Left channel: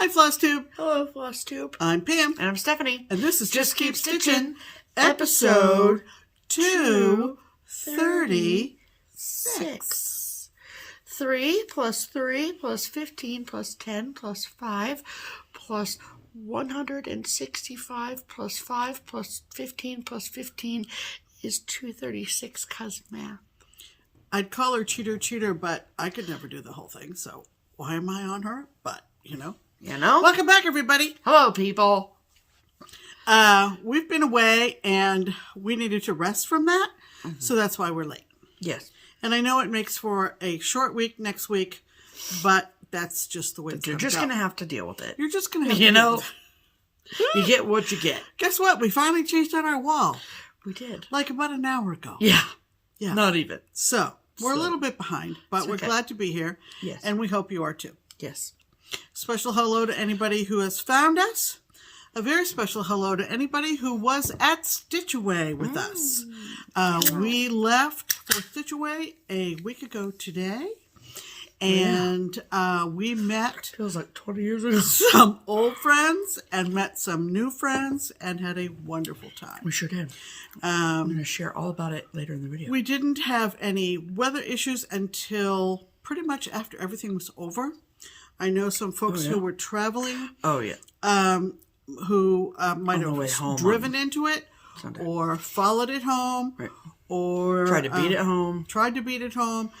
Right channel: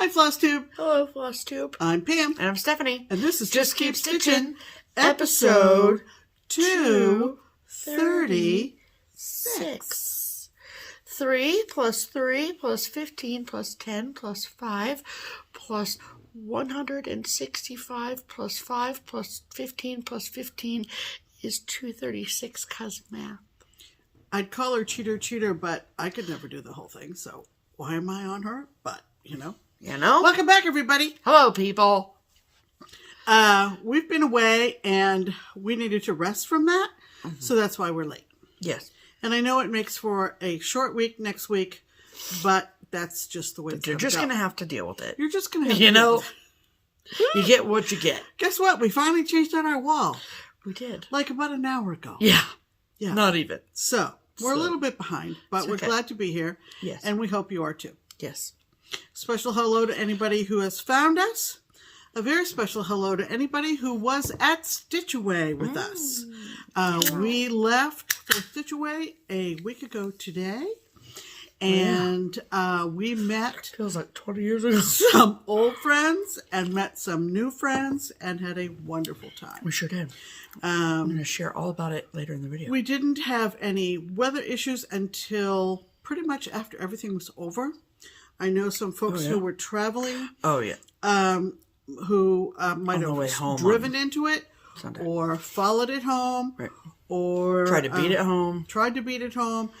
Hi, FlossTube. Hello, FlossTube. I'm Pam. And I'm Stephanie. And this is Just Keep Stitching, episode episode 236. 3 plus 3 plus 15 plus 10 plus 5 plus 165 plus 5 plus 15 plus 15 is 236 cuz math. I'd call her cheater, but I could never do the whole thing, so why am I on her? But, you know. Welcome back, everybody. Hello, people. We've been away, and we needed to rest from that, so that's why we're late. Yes. And I know it makes for a short week next week, but that's just the way it's You're just going to have to deal with it. You're just going to have to You deal know, with it. you get what you get. Guess what? We finally changed out our wall. We did. Like about an hour ago. Yeah. Yeah. Not even. So, we're a little bit behind, but we're okay. glad to be here. Yes. And we hope you are too. Yes. Special hello to anybody who has found us. A very special hello to anybody who was at Stitch Away with us. We left for Stitch Away a week ago today. And we met Feels like 20 years ago. some old friends and met some new friends and had a wonderful time. We sure did. I'm going to share all about it later in the video. We didn't have any weather issues until pretty much after everything was over. I know some folks who were traveling. Oh, yeah. Who might have driven into it Sunday. Or followed it home. Right. Or Tried to beat it home. Tried to beat it home.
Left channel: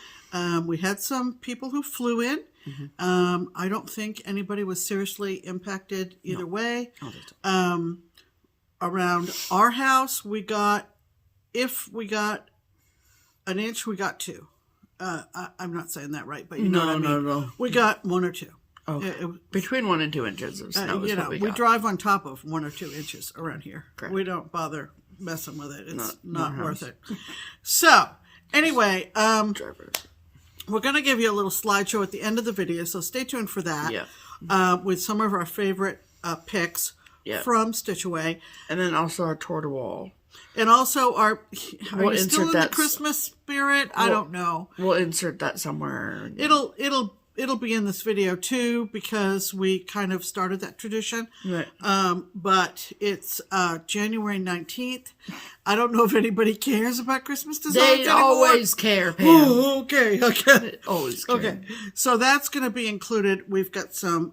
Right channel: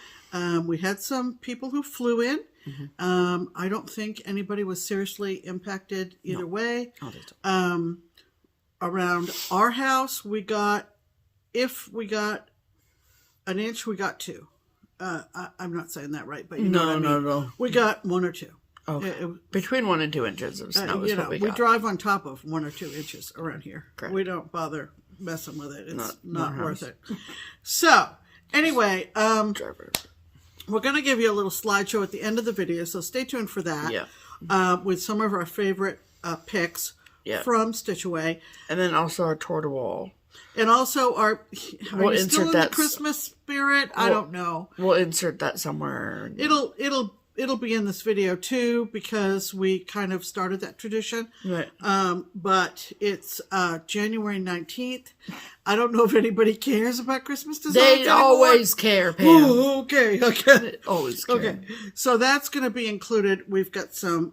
We had some people who flew in. I don't think anybody was seriously impacted either way. I don't think so. Around our house, we got, if we got an inch, we got 2. I'm not saying that right, but you know what I mean. No. We got 1 or 2. Okay. Between 1 and 2 inches of snow is what we got. We drive on top of 1 or 2 inches around here. Correct. We don't bother messing with it. It's not worth it. So, anyway, we're going to give you a little slideshow at the end of the video, so stay tuned for that. Yeah. With some of our favorite picks from Stitch Away. And then also our tour de wall. And also our, we'll are you insert still in that the Christmas spirit? I don't know. We'll insert that somewhere. It'll be in this video too, because we kind of started that tradition. Right. But it's January 19th. I don't know if anybody cares about Christmas designs They anymore. always care, Pam. Oh, okay. They always care. Okay. So that's going to be included. We've got some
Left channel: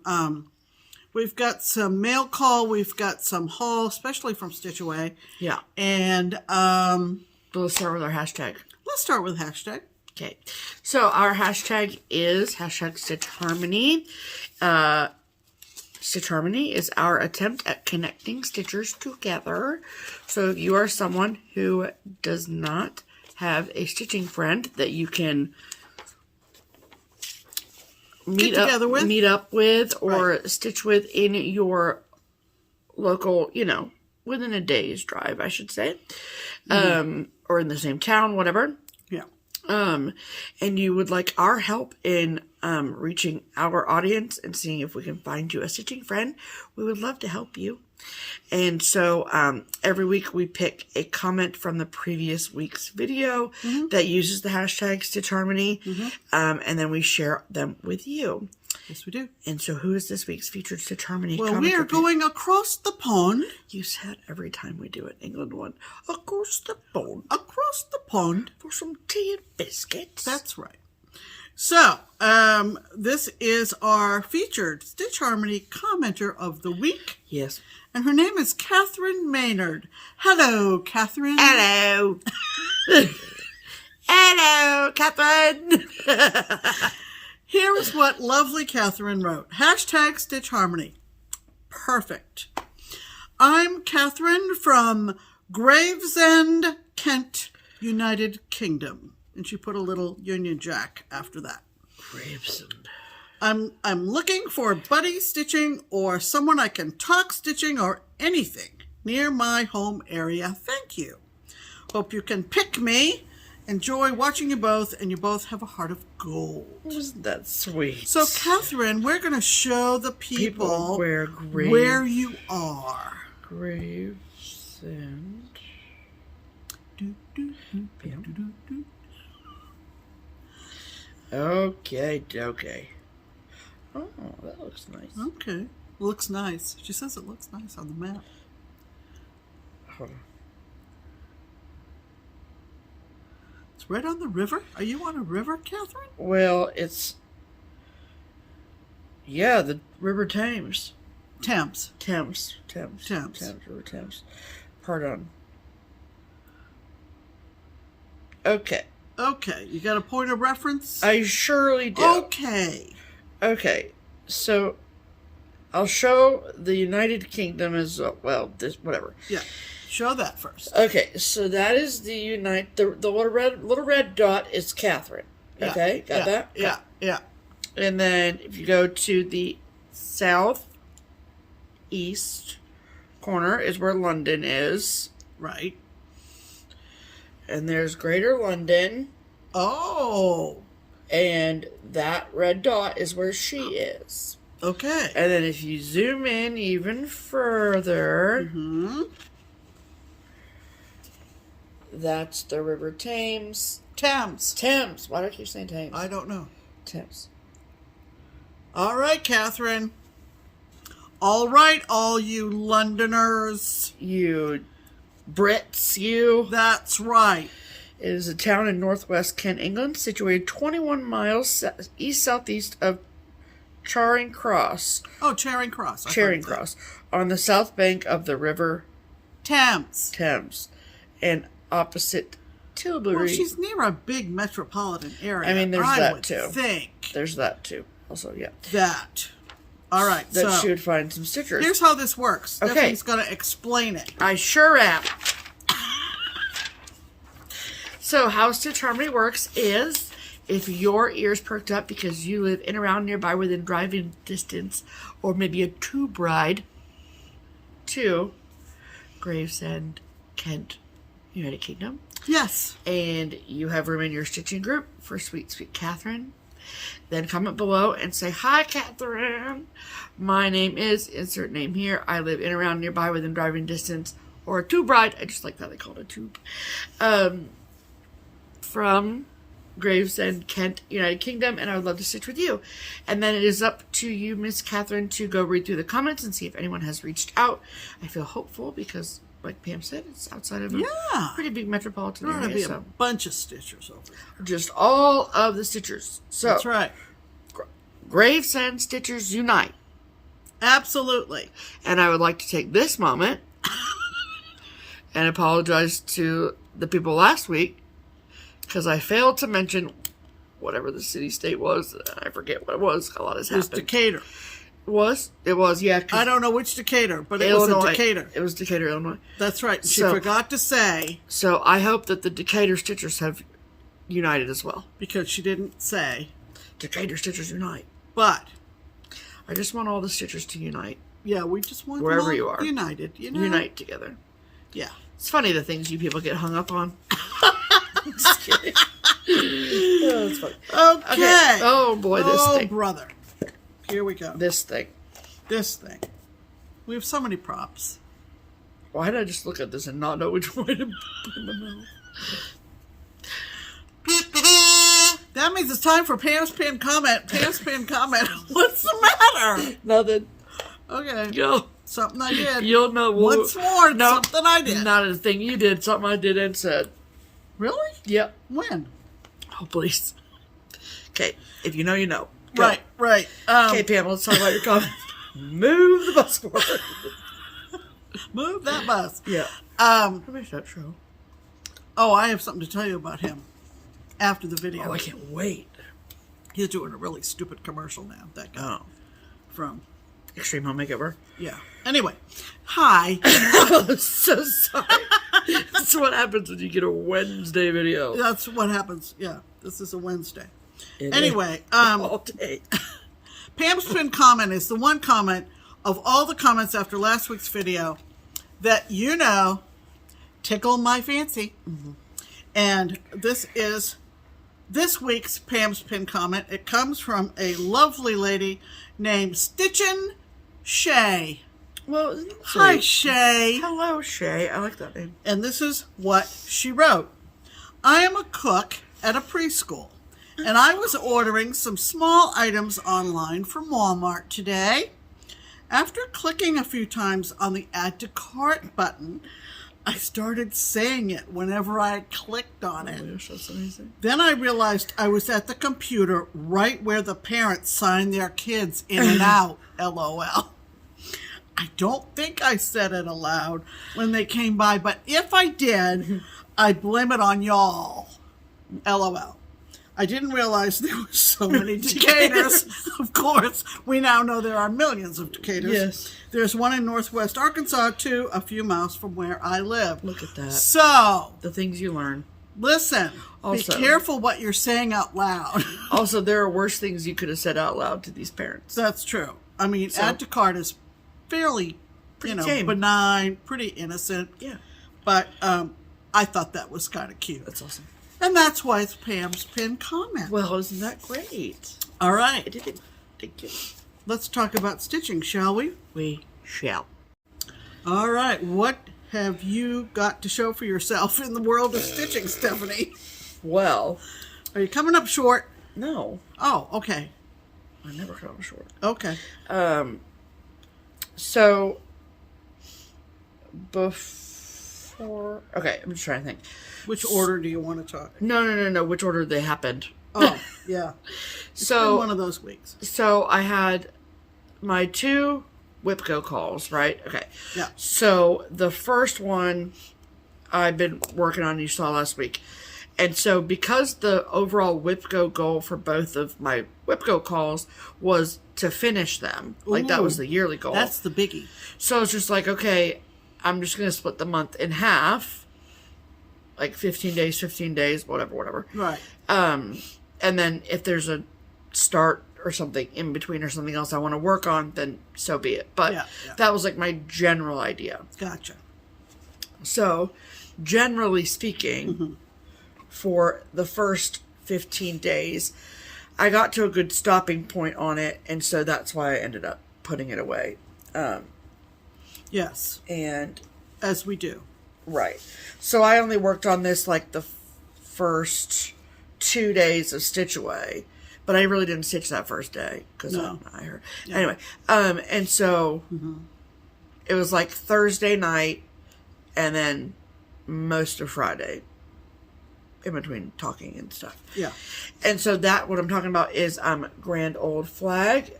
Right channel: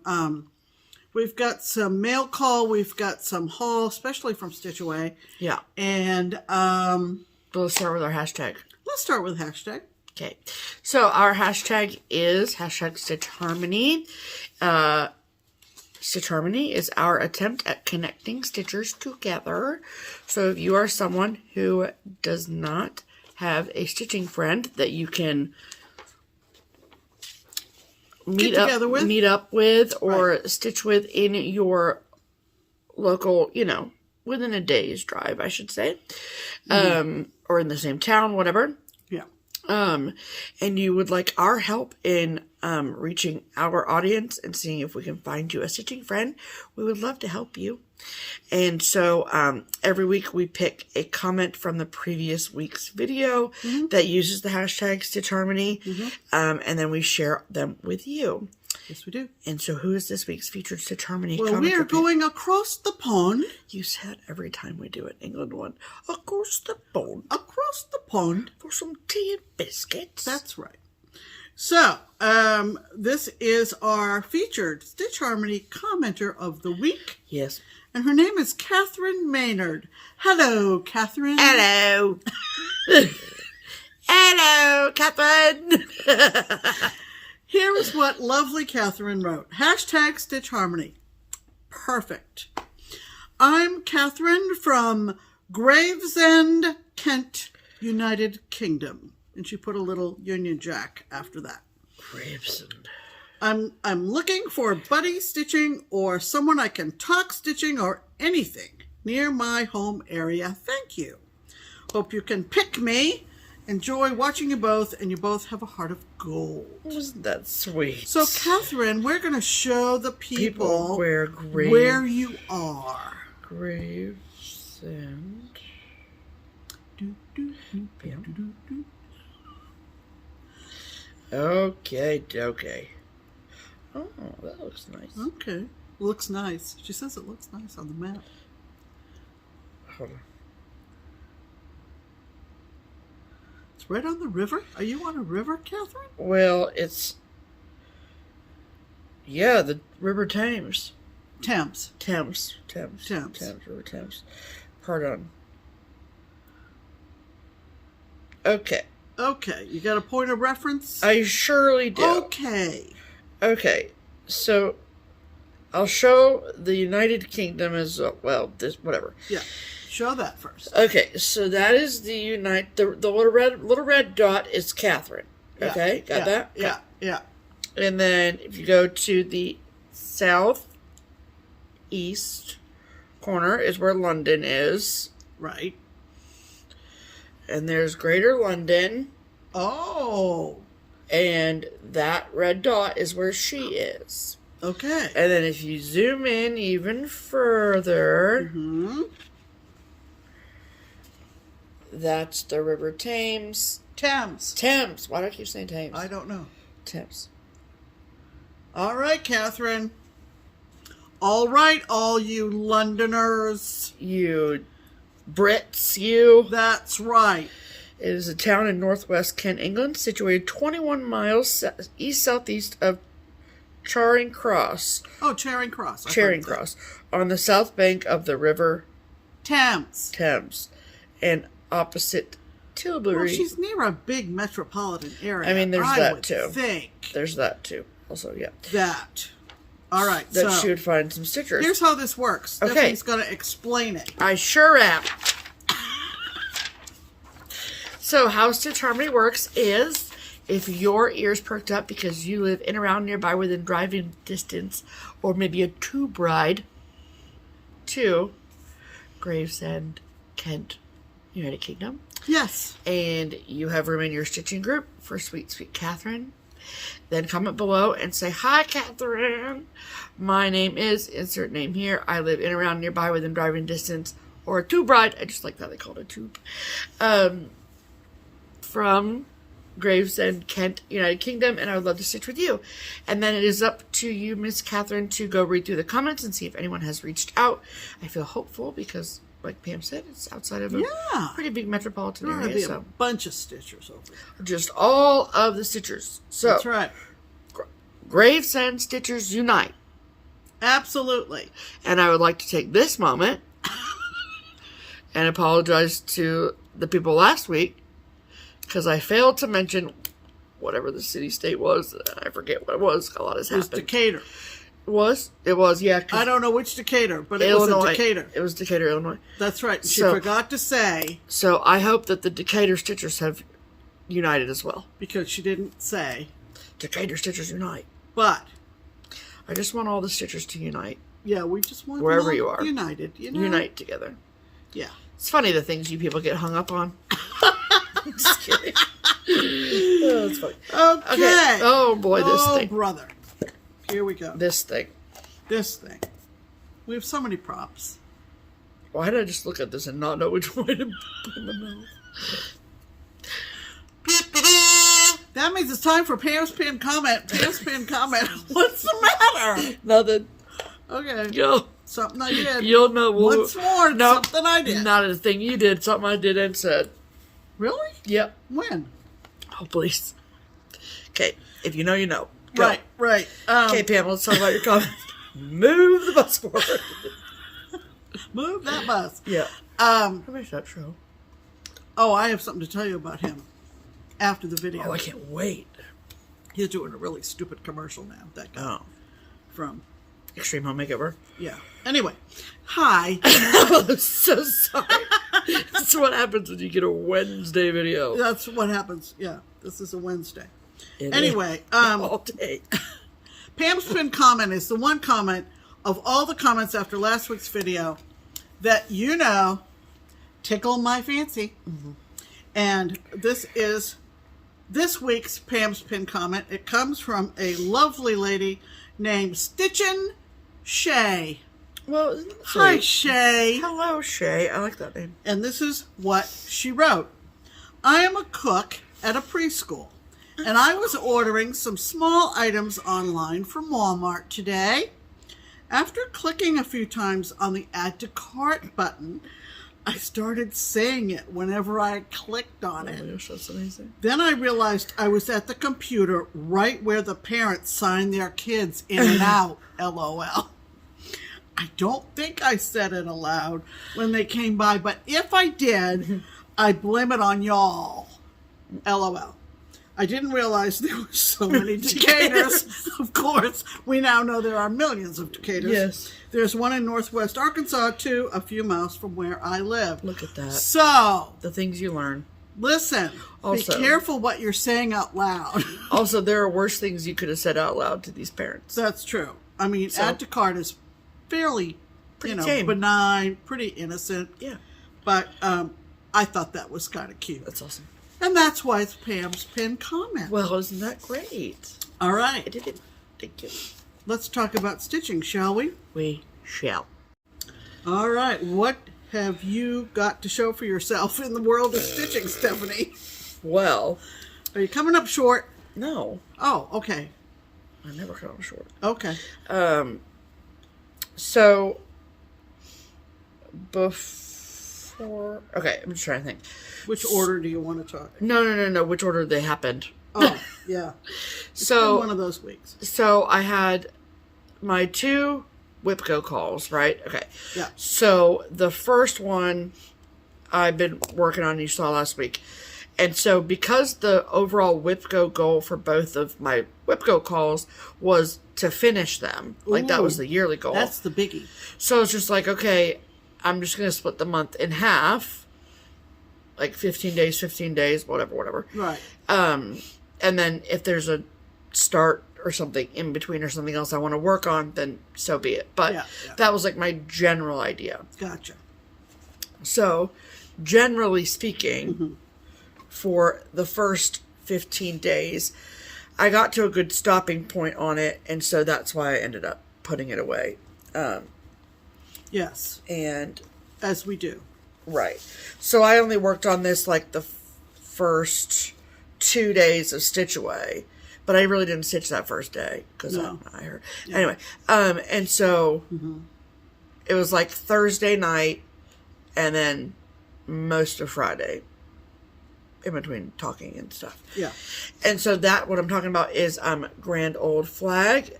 mail call. We've got some haul, especially from Stitch Away. Yeah. And let's start with our hashtag. Let's start with hashtag. Okay, so our hashtag is #StitchHarmony. Stitch Harmony is our attempt at connecting stitchers together. So if you are someone who does not have a stitching friend that you can meet up with or stitch with in your local, within a day's drive, I should say, or in the same town, whatever. And you would like our help in reaching our audience and seeing if we can find you a stitching friend, we would love to help you. And so every week we pick a comment from the previous week's video that uses the hashtag Stitch Harmony, and then we share them with you. Yes, we do. And so who is this week's featured Stitch Harmony? Well, we are going across the pond. You said every time we do it, England one. Across the pond. Across the pond. For some tea and biscuits. That's right. So, this is our featured Stitch Harmony commenter of the week. Yes. And her name is Catherine Maynard. Hello, Catherine. Hello. Hello, Catherine. Here is what lovely Catherine wrote. Hashtag Stitch Harmony. Perfect. I'm Catherine from Gravesend, Kent, United Kingdom. And she put a little Union Jack after that. Gravesend. I'm looking for buddy stitching or someone I can talk stitching or anything near my home area. Thank you. Hope you can pick me. Enjoy watching you both, and you both have a heart of gold. Isn't that sweet? So, Catherine, we're going to show the people where you are. Gravesend. Okay. Oh, that looks nice. Okay. Looks nice. She says it looks nice on the map. Hold on. It's right on the river? Are you on a river, Catherine? Well, it's... Yeah, the River Thames. Thames. River Thames. Pardon. Okay. Okay. You got a point of reference? I surely do. Okay. Okay. So, I'll show the United Kingdom as well. This, whatever. Yeah. Show that first. Okay. So that is the the little red dot is Catherine. Okay. Got that? Yeah. Yeah. And then if you go to the southeast corner is where London is. Right. And there's Greater London. Oh. And that red dot is where she is. Okay. And then if you zoom in even further, that's the River Thames. Thames. Why do I keep saying Thames? I don't know. Thames. All right, Catherine. All right, all you Londoners. You Brits, you. That's right. It is a town in northwest Kent, England, situated 21 miles east-southeast of Charing Cross. Oh, Charing Cross. Charing Cross. On the south bank of the River Thames. And opposite Tilbury. Well, she's near a big metropolitan area. I mean, there's that too. Think. There's that too. Also, yeah. That. All right. That she would find some stickers. Here's how this works. Okay. Stephanie's going to explain it. I sure am. So, how Stitch Harmony works is if your ears perked up because you live in around nearby within driving distance, or maybe a tube ride to Gravesend, Kent, United Kingdom. Yes. And you have room in your stitching group for Sweet Sweet Catherine. Then comment below and say, "Hi, Catherine. My name is," insert name here. "I live in around nearby within driving distance," or a tube ride. I just like that they call it a tube. From Gravesend, Kent, United Kingdom, and I would love to stitch with you. And then it is up to you, Miss Catherine, to go read through the comments and see if anyone has reached out. I feel hopeful because, like Pam said, it's outside of a pretty big metropolitan area. There'll be a bunch of stitchers over there. Just all of the stitchers. So that's right. Gravesend Stitchers Unite. Absolutely. And I would like to take this moment and apologize to the people last week because I failed to mention whatever the city-state was. I forget what it was. A lot has happened. It was Decatur. It was, yeah. I don't know which Decatur, but it Illinois. was a Decatur. It was Decatur, Illinois. That's right. She forgot to say. So I hope that the Decatur Stitchers have united as well. Because she didn't say. Decatur Stitchers Unite. But I just want all the Stitchers to unite. Yeah, we just want wherever you are. United. Unite together. Yeah. It's funny the things you people get hung up on. Just kidding. Oh, that's funny. Okay. Oh, boy, this thing. Oh, brother. Here we go. This thing. We have so many props. Why did I just look at this and not know which way to put in the mouth? That means it's time for Pam's pinned comment. Pam's pinned comment. What's the matter? Nothing. Okay. Go. Something I did. You'll know. Once more, no, something I did. Not a thing you did. Something I did and said. Really? Yep. When? Oh, please. Okay. If you know, you know. Go. Right. Okay, Pam, let's talk about your comments. Move the bus forward. Move that bus. Yeah. How about that show? Oh, I have something to tell you about him after the video. Oh, I can't wait. He's doing a really stupid commercial now. That guy. Oh. From Extreme Home Makeover? Yeah. Anyway. Hi. I'm so sorry. That's what happens when you get a Wednesday video. That's what happens. Yeah. This is a Wednesday. Anyway. All day. Pam's pinned comment is the one comment of all the comments after last week's video that, tickle my fancy. Mm-hmm. And this is this week's Pam's pinned comment. It comes from a lovely lady named Stitchin Shay. Well, hi, Shay. Hello, Shay. I like that name. And this is what she wrote. I am a cook at a preschool, And I was ordering some small items online from Walmart today. After clicking a few times on the Add to Cart button, I started saying it whenever I clicked on it. Oh my gosh, that's amazing. Then I realized I was at the computer right where the parents sign their kids in and out, LOL. I don't think I said it aloud when they came by, but if I did, I'd blame it on y'all, LOL. I didn't realize there were so many Decatur's. Of course, we now know there are millions of Decatur's. Yes. There's one in Northwest Arkansas, too, a few miles from where I live. Look at that. So, the things you learn. Listen, Also, be careful what you're saying out loud. Also, there are worse things you could have said out loud to these parents. That's true. I mean, Add to Cart is fairly, tame. benign, pretty innocent. Yeah. But I thought that was kind of cute. That's awesome. And that's why it's Pam's pinned comment. Well, isn't that great? All right. I did it. Thank you. Let's talk about stitching, shall we? We shall. All right. What have you got to show for yourself in the world of stitching, Stephanie? Well. Are you coming up short? No. Oh, okay. I never come up short. Okay. So, before... Okay, I'm just trying to think. Which order do you want to talk? No. Which order they happened. Oh, yeah. It's been one of those weeks. So, I had my 2 WIPGO calls, right? Okay. Yeah. So, the first one I've been working on, you saw last week. And so, because the overall WIPGO goal for both of my WIPGO calls was to finish them, like that was the yearly goal. That's the biggie. So, it's just like, okay, I'm just going to split the month in half. Like 15 days, whatever. Right. And then if there's a start or something in between or something else I want to work on, then so be it. But that was like my general idea. Gotcha. So, generally speaking, for the first 15 days, I got to a good stopping point on it, and so that's why I ended up putting it away. Yes. And as we do. Right. So I only worked on this like the first 2 days of stitch away, but I really didn't stitch that first day because I heard. Yeah. Anyway, and so it was like Thursday night and then most of Friday in between talking and stuff. Yeah. And so that, what I'm talking about is Grand Old Flag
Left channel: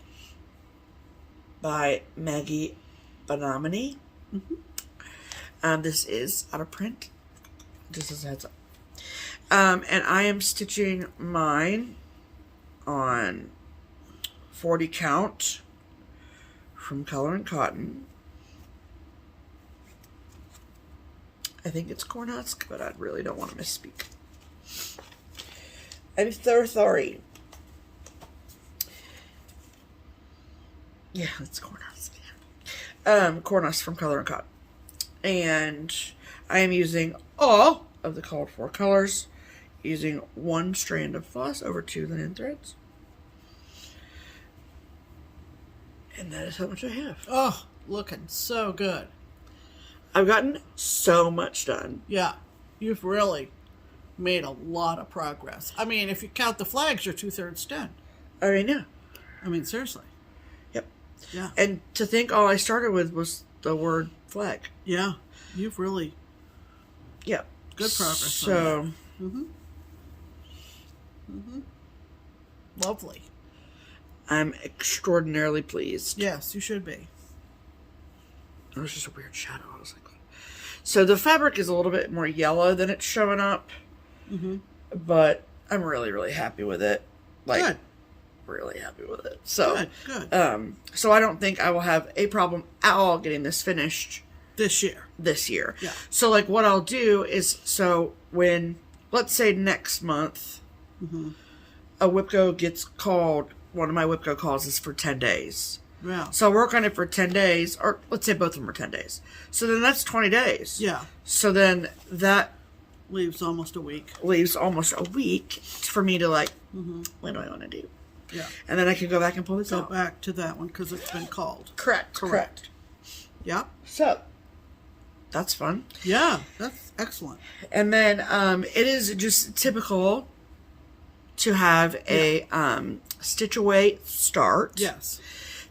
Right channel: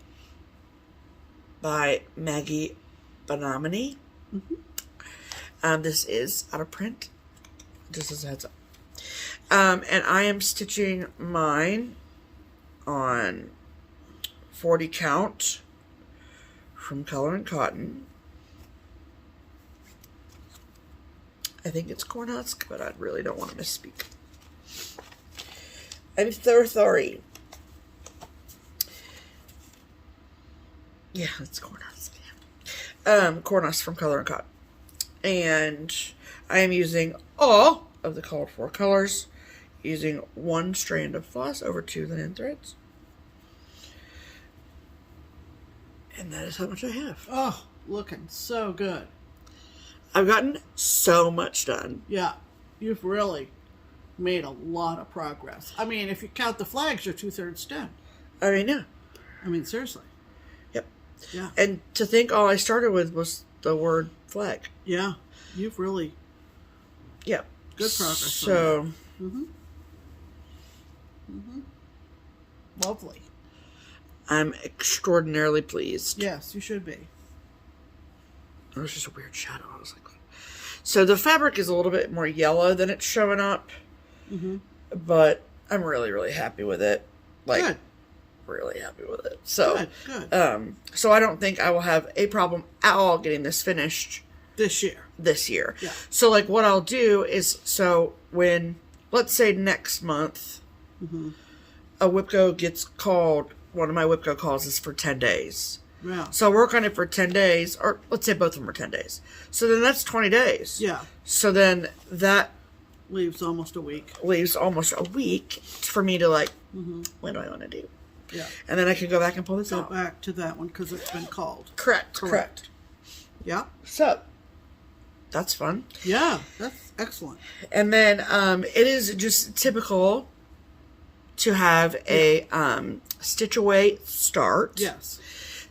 by Maggie Benomini. This is out of print, just as a heads up. And I am stitching mine on 40 count from Color and Cotton. I think it's Cornhusk, but I really don't want to misspeak. I'm so sorry. Yeah, it's Cornhusk. Cornhusk from Color and Cotton. And I am using all of the called for colors, using 1 strand of floss over 2 linen threads. And that is how much I have. Oh, looking so good. I've gotten so much done. Yeah, you've really made a lot of progress. I mean, if you count the flags, you're 2/3 done. I mean, yeah. I mean, seriously. Yep. Yeah. And to think all I started with was the word flag. Yeah, you've really... Yep. Good progress. So... Lovely. I'm extraordinarily pleased. Yes, you should be. It was just a weird shadow. I was like... So the fabric is a little bit more yellow than it's showing up. But I'm really, really happy with it. Like, good. Really happy with it. So, good. So I don't think I will have a problem at all getting this finished this year. Yeah. So like what I'll do is, so when, let's say next month, a WIPGO gets called, one of my WIPGO calls is for 10 days. Yeah. So I'll work on it for 10 days, or let's say both of them are 10 days. So then that's 20 days. Yeah. So then that leaves almost a week. Leaves almost a week for me to like, what do I want to do? Yeah. And then I can go back and pull this out. Go back to that one because it's been called. Correct. Yeah. So, that's fun. Yeah, that's excellent. And then it is just typical to have a stitch away start. Yes.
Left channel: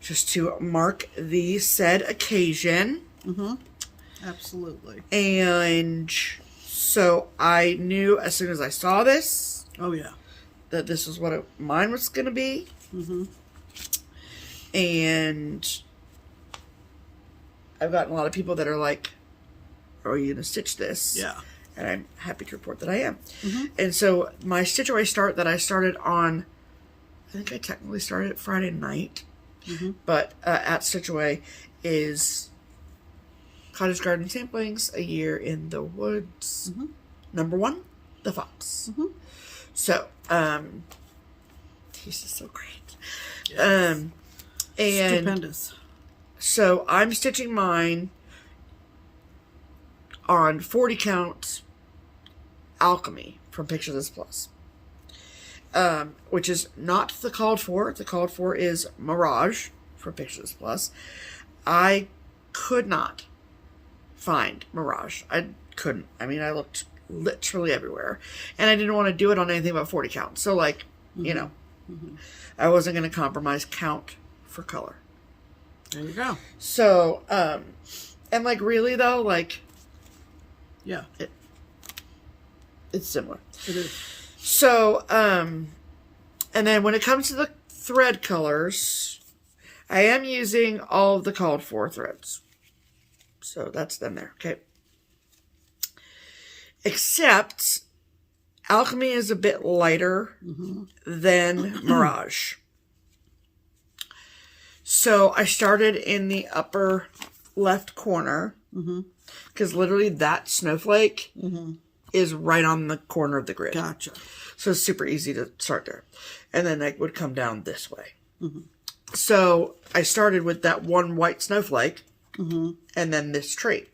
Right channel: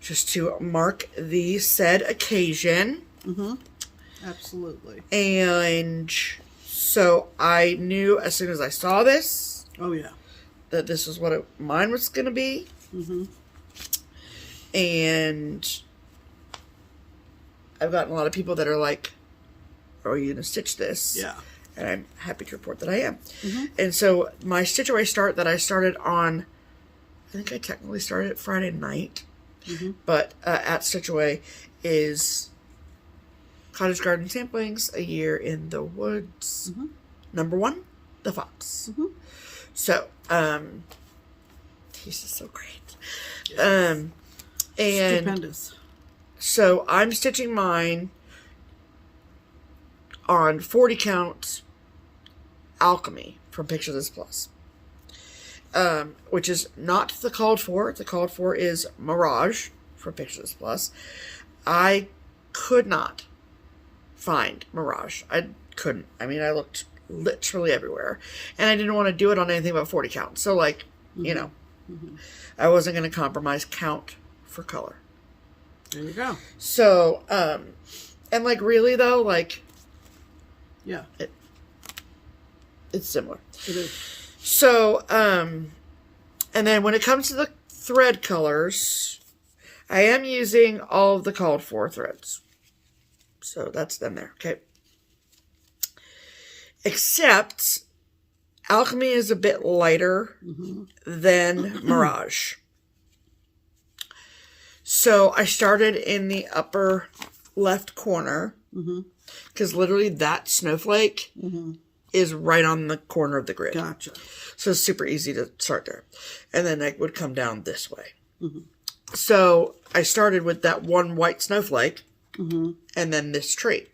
Just to mark the said occasion. Absolutely. And so I knew as soon as I saw this. Oh, yeah. That this is what mine was going to be. And I've gotten a lot of people that are like, are you going to stitch this? Yeah. And I'm happy to report that I am. And so my stitch away start that I started on, I think I technically started it Friday night. But at Stitch Away is Cottage Garden Samplings, A Year in the Woods. Number 1, The Fox. So, he's just so great. Yes. And stupendous. So I'm stitching mine on 40 count Alchemy from Pictures Plus. Which is not the called for. The called for is Mirage for Pictures Plus. I could not find Mirage. I couldn't. I mean, I looked literally everywhere. And I didn't want to do it on anything but 40 count. So, like, you know, I wasn't going to compromise count for color. There you go. So, and like, really though, like, yeah, it's similar. It is. So, and then when it comes to the thread colors, I am using all of the called for threads. So that's them there, okay? Except Alchemy is a bit lighter than Mirage. So I started in the upper left corner because literally that snowflake is right on the corner of the grid. Gotcha. So it's super easy to start there. And then I would come down this way. So I started with that one white snowflake and then this tree.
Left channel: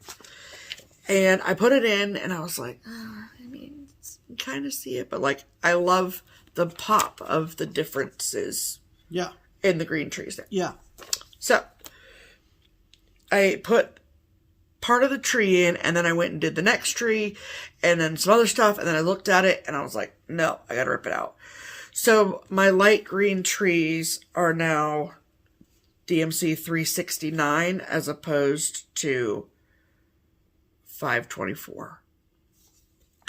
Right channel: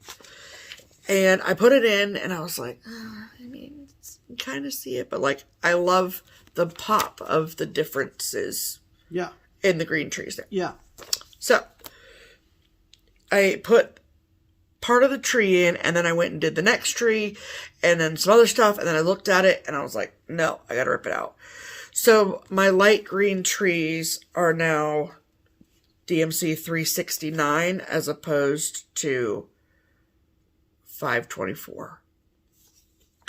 And I put it in and I was like, I mean, you kind of see it. But like, I love the pop of the differences in the green trees there. Yeah. So I put part of the tree in, and then I went and did the next tree, and then some other stuff, and then I looked at it, and I was like, no, I gotta rip it out. So my light green trees are now DMC 369 as opposed to 524.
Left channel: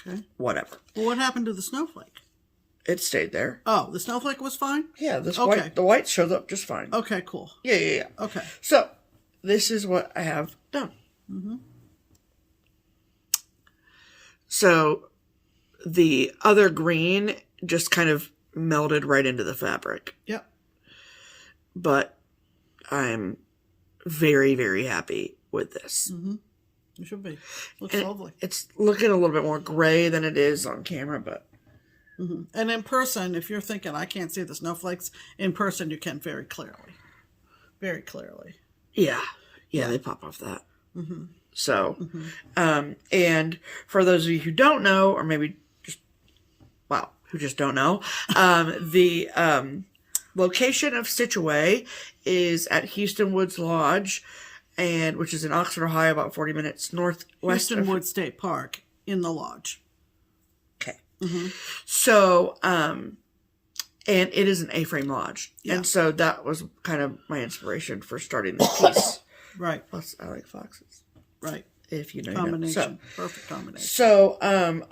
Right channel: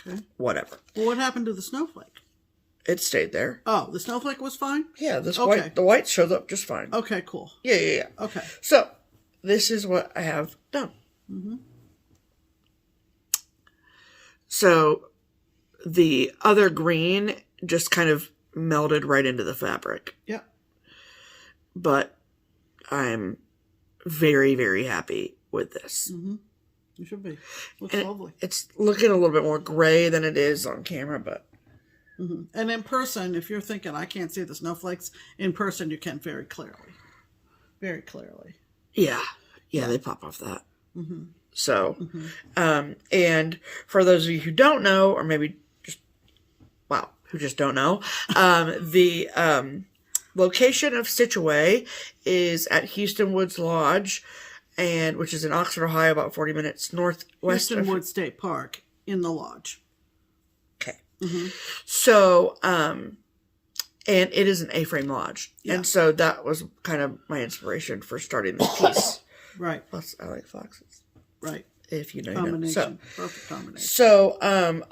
Okay. Whatever. Well, what happened to the snowflake? It stayed there. Oh, the snowflake was fine? Yeah, the white shows up just fine. Okay, cool. Yeah. Okay. So, this is what I have done. So, the other green just kind of melded right into the fabric. Yep. But I'm very, very happy with this. You should be. Looks lovely. It's looking a little bit more gray than it is on camera, but... And in person, if you're thinking, I can't see the snowflakes, in person you can very clearly. Very clearly. Yeah, they pop off that. So, and for those of you who don't know, or maybe just, who just don't know, the location of Stitch Away is at Houston Woods Lodge, and which is in Oxford, Ohio, about 40 minutes northwest Houston Woods State Park, in the lodge. Okay. So, and it is an A-frame lodge. Yeah. And so that was kind of my inspiration for starting this piece. Right. Plus, I like foxes. Right. If you know, combination. So, perfect combination. So, I'm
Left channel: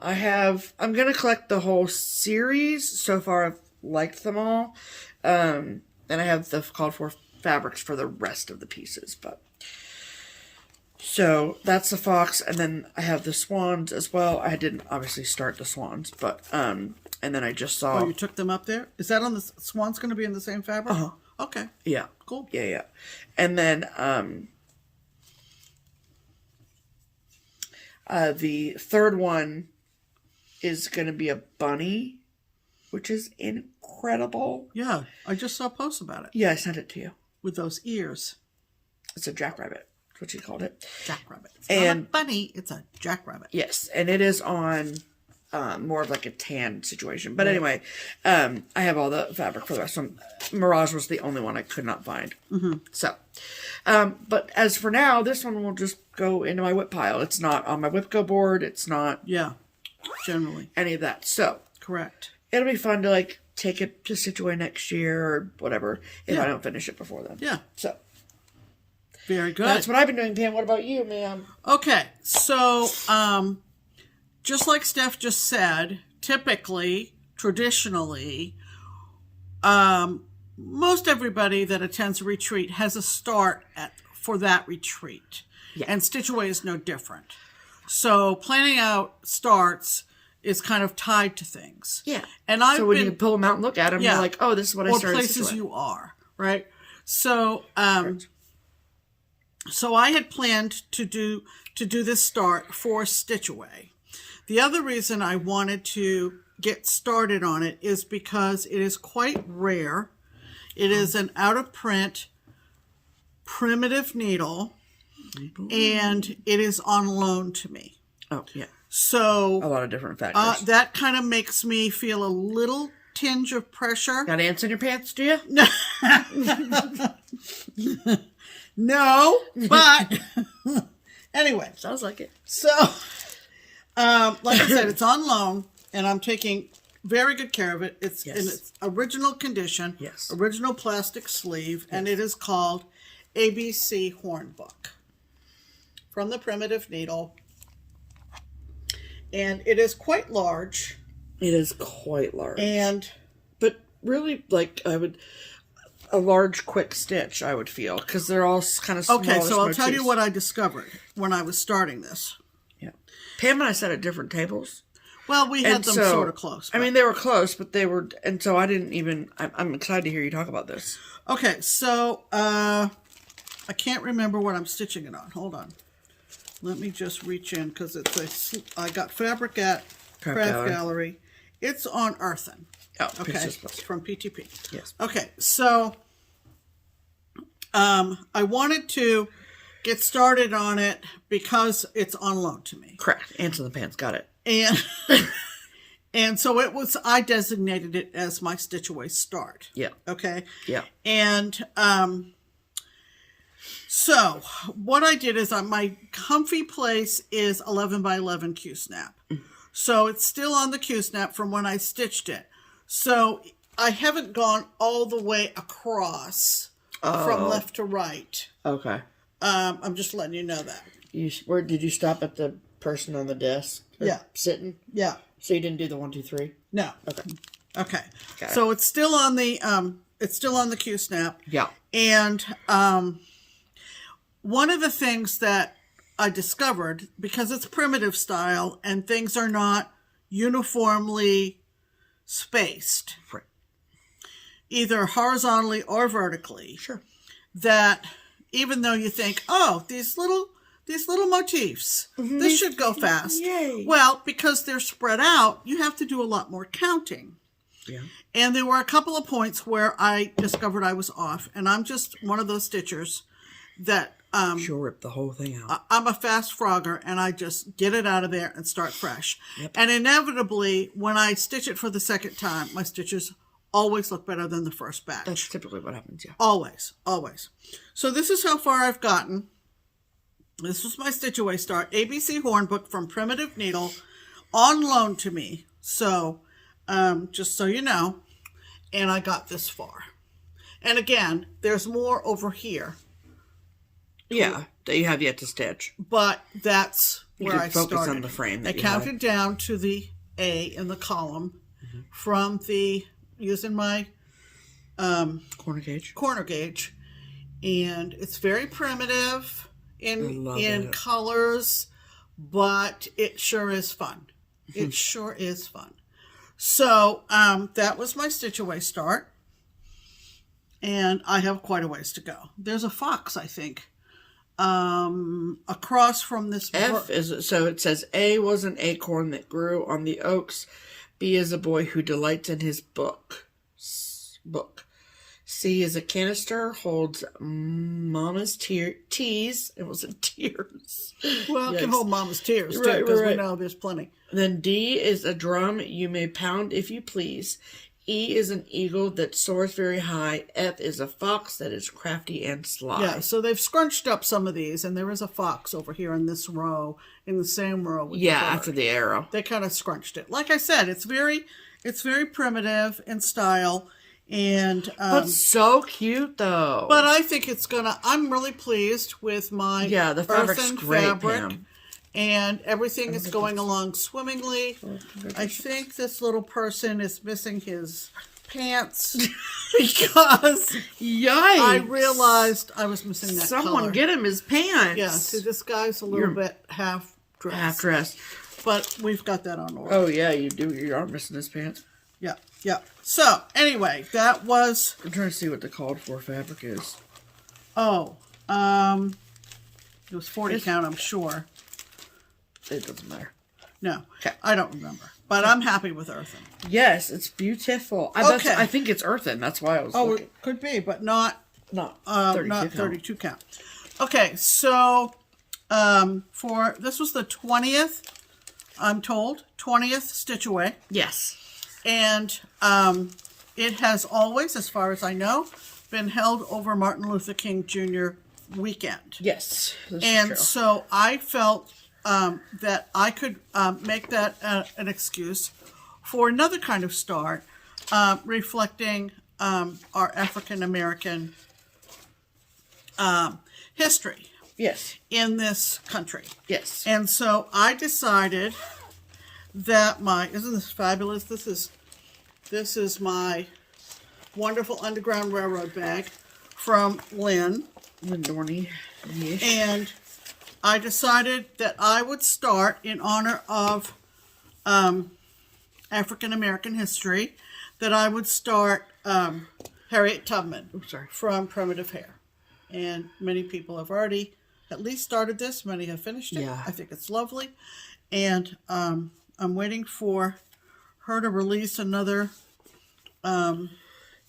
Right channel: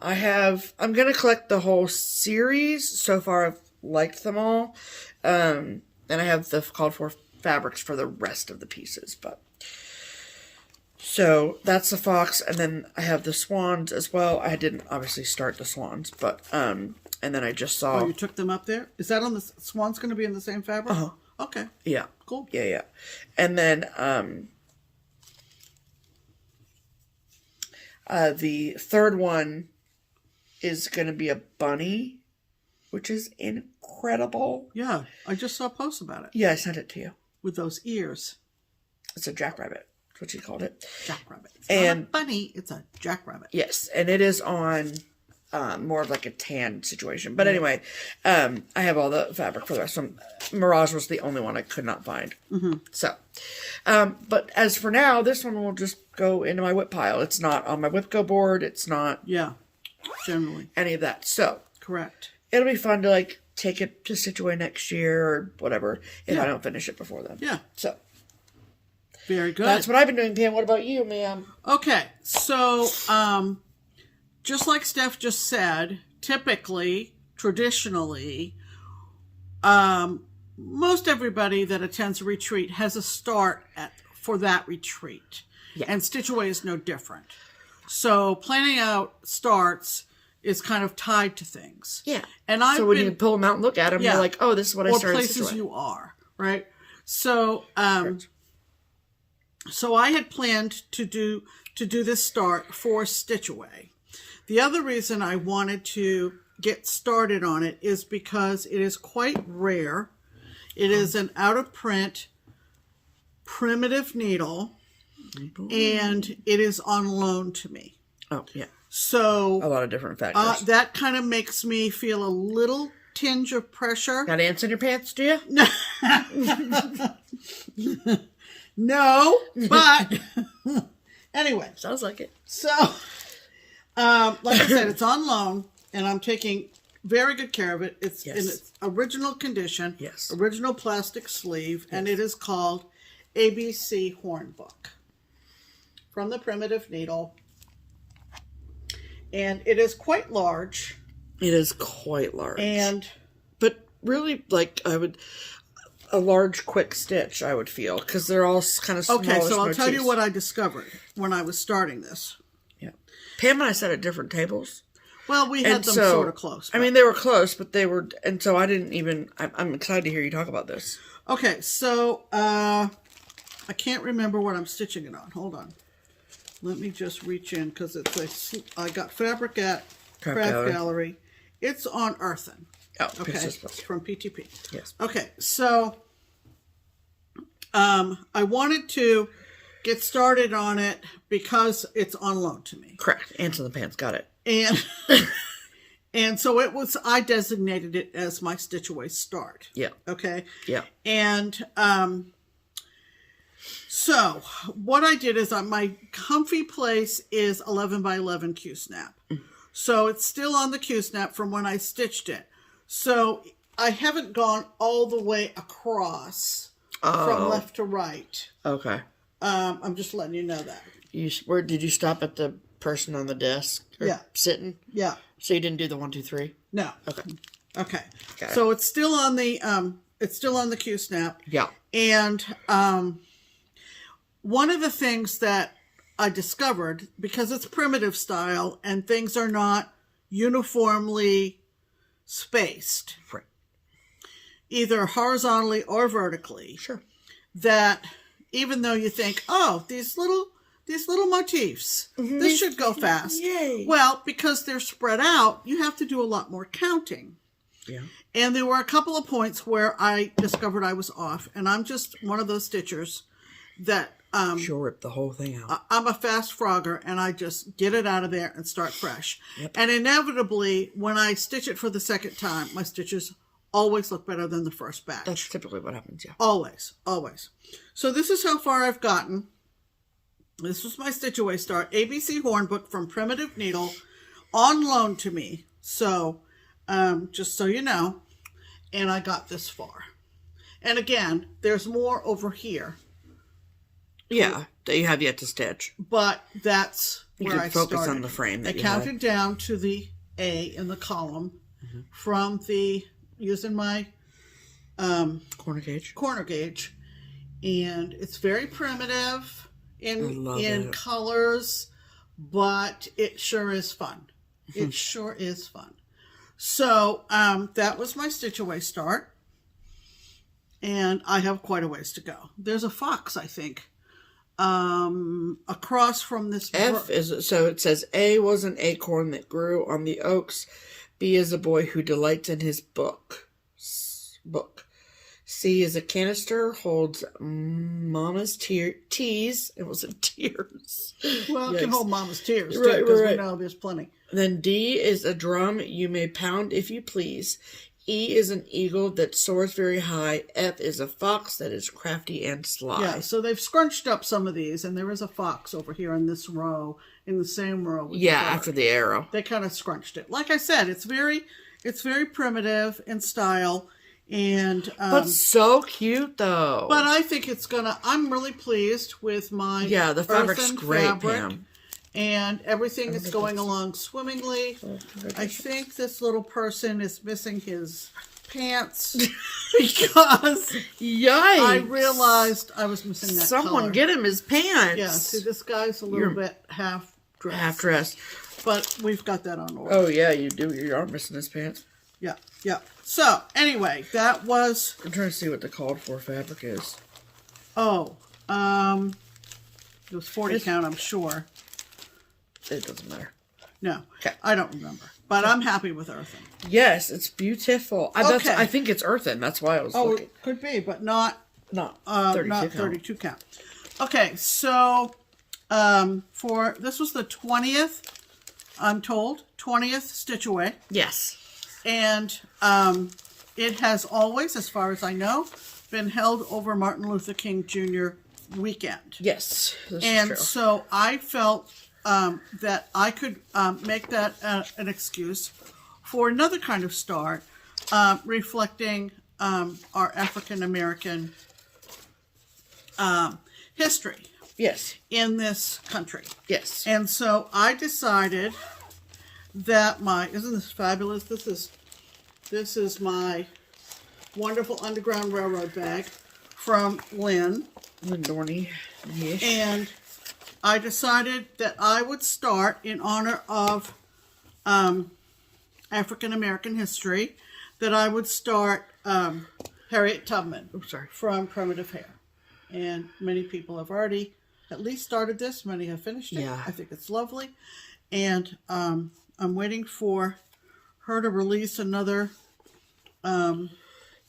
going to collect the whole series. So far, I've liked them all. And I have the called for fabrics for the rest of the pieces, but... So, that's the fox, and then I have the swans as well. I didn't obviously start the swans, but, and then I just saw... Oh, you took them up there? Is that on the... Swan's going to be in the same fabric? Okay. Yeah. Cool. Yeah. And then, the third one is going to be a bunny, which is incredible. Yeah, I just saw posts about it. Yeah, I sent it to you. With those ears. It's a jackrabbit. What she called it. Jackrabbit. It's and not a bunny, it's a jackrabbit. Yes, and it is on more of like a tan situation. But anyway, I have all the fabric for the rest of them. Mirage was the only one I could not find. So, but as for now, this one will just go into my whip pile. It's not on my WIPGO board. It's not generally any of that. So, correct. It'll be fun to like take it to stitch away next year or whatever if I don't finish it before then. Yeah. So. Very good. That's what I've been doing, Pam. What about you, ma'am? Okay. So, just like Steph just said, typically, traditionally, most everybody that attends a retreat has a start for that retreat. Yeah. And Stitch Away is no different. So planning out starts is kind of tied to things. Yeah. And so when you pull them out and look at them, you're like, oh, this is what I started. Or places you are, right? So, so I had planned to do this start for Stitch Away. The other reason I wanted to get started on it is because it is quite rare. It is an out-of-print primitive needle, and it is on loan to me. Oh, yeah. So a lot of different factors. That kind of makes me feel a little tinge of pressure. Got ants in your pants, do you? No. No, but anyway. Sounds like it. So, like I said, it's on loan, and I'm taking very good care of it. It's in its original condition, original plastic sleeve, and it is called ABC Horn Book from the Primitive Needle. And it is quite large. It is quite large. But really, like, a large quick stitch, I would feel, because they're all kind of smallish Okay, so I'll motifs. tell you what I discovered when I was starting this. Yeah. Pam and I sat at different tables. Well, we had them sort of close. But... I mean, they were close, but they were... And so I didn't even... I'm excited to hear you talk about this. Okay, so I can't remember what I'm stitching it on. Hold on. Let me just reach in, because I got fabric at Craft Gallery. It's on Earthen. Oh, okay, from PTP. Yes. Okay, so I wanted to get started on it because it's on loan to me. Correct. Ants in the pants. Got it. And so I designated it as my Stitch Away start. Yeah. Okay. Yeah. And so what I did is my comfy place is 11 by 11 Q-snap. So it's still on the Q-snap from when I stitched it. So I haven't gone all the way across from left to right. Okay. I'm just letting you know that. Where did you stop at the person on the desk? Yeah. Sitting? Yeah. So you didn't do the 1, 2, 3? No. Okay. So it's still on the Q-snap. Yeah. And one of the things that I discovered, because it's primitive style and things are not uniformly spaced, right, either horizontally or vertically, sure, that even though you think, oh, these little motifs, this should go fast. Yay. Well, because they're spread out, you have to do a lot more counting. Yeah. And there were a couple of points where I discovered I was off, and I'm just one of those stitchers that she'll rip the whole thing out. I'm a fast frogger, and I just get it out of there and start fresh. Yep. And inevitably, when I stitch it for the second time, my stitches always look better than the first batch. That's typically what happens, yeah. Always, always. So this is how far I've gotten. This was my Stitch Away start. ABC Horn Book from Primitive Needle on loan to me. So, just so you know, and I got this far. And again, there's more over here. Yeah, that you have yet to stitch. But that's where I started. Focus on the frame. I counted down to the A in the column from using my corner gauge. And it's very primitive in colors, but it sure is fun. It sure is fun. So that was my Stitch Away start. And I have quite a ways to go. There's a fox, I think, across from this F is, so it says A was an acorn that grew on the oaks. B is a boy who delights in his book. C is a canister, holds mama's teas. It wasn't tears. Well, it can hold mama's tears, too, because we know there's plenty. Then D is a drum you may pound if you please. E is an eagle that soars very high. F is a fox that is crafty and sly. Yeah, so they've scrunched up some of these, and there is a fox over here in this row, in the same row. Yeah, after the arrow. They kind of scrunched it. Like I said, it's very It's very primitive in style. And that's so cute, though. But I think it's gonna. I'm really pleased with my the fabric's great, fabric, Pam. and everything is going along swimmingly. I think this little person is missing his pants because I realized I was missing that. Someone color. get him his pants. Yeah, see, this guy's a little bit half dressed. But we've got that on order. Oh yeah, you do. You are missing his pants. Yeah, yeah. So, anyway, that was... I'm trying to see what the called for fabric is. Oh, it was 40 count, I'm sure. It doesn't matter. No, okay. I don't remember. But I'm happy with earthen. Yes, it's beautiful. I think it's earthen. That's why I was looking. It could be, but not 32 count. Okay, so this was the 20th, I'm told, 20th stitch away. Yes. And it has always, as far as I know, been held over Martin Luther King Jr. weekend. Yes. And so I felt that I could make that an excuse for another kind of start, reflecting our African American history. Yes. In this country. Yes. And so I decided that isn't this fabulous? This is my wonderful Underground Railroad bag from Lynn. Lindorny. Yes. And I decided that I would start in honor of African American history, that I would start Harriet Tubman from PrimitiveHare. And many people have already at least started this. Many have finished it. Yeah. I think it's lovely. And I'm waiting for her to release another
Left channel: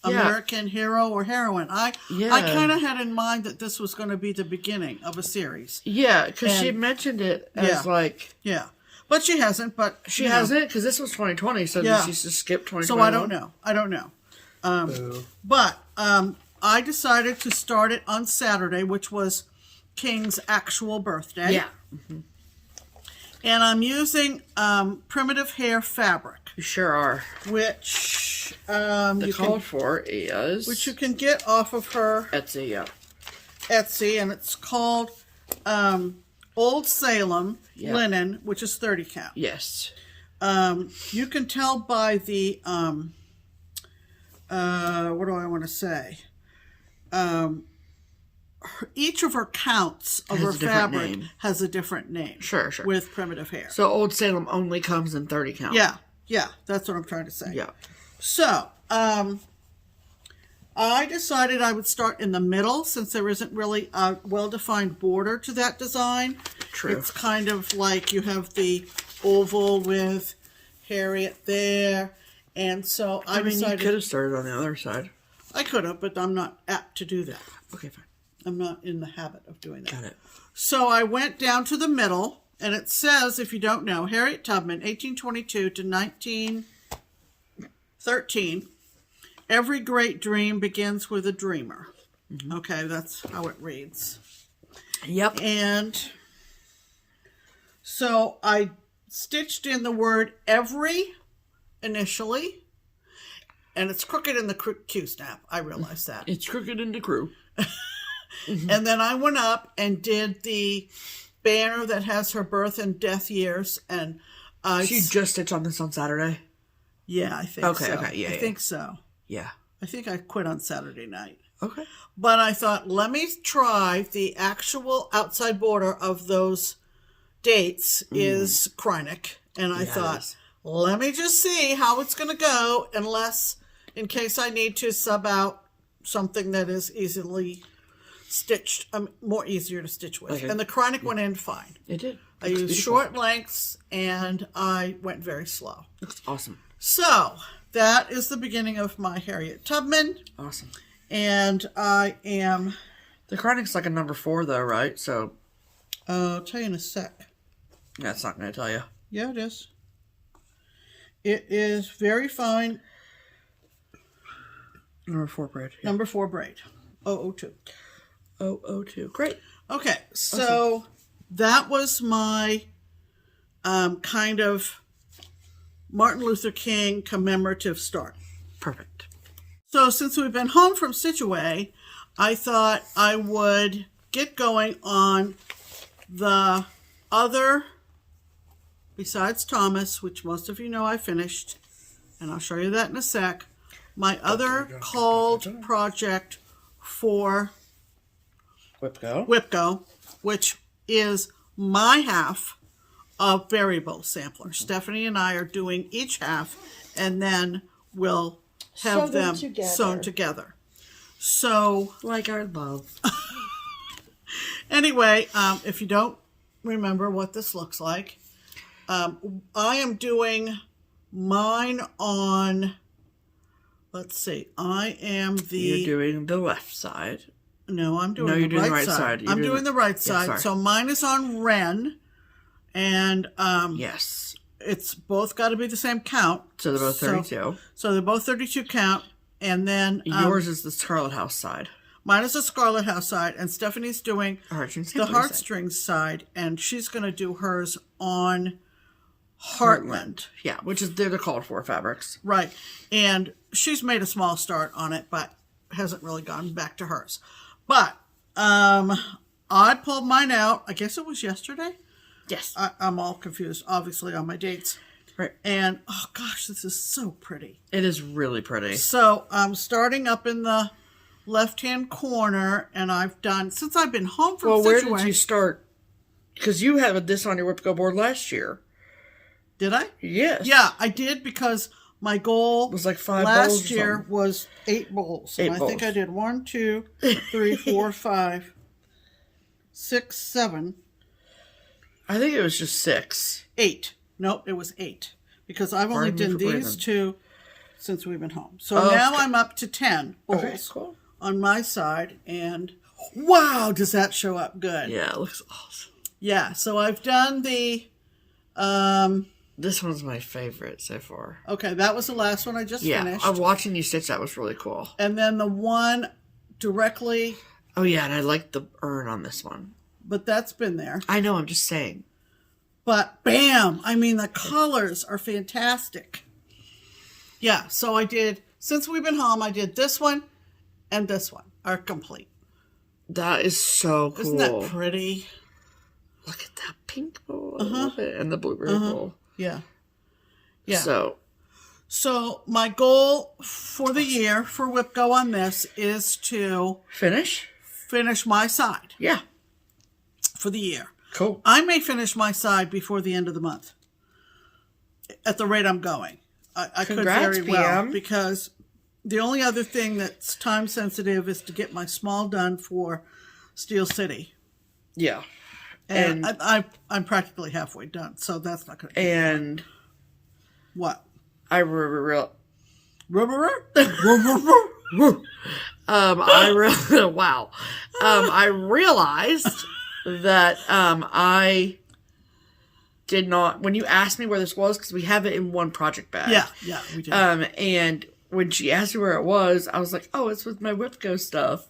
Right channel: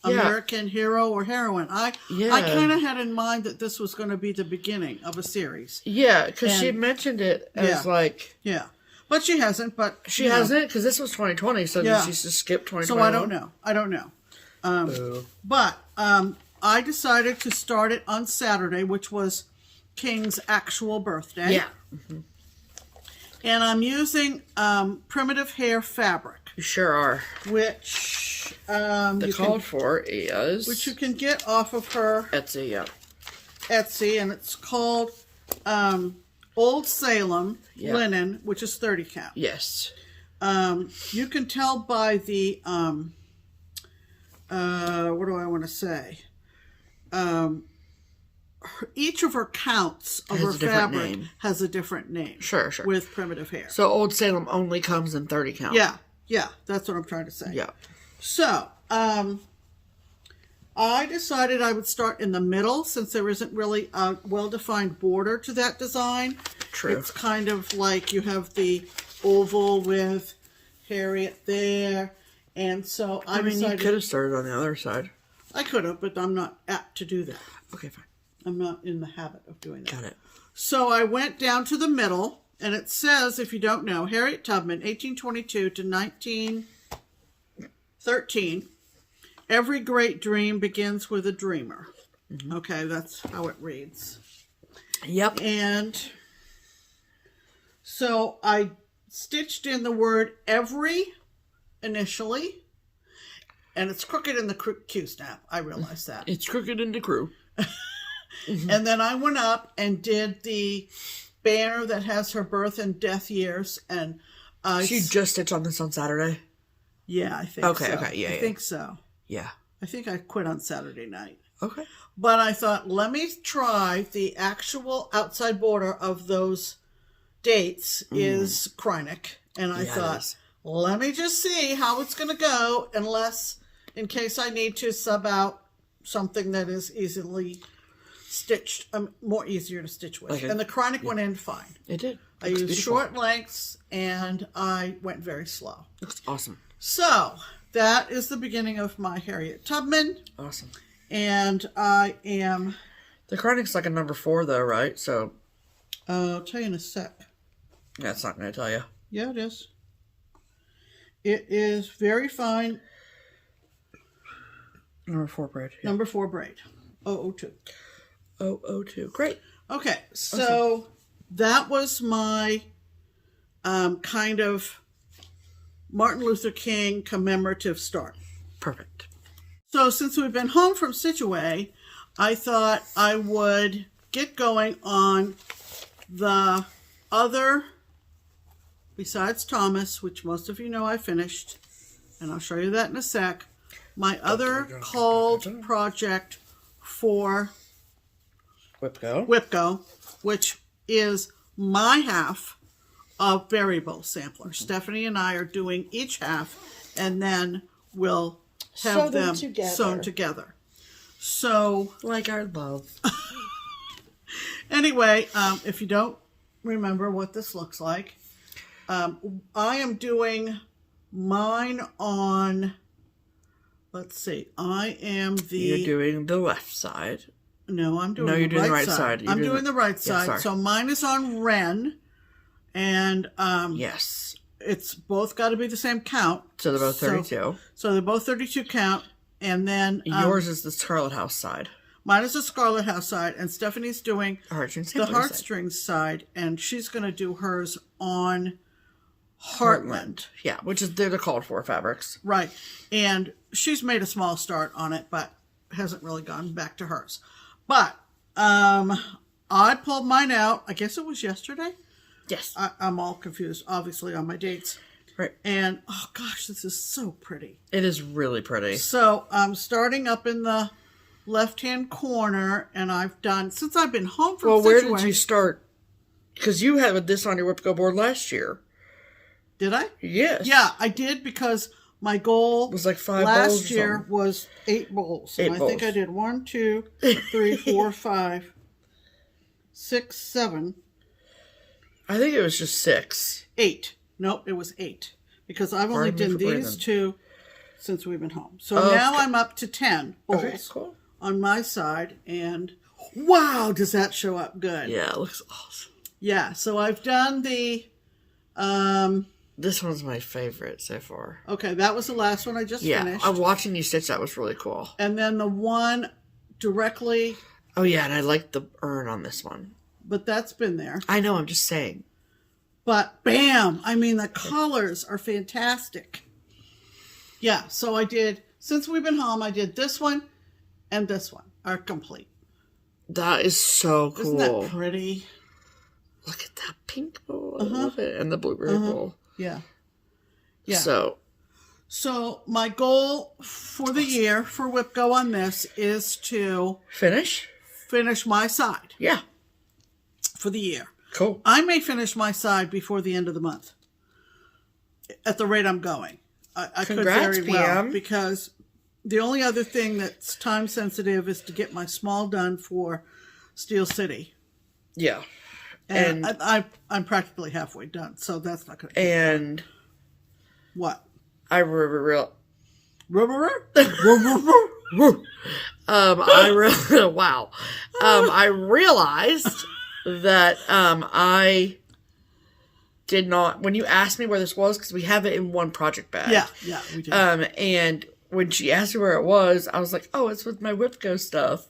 American hero or heroine. I kind of had in mind that this was going to be the beginning of a series. Yeah, because she mentioned it as Yeah. But she hasn't. But she hasn't, because this was 2020, so did she just skip 2021? So I don't know. But I decided to start it on Saturday, which was King's actual birthday. Yeah. Mm-hmm. And I'm using PrimitiveHare fabric. You sure are. Which the call for is, which you can get off of her Etsy. Yeah. Etsy, and it's called Old Salem linen, which is 30 count. Yes. You can tell by the what do I want to say? Each of her counts of her fabric has a different name. Sure, sure. With PrimitiveHare. So Old Salem only comes in 30 count. Yeah, that's what I'm trying to say. Yeah. So, I decided I would start in the middle, since there isn't really a well-defined border to that design. True. It's kind of like you have the oval with Harriet there, and so I decided... you could have started on the other side. I could have, but I'm not apt to do that. Okay, fine. I'm not in the habit of doing that. Got it. So I went down to the middle, and it says, if you don't know, Harriet Tubman, 1822 to 1913. Every great dream begins with a dreamer. Mm-hmm. Okay, that's how it reads. Yep. And so I stitched in the word every initially, and it's crooked in the Q snap. I realize that. It's crooked in the crew. Mm-hmm. And then I went up and did the banner that has her birth and death years. And she just stitched on this on Saturday? Yeah, I think so. Okay, yeah. I think so. Yeah. I think I quit on Saturday night. Okay. But I thought, let me try the actual outside border of those dates is Krynic. And I thought, let me just see how it's going to go, in case I need to sub out something that is easily stitched, more easier to stitch with. Okay. And the Krynic went in fine. It did. I used short lengths, and I went very slow. Looks awesome. So, that is the beginning of my Harriet Tubman. Awesome. And I am... The Krynic's like a number 4, though, right? So... I'll tell you in a sec. That's not going to tell you. Yeah, it is. It is very fine. Number 4 braid. Yeah. Number 4 braid. 002. 002. Great. Okay, so that was my kind of Martin Luther King commemorative start. Perfect. So since we've been home from Stitch Away, I thought I would get going on the other, besides Thomas, which most of you know I finished, and I'll show you that in a sec, my other called project for WIPGO, which is my half of Berry Bowl Sampler. Stephanie and I are doing each half, and then we'll have them sewn together. So, like our love. Anyway, if you don't remember what this looks like, I am doing mine on, let's see, You're doing the left side. No, I'm doing you're doing the right side. I'm doing the right side. Yeah, so mine is on Ren, and yes, it's both got to be the same count. So they're both 32. So they're both 32 count, and then yours is the Scarlet House side. Mine is the Scarlet House side, and Stephanie's doing the Heartstrings side, and she's going to do hers on Heartland. Yeah, which is they're the called for fabrics. Right, and she's made a small start on it, but hasn't really gone back to hers. But I pulled mine out, I guess it was yesterday? Yes. I'm all confused, obviously, on my dates. Right. And, oh gosh, this is so pretty. It is really pretty. So I'm starting up in the left-hand corner, and I've done, since I've been home from Well, where did you start? Because you had this on your WIPGO board last year. Did I? Yes. Yeah, I did, because my goal was like 5 last bowls year was 8 bowls. I think I did 1, 2, 3, 4, 5, 6, 7. I think it was just 6. 8. Nope, it was 8. Because I've only done these 2 since we've been home. So now I'm up to 10 bowls on my side. And wow, does that show up good. Yeah, it looks awesome. Yeah, so I've done the... this one's my favorite so far. Okay, that was the last one I just finished. I'm watching you stitch. That was really cool. And then the one directly... Oh, yeah, and I like the urn on this one. But that's been there. I know, I'm just saying. But bam! I mean, the colors are fantastic. Yeah, so I did, since we've been home, I did this one and this one are complete. That is so cool. Isn't that pretty? Look at that pink bowl. I love it. And the blueberry bowl. Yeah. Yeah. So my goal for the year for WIPGO on this is to... Finish my side. Yeah. For the year. Cool. I may finish my side before the end of the month. At the rate I'm going. I could very well. Pam. Because the only other thing that's time sensitive is to get my small done for Steel City. Yeah. And I'm practically halfway done, so that's not going to. And what? I wow. I realized that I did not, when you asked me where this was, because we have it in one project bag. Yeah, we do. And when she asked me where it was, I was like, oh, it's with my WIPGO stuff.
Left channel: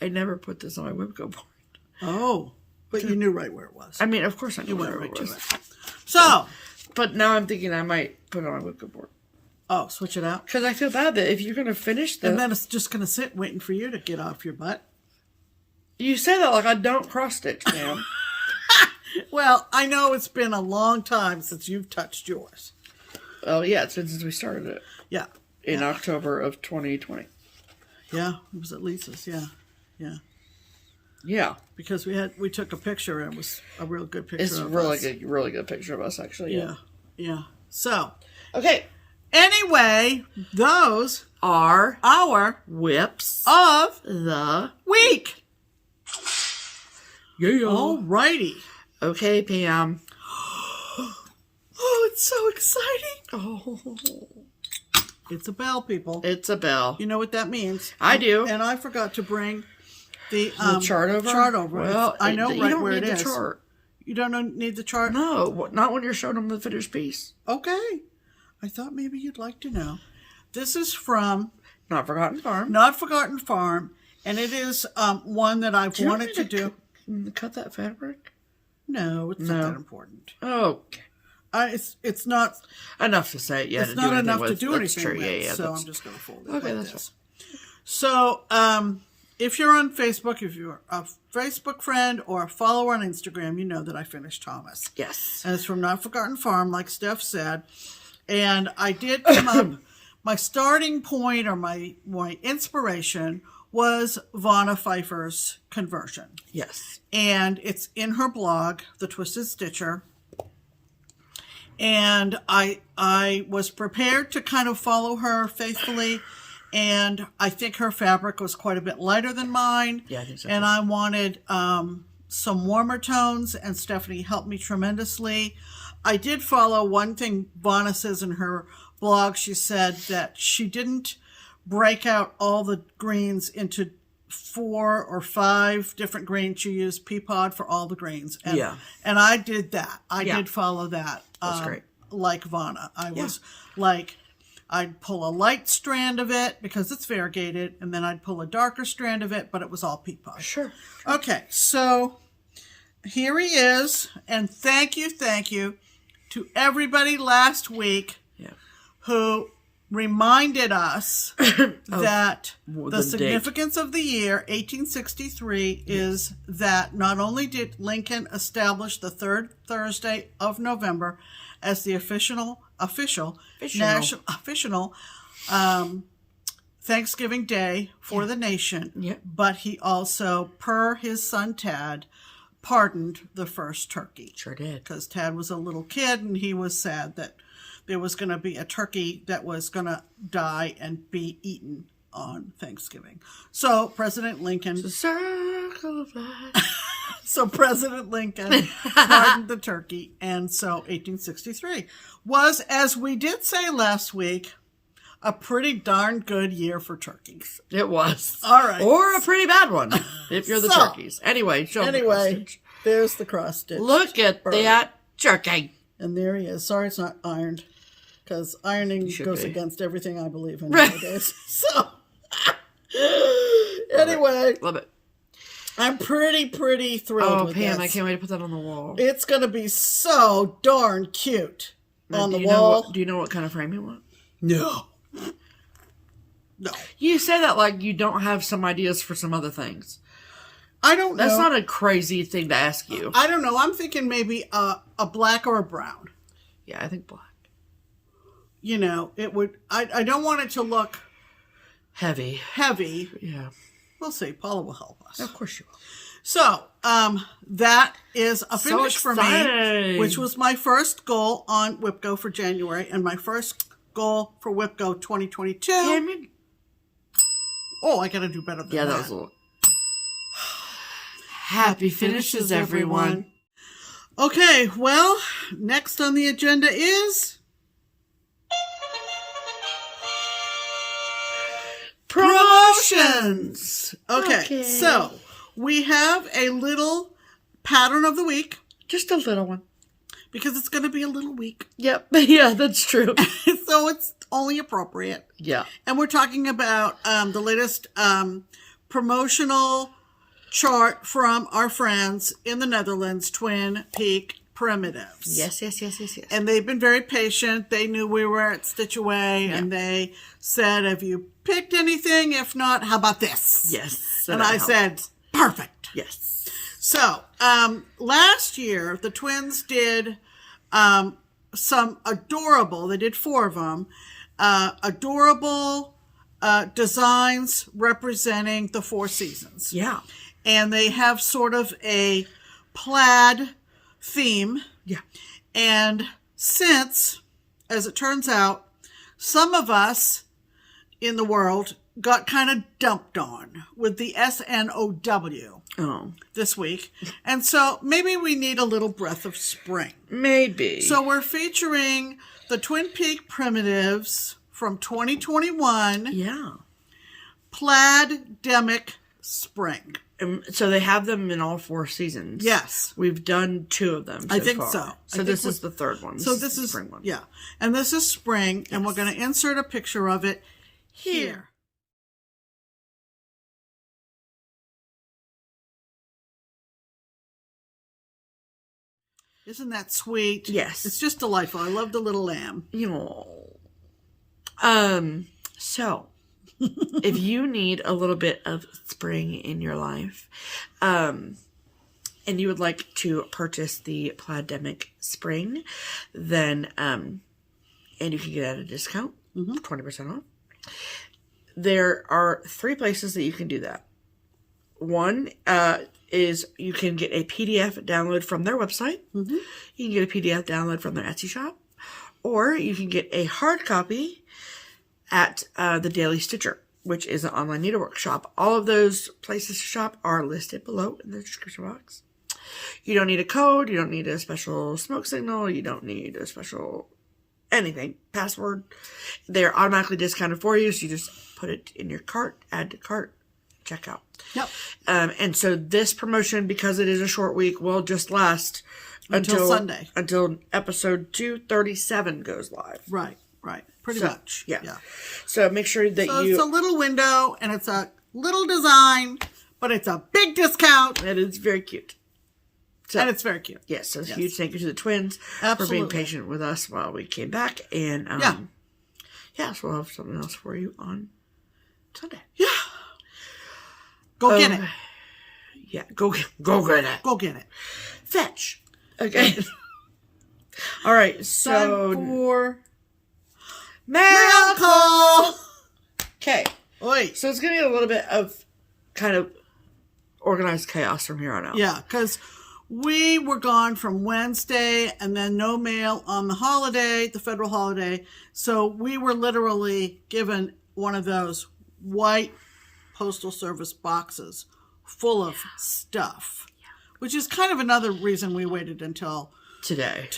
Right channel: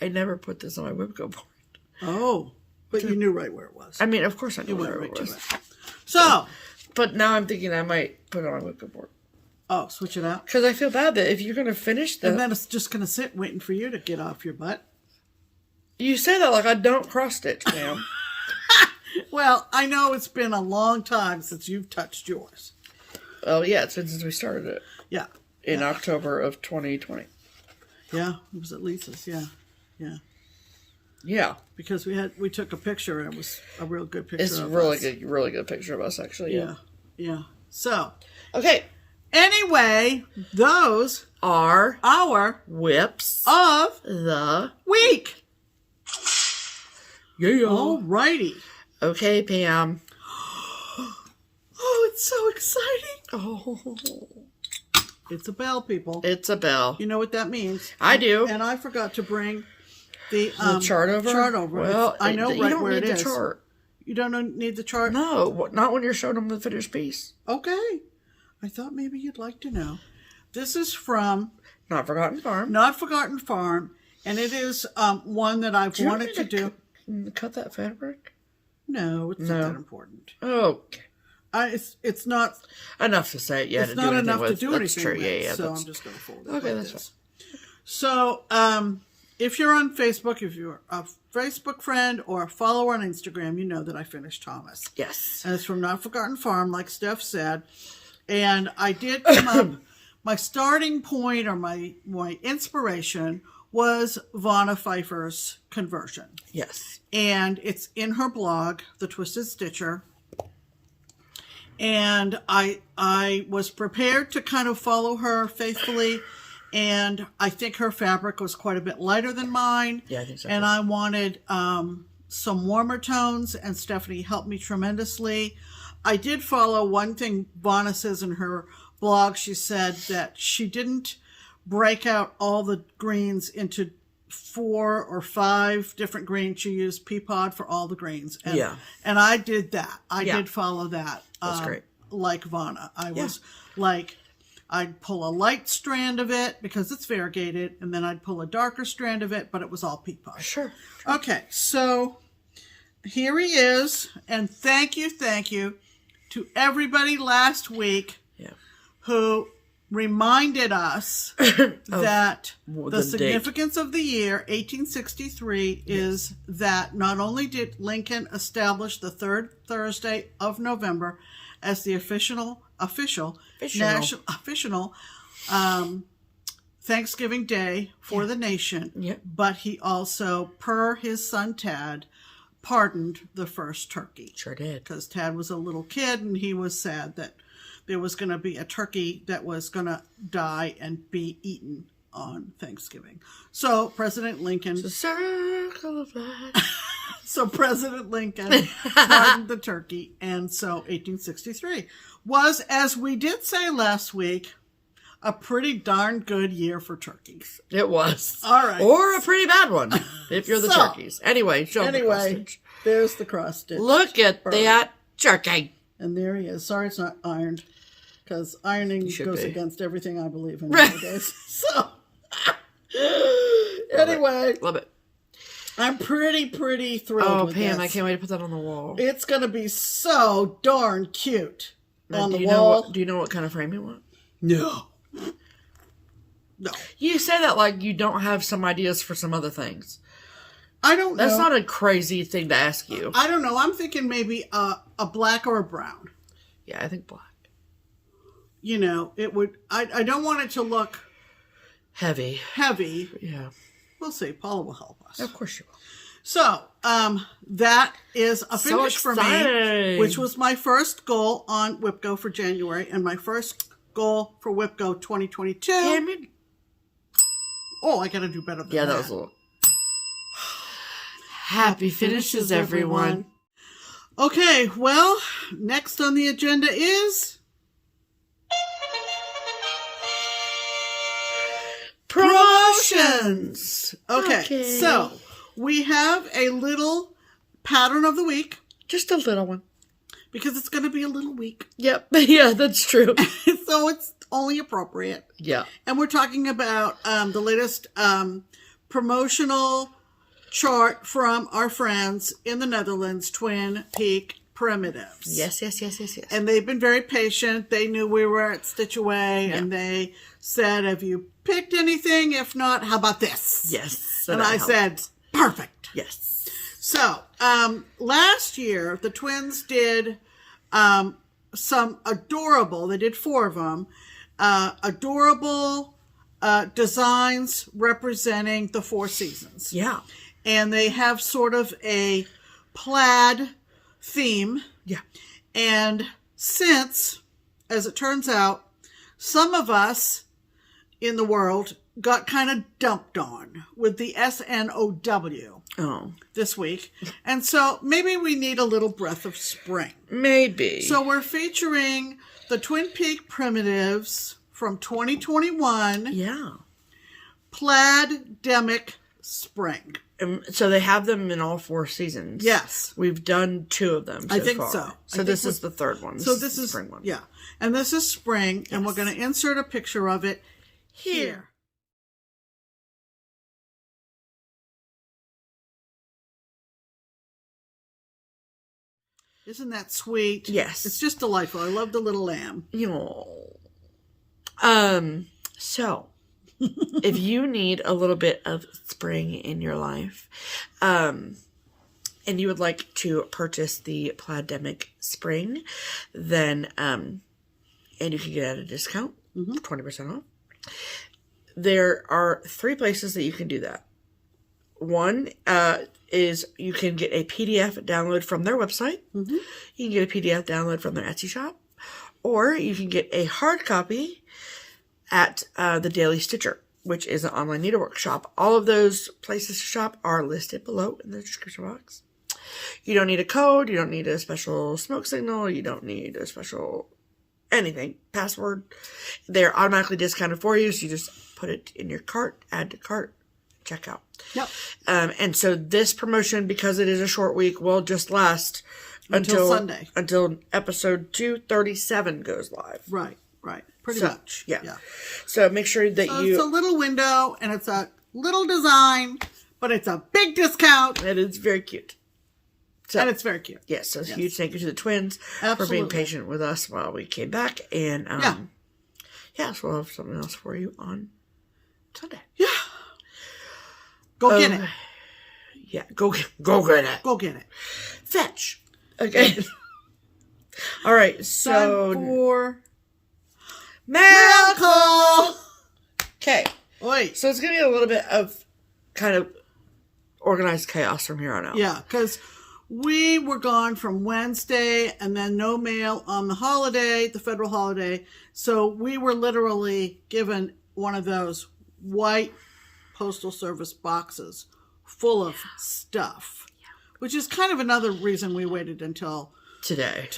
I never put this on my WIPGO board. Oh, but you knew right where it was. I mean, of course I knew where it was. So, but now I'm thinking I might put it on my WIPGO board. Oh, switch it out? Because I feel bad that if you're going to finish the... And then it's just going to sit waiting for you to get off your butt. You say that like I don't cross-stitch, Pam. Well, I know it's been a long time since you've touched yours. Oh, yeah, since we started it. Yeah. In October of 2020. Yeah, it was at Lisa's, yeah. Yeah. Because we took a picture, and it was a real good picture of us. It's a really good picture of us, actually. Yeah. So. Okay. Anyway, those are our whips of the week. Yeah. Alrighty. Okay, Pam. Oh, it's so exciting. Oh. It's a bell, people. It's a bell. You know what that means. I do. And I forgot to bring the chart over. Well, I know you right don't where need it the is. chart. You don't need the chart? No, not when you're showing them the finished piece. Okay. I thought maybe you'd like to know. This is from Not Forgotten Farm. Not Forgotten Farm, and it is one that I've wanted to do. Cut that fabric? No, it's not that important. Okay. It's not enough to say. Yeah, it's not enough to do anything true. with. Yeah, so I'm just going to fold it. Okay, like that's this. So if you're on Facebook, if you're a Facebook friend or a follower on Instagram, you know that I finished Thomas. Yes. And it's from Not Forgotten Farm, like Steph said. And I did come up, my starting point or my inspiration was Vanna Pfeiffer's conversion. Yes. And it's in her blog, The Twisted Stitcher. And I was prepared to kind of follow her faithfully. And I think her fabric was quite a bit lighter than mine. Yeah, I think so. And I wanted some warmer tones, and Stephanie helped me tremendously. I did follow one thing Vanna says in her blog. She said that she didn't break out all the greens into 4 or 5 different greens. She used Peapod for all the greens. And, and I did that. I did follow that. That's great. Like Vanna. I was like, I'd pull a light strand of it because it's variegated, and then I'd pull a darker strand of it, but it was all Peapod. Sure. Okay, so here he is, and thank you to everybody last week who reminded us that the significance of the year 1863 is that not only did Lincoln establish the third Thursday of November as the official Thanksgiving Day for the nation, but he also, per his son Tad, pardoned the first turkey. Sure did. Because Tad was a little kid and he was sad that there was going to be a turkey that was going to die and be eaten on Thanksgiving. So President Lincoln... The circle of life. So President Lincoln pardoned the turkey, and so 1863 was, as we did say last week, a pretty darn good year for turkeys. It was. All right. Or a pretty bad one, if you're the turkeys. Anyway, show them the cross stitch. There's the cross stitch. Look at that turkey. And there he is. Sorry it's not ironed, because ironing goes against everything I believe in nowadays. So, anyway. Love it. I'm pretty thrilled with Pam, this. I can't wait to put that on the wall. It's going to be so darn cute on the wall. Do you know what kind of frame you want? No. You say that like you don't have some ideas for some other things. I don't know. That's not a crazy thing to ask you. I don't know. I'm thinking maybe a black or a brown. Yeah, I think black. You know, it would... I don't want it to look... Heavy. Yeah. We'll see. Paula will help us. Of course you will. So, that is a finish for me, which was my first goal on WIPGO for January, and my first goal for WIPGO 2022. I gotta do better than that. Yeah, that was a little... Happy finishes, everyone. Okay, well, next on the agenda is... Promotions! Okay, so we have a little pattern of the week. Just a little one. Because it's going to be a little week. Yep. Yeah, that's true. So it's only appropriate. Yeah. And we're talking about the latest promotional chart from our friends in the Netherlands, Twin Peak Primitives. Yes. And they've been very patient. They knew we were at Stitch Away, and they said, have you picked anything? If not, how about this? Yes. So and I said, perfect. Yes. So, last year, the twins did some adorable, they did 4 of them, adorable designs representing the 4 seasons. Yeah. And they have sort of a plaid theme. Yeah. And since, as it turns out, some of us in the world got kind of dumped on with the SNOW this week. And so maybe we need a little breath of spring. Maybe. So we're featuring the Twin Peak Primitives from 2021. Yeah. Plaid-demic spring. So they have them in all 4 seasons. Yes. We've done 2 of them so I think far. so. So this is the 3rd one. This is spring one. Yeah. And this is spring, and we're going to insert a picture of it here. Isn't that sweet? Yes. It's just delightful. I love the little lamb. So, if you need a little bit of spring in your life, and you would like to purchase the Plaid-demic spring, then, and you can get it at a discount, 20% off. There are 3 places that you can do that. One is you can get a PDF download from their website. You can get a PDF download from their Etsy shop. Or you can get a hard copy at the Daily Stitcher, which is an online needlework shop. All of those places to shop are listed below in the description box. You don't need a code. You don't need a special smoke signal. You don't need a special anything, password. They're automatically discounted for you, so you just put it in your cart, add to cart, check out. Yep. And so this promotion, because it is a short week, will just last until Sunday. Until episode 237 goes live. Right. Pretty much. Yeah. So make sure that it's a little window, and it's a little design, but it's a big discount. And it's very cute. So, and it's very cute. Yes, so huge thank you to the twins for being patient with us while we came back. And, so we'll have something else for you on Sunday. Yeah. Go get it. Yeah, go get it. Go get it. Fetch. Okay. All right, so... Time for... mail call! Okay. Wait. So it's going to be a little bit of kind of organized chaos from here on out. Yeah, because we were gone from Wednesday and then no mail on the holiday, the federal holiday. So we were literally given one of those white Postal Service boxes full of stuff, which is kind of another reason we waited until today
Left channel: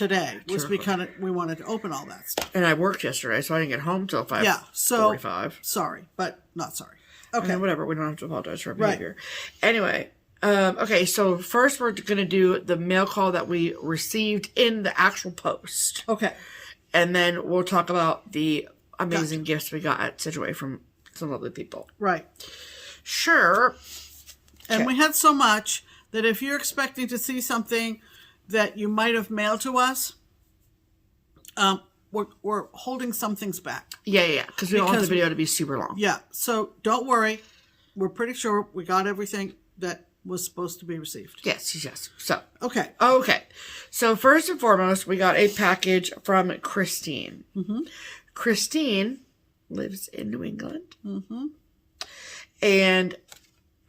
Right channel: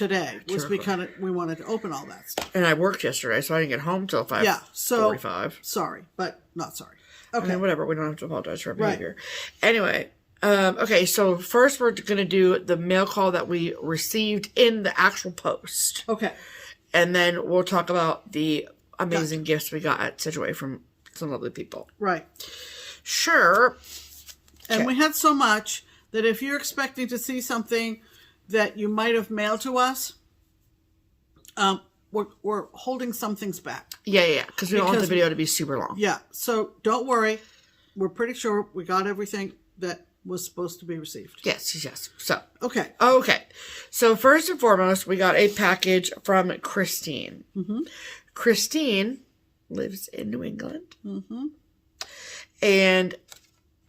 was because we wanted to open all that stuff. And I worked yesterday, so I didn't get home till 5:45. Yeah, so sorry, but not sorry. Okay, I mean, whatever. We don't have to apologize for our behavior. Anyway, okay. So first, we're going to do the mail call that we received in the actual post. Okay, and then we'll talk about the amazing gifts we got at Situate from some lovely people. Right. Sure. And we had so much that if you're expecting to see something that you might have mailed to us, we're holding some things back. Yeah. Because we don't want the video to be super long. Yeah. So don't worry. We're pretty sure we got everything that was supposed to be received. Yes. So. Okay. So first and foremost, we got a package from Christine. Christine lives in New England. And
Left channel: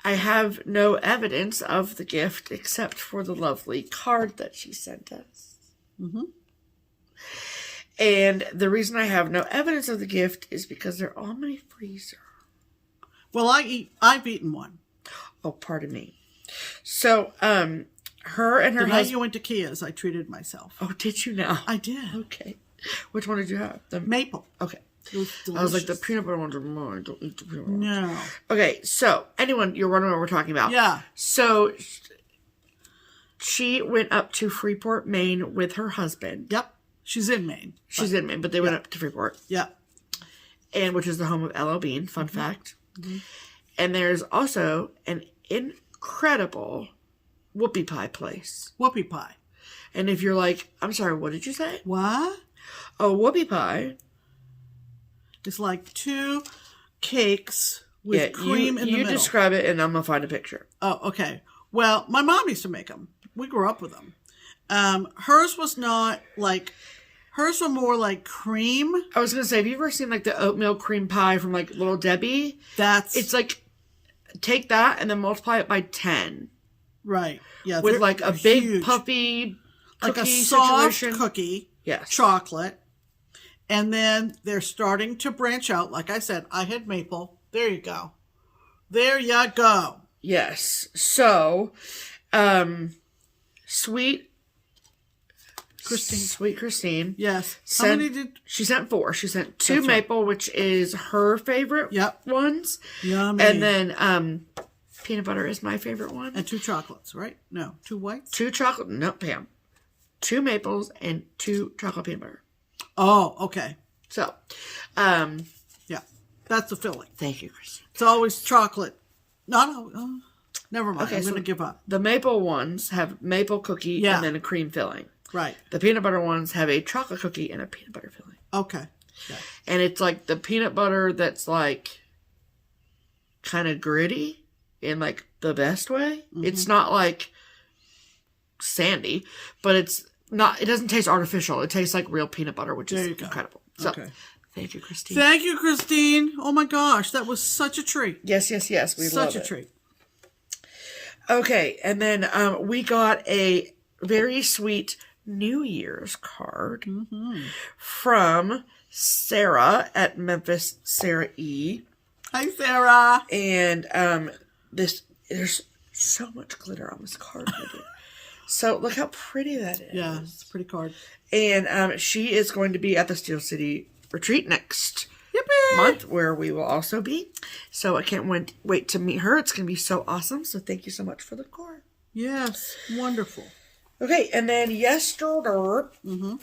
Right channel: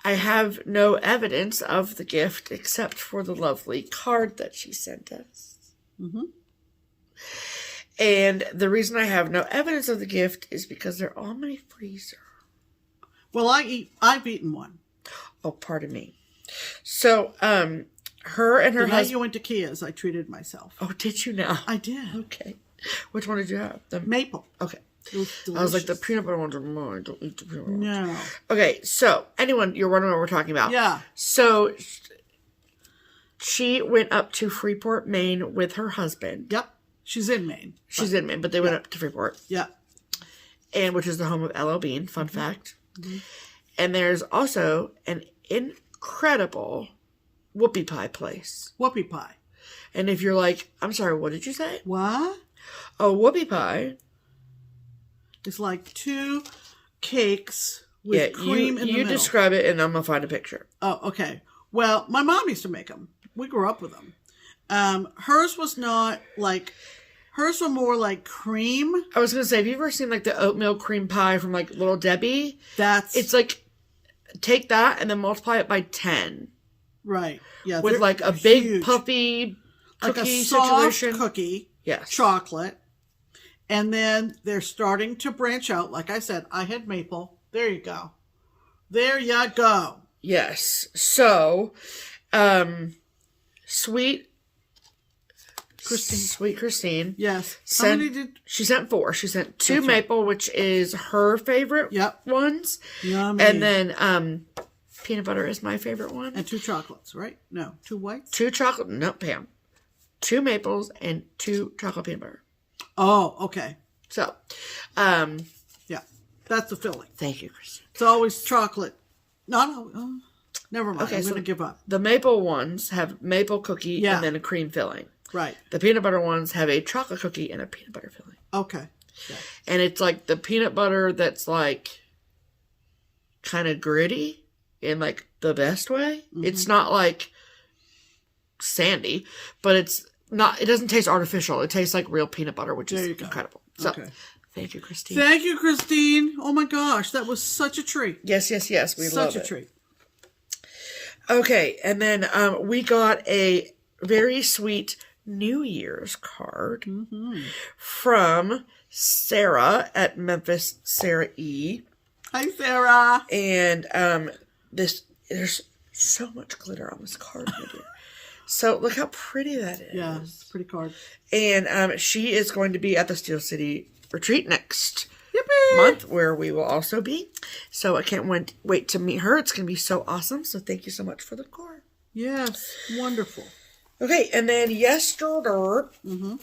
I have no evidence of the gift except for the lovely card that she sent us. And the reason I have no evidence of the gift is because they're on my freezer. Well, I've eaten one. Oh, pardon me. So, her and her husband... The night you went to Kia's, I treated myself. Oh, did you now? I did. Okay. Which one did you have? The maple. Okay. It was delicious. I was like, the peanut butter ones are mine. Don't eat the peanut butter ones. No. Okay, so, anyone, you're wondering what we're talking about. Yeah. So, she went up to Freeport, Maine with her husband. Yep. She's in Maine. She's in Maine, but they went up to Freeport. Yep. And which is the home of L.L. Bean, fun fact. And there's also an incredible whoopie pie place. Whoopie pie. And if you're like, I'm sorry, what did you say? What? Oh, whoopie pie. It's like 2 cakes with cream in the middle. You describe it, and I'm going to find a picture. Oh, okay. Well, my mom used to make them. We grew up with them. Hers was not like... Hers were more like cream. I was going to say, have you ever seen like the oatmeal cream pie from like Little Debbie? It's like, take that and then multiply it by 10. Right. Yeah. With like a big puffy cookie like a soft situation. Cookie. Yes. Chocolate. And then they're starting to branch out. Like I said, I had maple. There you go. There you go. Yes. So, Sweet Christine. Yes. How many did she sent? 4. She sent 2 maple, which is her favorite ones. Yummy. And then peanut butter is my favorite one. And 2 chocolates, right? No, 2 whites? 2 chocolate. No, Pam. 2 maples and 2 chocolate peanut butter. Oh, okay. So, yeah, that's the filling. Thank you, Christine. It's always chocolate. No, never mind. Okay, I'm going to give up. The maple ones have maple cookie and then a cream filling. Right. The peanut butter ones have a chocolate cookie and a peanut butter filling. Okay. Yeah. And it's like the peanut butter that's like kind of gritty in like the best way. Mm-hmm. It's not like sandy, but it doesn't taste artificial. It tastes like real peanut butter, which is incredible. So, thank you, Christine. Thank you, Christine. Oh my gosh, that was such a treat. Yes. We love it. Such a treat. Okay, and then we got a very sweet New Year's card from Sarah at Memphis, Sarah E. Hi, Sarah. And there's so much glitter on this card. So look how pretty that is. Yeah, it's a pretty card. And she is going to be at the Steel City retreat next Yippee! month, where we will also be. So I can't wait to meet her. It's going to be so awesome. So thank you so much for the card. Yes, wonderful. Okay, and then yesterday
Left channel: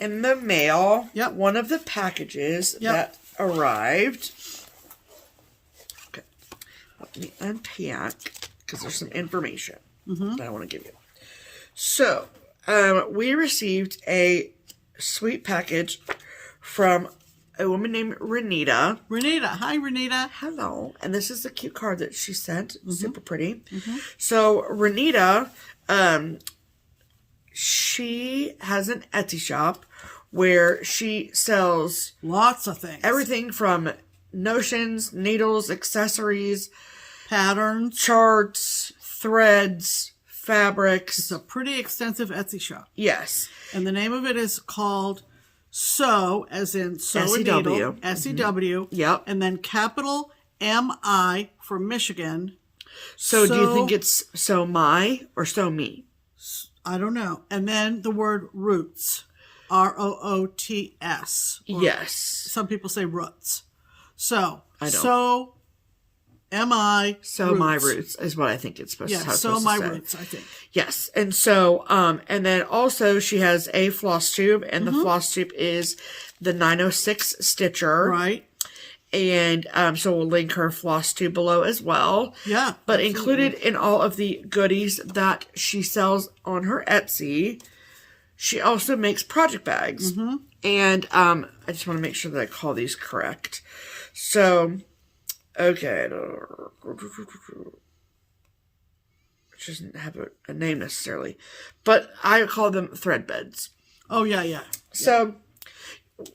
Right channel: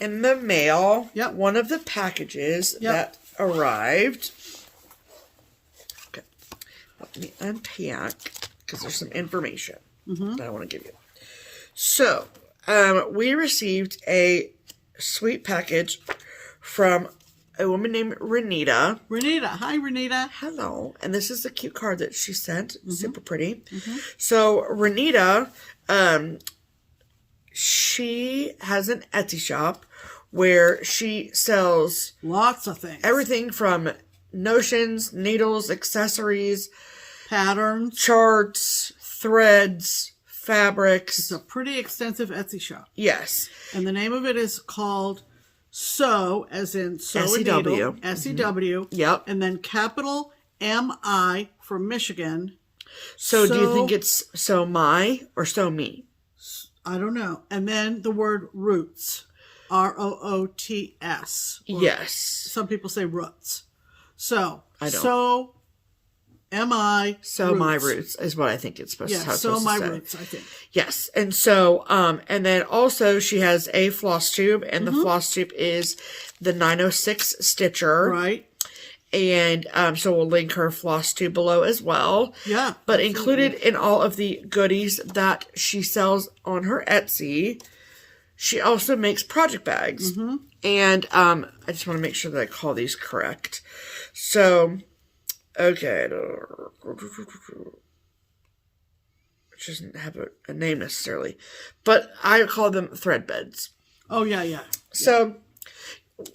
in the mail, one of the packages that arrived. Okay, let me unpack because there's some information that I want to give you. So, we received a sweet package from a woman named Renita. Renita. Hi, Renita. Hello. And this is the cute card that she sent. Super pretty. So, Renita, she has an Etsy shop where she sells lots of things. Everything from notions, needles, accessories, patterns, charts, threads, fabrics. It's a pretty extensive Etsy shop. Yes. And the name of it is called Sew, as in sew S-E-W. S-E-W. Yep. And then capital M-I for Michigan. So do you think it's sew my or sew me? I don't know. And then the word roots. R-O-O-T-S. Yes. Some people say roots. So, I don't. So M-I So roots. My roots is what I think it's supposed to say. So my roots, I think. Yes. And so, and then also she has a floss tube, and the floss tube is the 906 Stitcher. Right. And so we'll link her floss tube below as well. Yeah. But included in all of the goodies that she sells on her Etsy, she also makes project bags. And I just want to make sure that I call these correct. So, okay. It doesn't have a name necessarily. But I call them thread beds. Oh, yeah. So,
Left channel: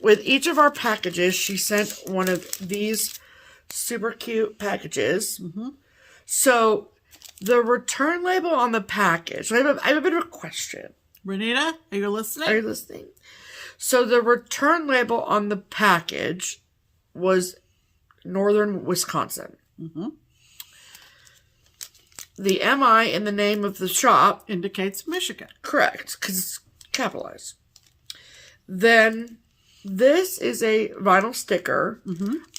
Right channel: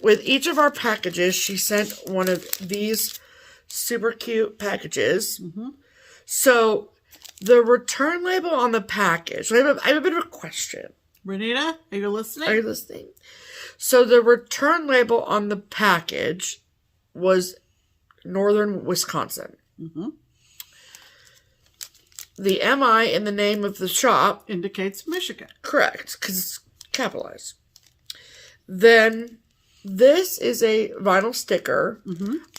with each of our packages, she sent one of these super cute packages. So, the return label on the package. I have a bit of a question. Renita, are you listening? Are you listening? So, the return label on the package was Northern Wisconsin. The MI in the name of the shop indicates Michigan. Correct, because it's capitalized. Then this is a vinyl sticker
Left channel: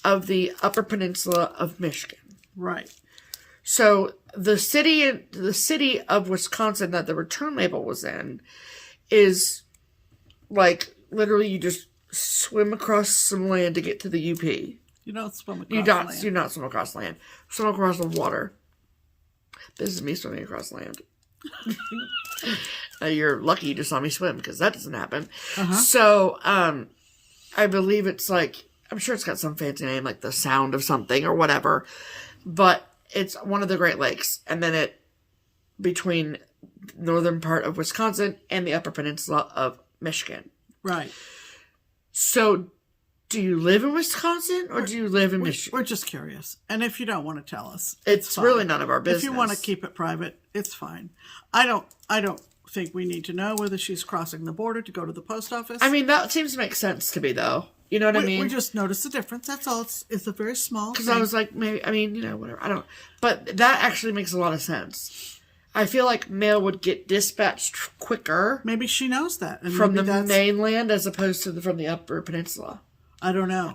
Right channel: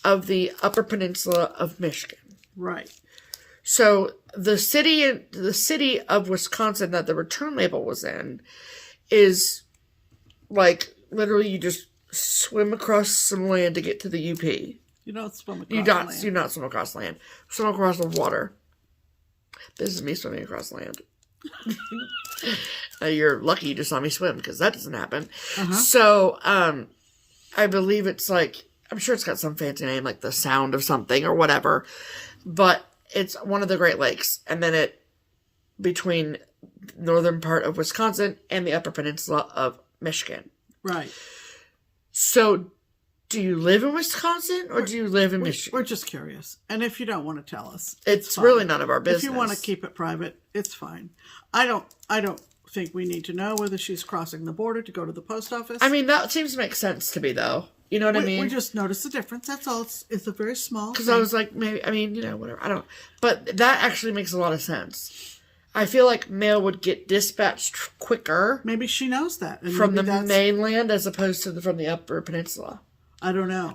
of the Upper Peninsula of Michigan. Right. So the city of Wisconsin that the return label was in is like literally you just swim across some land to get to the UP. You don't swim across land. You do not swim across land. Swim across the water. This is me swimming across land. You're lucky you just saw me swim because that doesn't happen. So, I believe it's like, I'm sure it's got some fancy name like the Sound of something or whatever, but it's one of the Great Lakes. And then between northern part of Wisconsin and the Upper Peninsula of Michigan. Right. So, do you live in Wisconsin or do you live in Michigan? We're just curious. And if you don't want to tell us, it's really none of our business. If you want to keep it private, it's fine. I don't think we need to know whether she's crossing the border to go to the post office. I mean, that seems to make sense to me, though. You know what I mean? We just noticed the difference. That's all. It's a very small. Because I was like, maybe, I mean, whatever. I don't. But that actually makes a lot of sense. I feel like mail would get dispatched quicker. Maybe she knows that. And from the mainland as opposed to from the Upper Peninsula. I don't know.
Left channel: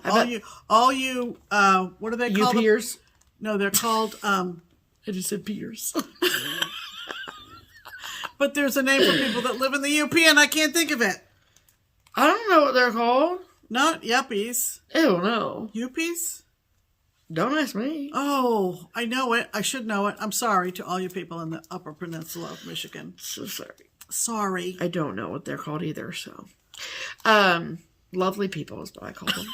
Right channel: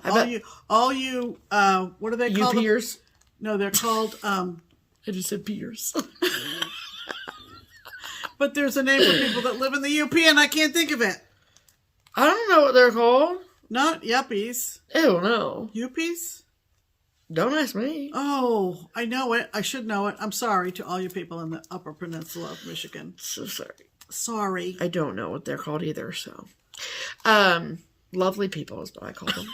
All you, what are they called? UPers? No, they're called, I just said peers. But there's a name for people that live in the UP and I can't think of it. I don't know what they're called. Not yuppies. Ew, no. Yuppies? Don't ask me. Oh, I know it. I should know it. I'm sorry to all you people in the Upper Peninsula of Michigan. So sorry. Sorry. I don't know what they're called either, so. Lovely people is what I call them.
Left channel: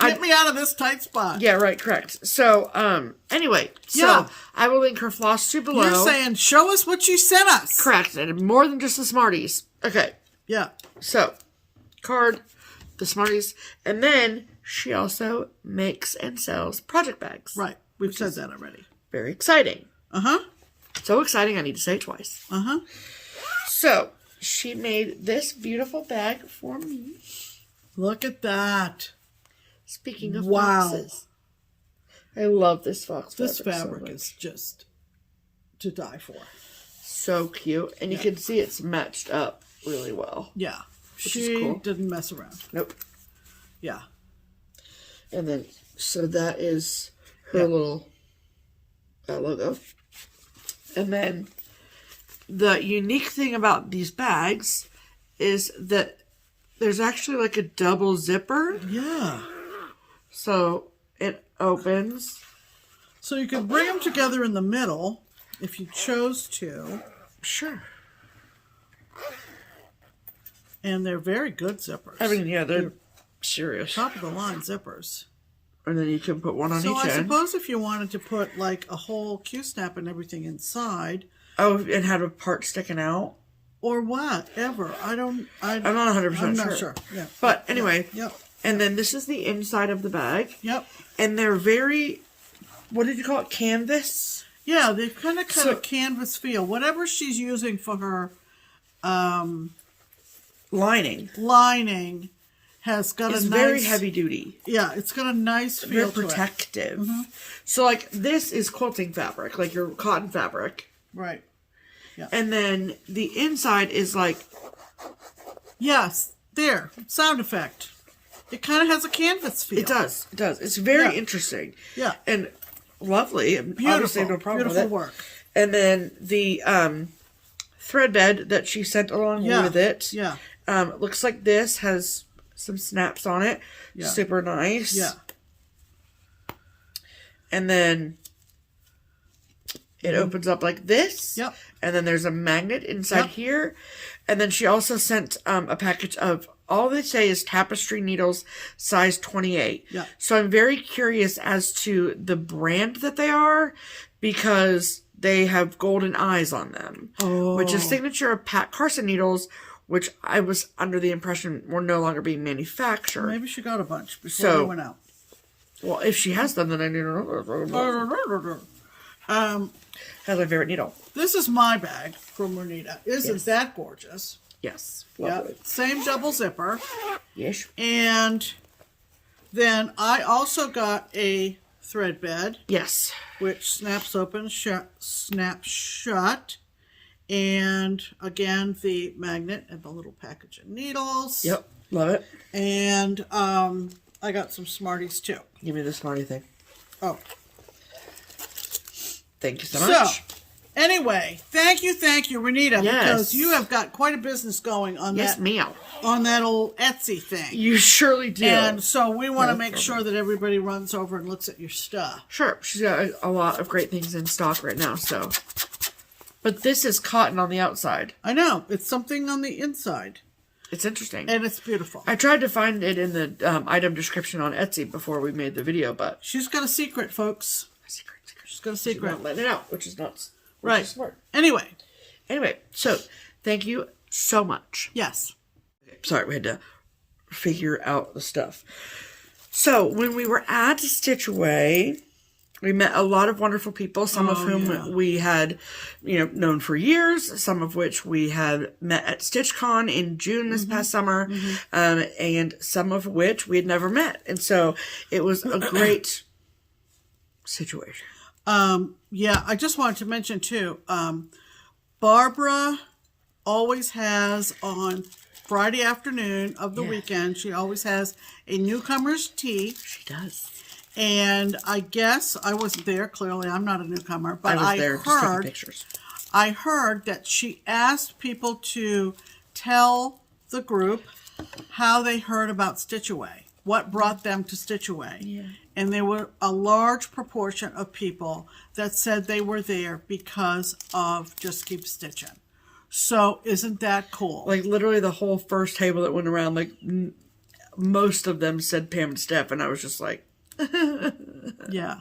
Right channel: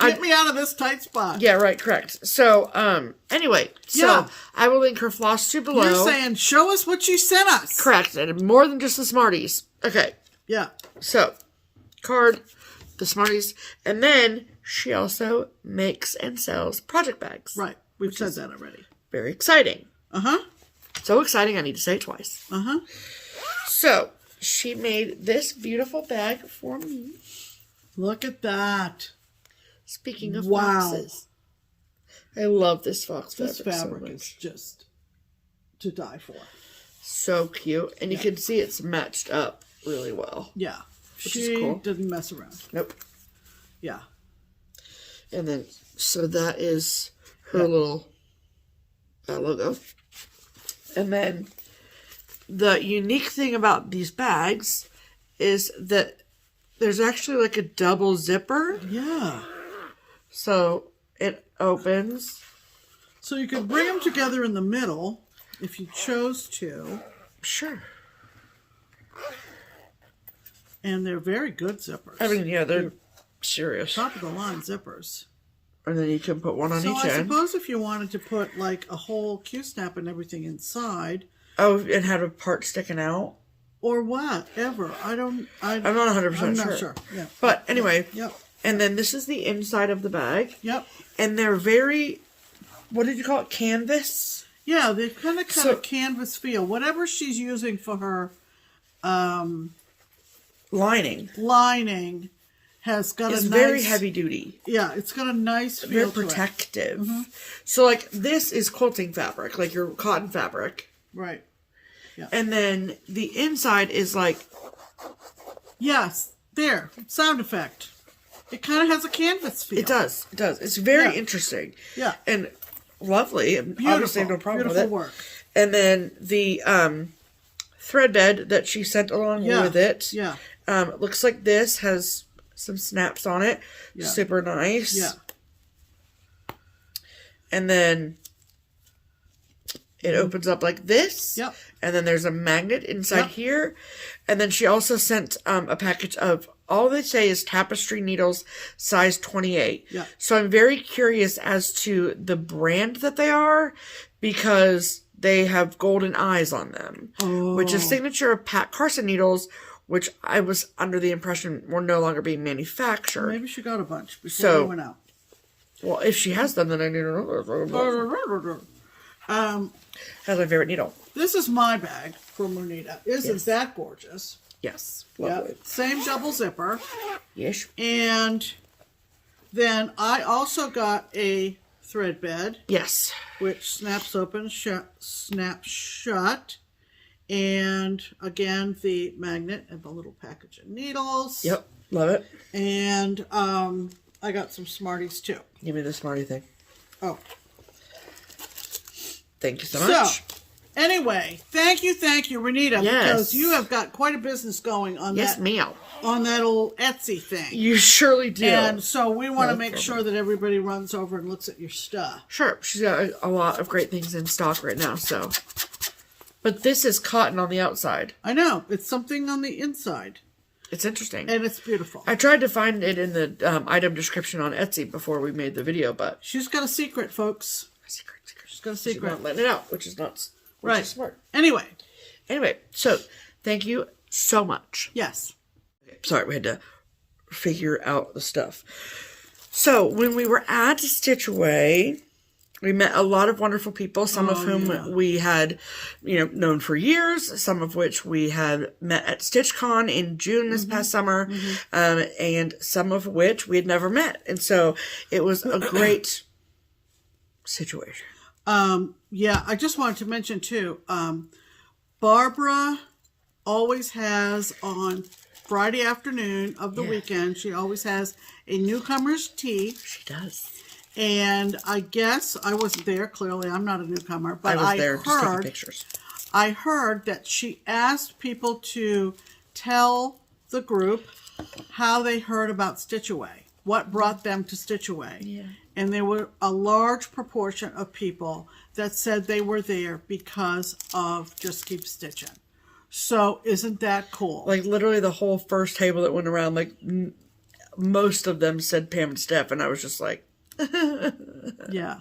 Get me out of this tight spot. Yeah, right, correct. So, anyway, so I will link her FlossTube below. You're saying, show us what you sent us. Correct, and more than just the Smarties. Okay. Yeah. So, card, the Smarties, and then she also makes and sells project bags. Right. We've said that already. Very exciting. Uh-huh. So exciting, I need to say it twice. Uh-huh. So, she made this beautiful bag for me. Look at that. Speaking of foxes. I love this fox fabric. This fabric is just to die for. So cute. And you can see it's matched up really well. Yeah. Which is cool. Didn't mess around. Nope. Yeah. And then, so that is her little logo. And then, the unique thing about these bags is that there's actually like a double zipper. Yeah. So, it opens. So you could bring them together in the middle if you chose to. Sure. And they're very good zippers. I mean, yeah, they're serious. Top of the line zippers. And then you can put one on each end. So I suppose if you wanted to put like a whole Q-snap and everything inside. Oh, and have a part sticking out? Or whatever. I'm not 100% I'm sure. not sure. Yeah. But anyway. Yep. And then this is the inside of the bag. Yep. And they're very, what did you call it? Canvas? Yeah, they kind of a canvas feel. Whatever she's using for her lining has got it's a nice... very heavy duty. Yeah, it's got a nice feel very to it. protective. Mm-hmm. So like this is quilting fabric, like your cotton fabric. Right. Yeah. And then the inside is like... Yes, there, sound effect. It kind of has a canvas feel. It does. It does. It's very interesting. Yeah. And lovely. And obviously no problem with it. Beautiful work. And then the thread bed that she sent along with it. Yeah. Looks like this has some snaps on it. Yeah. Super nice. Yeah. And then it opens up like this. Yep. And then there's a magnet inside here. And then she also sent a package of, all they say is Tapestry Needles, size 28. Yeah. So I'm very curious as to the brand that they are, because they have golden eyes on them. Oh. Which is signature of Pat Carson needles, which I was under the impression were no longer being manufactured. Maybe she got a bunch before they went out. Well, if she has them, then I need to know. That's my favorite needle. This is my bag from Renita. Isn't that gorgeous? Yes. Lovely. Yep. Same double zipper. Yes. And then I also got a thread bed. Yes. Which snaps open, snaps shut. And again, the magnet and the little package of needles. Yep. Love it. And I got some Smarties too. Give me the Smartie thing. Oh. Thank you so much. So, anyway, thank you, Renita, because you have got quite a business going on on that old Etsy thing. You surely do. And so we want to make sure that everybody runs over and looks at your stuff. Sure. She's got a lot of great things in stock right now, so. But this is cotton on the outside. I know. It's something on the inside. It's interesting. And it's beautiful. I tried to find it in the item description on Etsy before we made the video, but. She's got a secret, folks. She's got a secret. She's not letting it out, which is nuts. Which is smart. Anyway, so thank you so much. Yes. Sorry, we had to figure out the stuff. So when we were at Stitch Away, we met a lot of wonderful people, some of whom we had, known for years, some of which we had met at StitchCon in June this past summer, and some of which we had never met. And so it was a great situation. I just wanted to mention too, Barbara always has on Friday afternoon of the weekend, she always has a newcomer's tea. She does. And I guess I wasn't there. Clearly, I'm not a newcomer, but I there just taking pictures. I heard that she asked people to tell the group how they heard about Stitch Away, what brought them to Stitch Away. Yeah. And there were a large proportion of people that said they were there because of Just Keep Stitching. So isn't that cool? Like literally the whole first table that went around, like most of them said Pam and Steph, and I was just like, yeah.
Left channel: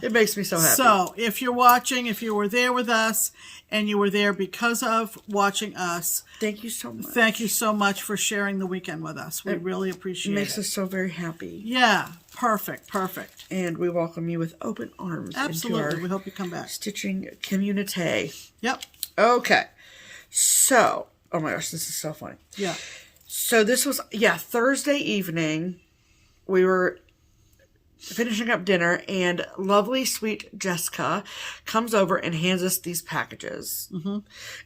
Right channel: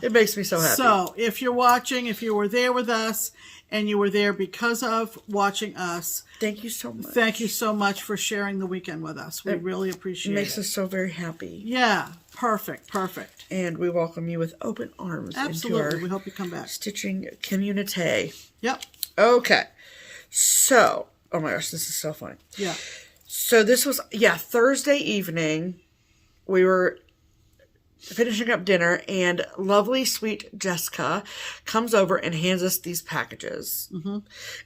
It makes me so happy. So if you're watching, if you were there with us, and you were there because of watching us, thank you so much. Thank you so much for sharing the weekend with us. We really appreciate it. It makes us so very happy. Yeah, perfect. And we welcome you with open arms. Absolutely. Into our we hope you come back. stitching community. Yep. Okay. So, oh my gosh, this is so fun. Yeah. So this was, Thursday evening. We were finishing up dinner, and lovely, sweet Jessica comes over and hands us these packages. Mm-hmm.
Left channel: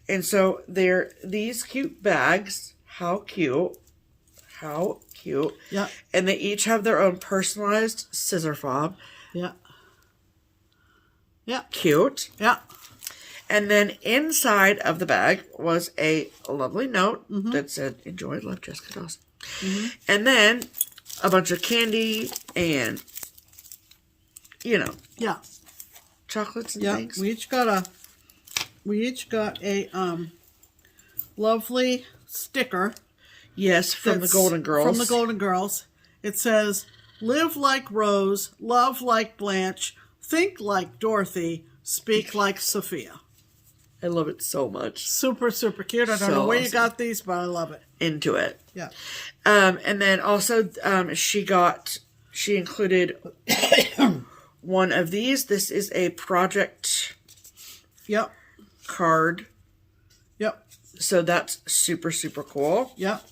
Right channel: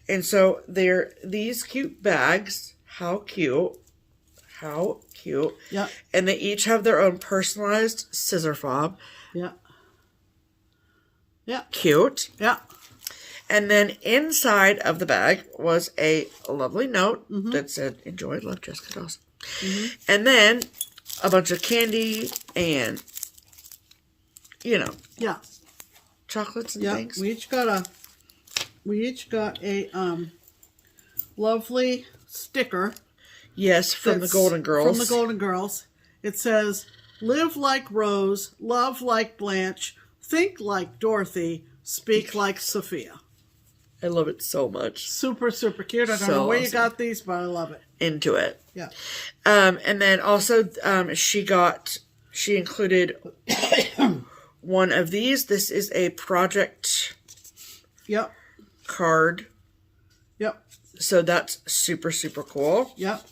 And so they're these cute bags. How cute. How cute. Yeah. And they each have their own personalized scissor fob. Yeah. Yeah. Cute. Yeah. And then inside of the bag was a lovely note that said, "Enjoy, love, Jessica Dawson." Mm-hmm. And then a bunch of candy and, chocolates and things. We each got a lovely sticker. Yes, from the Golden Girls. From the Golden Girls. It says, "Live like Rose, love like Blanche, think like Dorothy, speak like Sophia." I love it so much. Super, super cute. I don't know where you got these, but I love it. Into it. Yeah. And then also she included one of these. This is a project card. Yep. So that's super, super cool. Yep.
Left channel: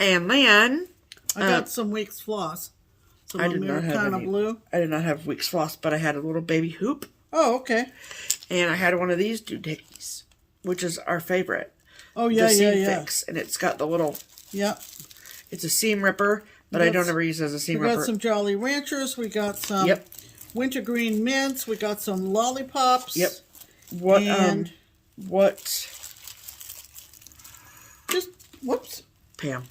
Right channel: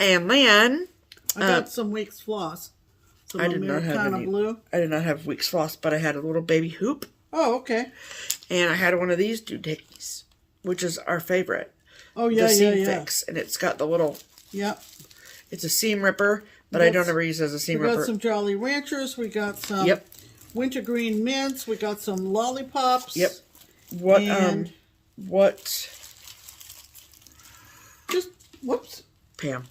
And then I got some Weeks floss. Some I did not have any. Blue. I did not have Weeks floss, but I had a little baby hoop. Oh, okay. And I had one of these doohickeys, which is our favorite. Oh, yeah, the seam fix. And it's got the little... Yep. It's a seam ripper, but I don't ever use it as a seam ripper. We got some Jolly Ranchers. We got some wintergreen mints. We got some lollipops. Yep. What... Just... Whoops. Pam.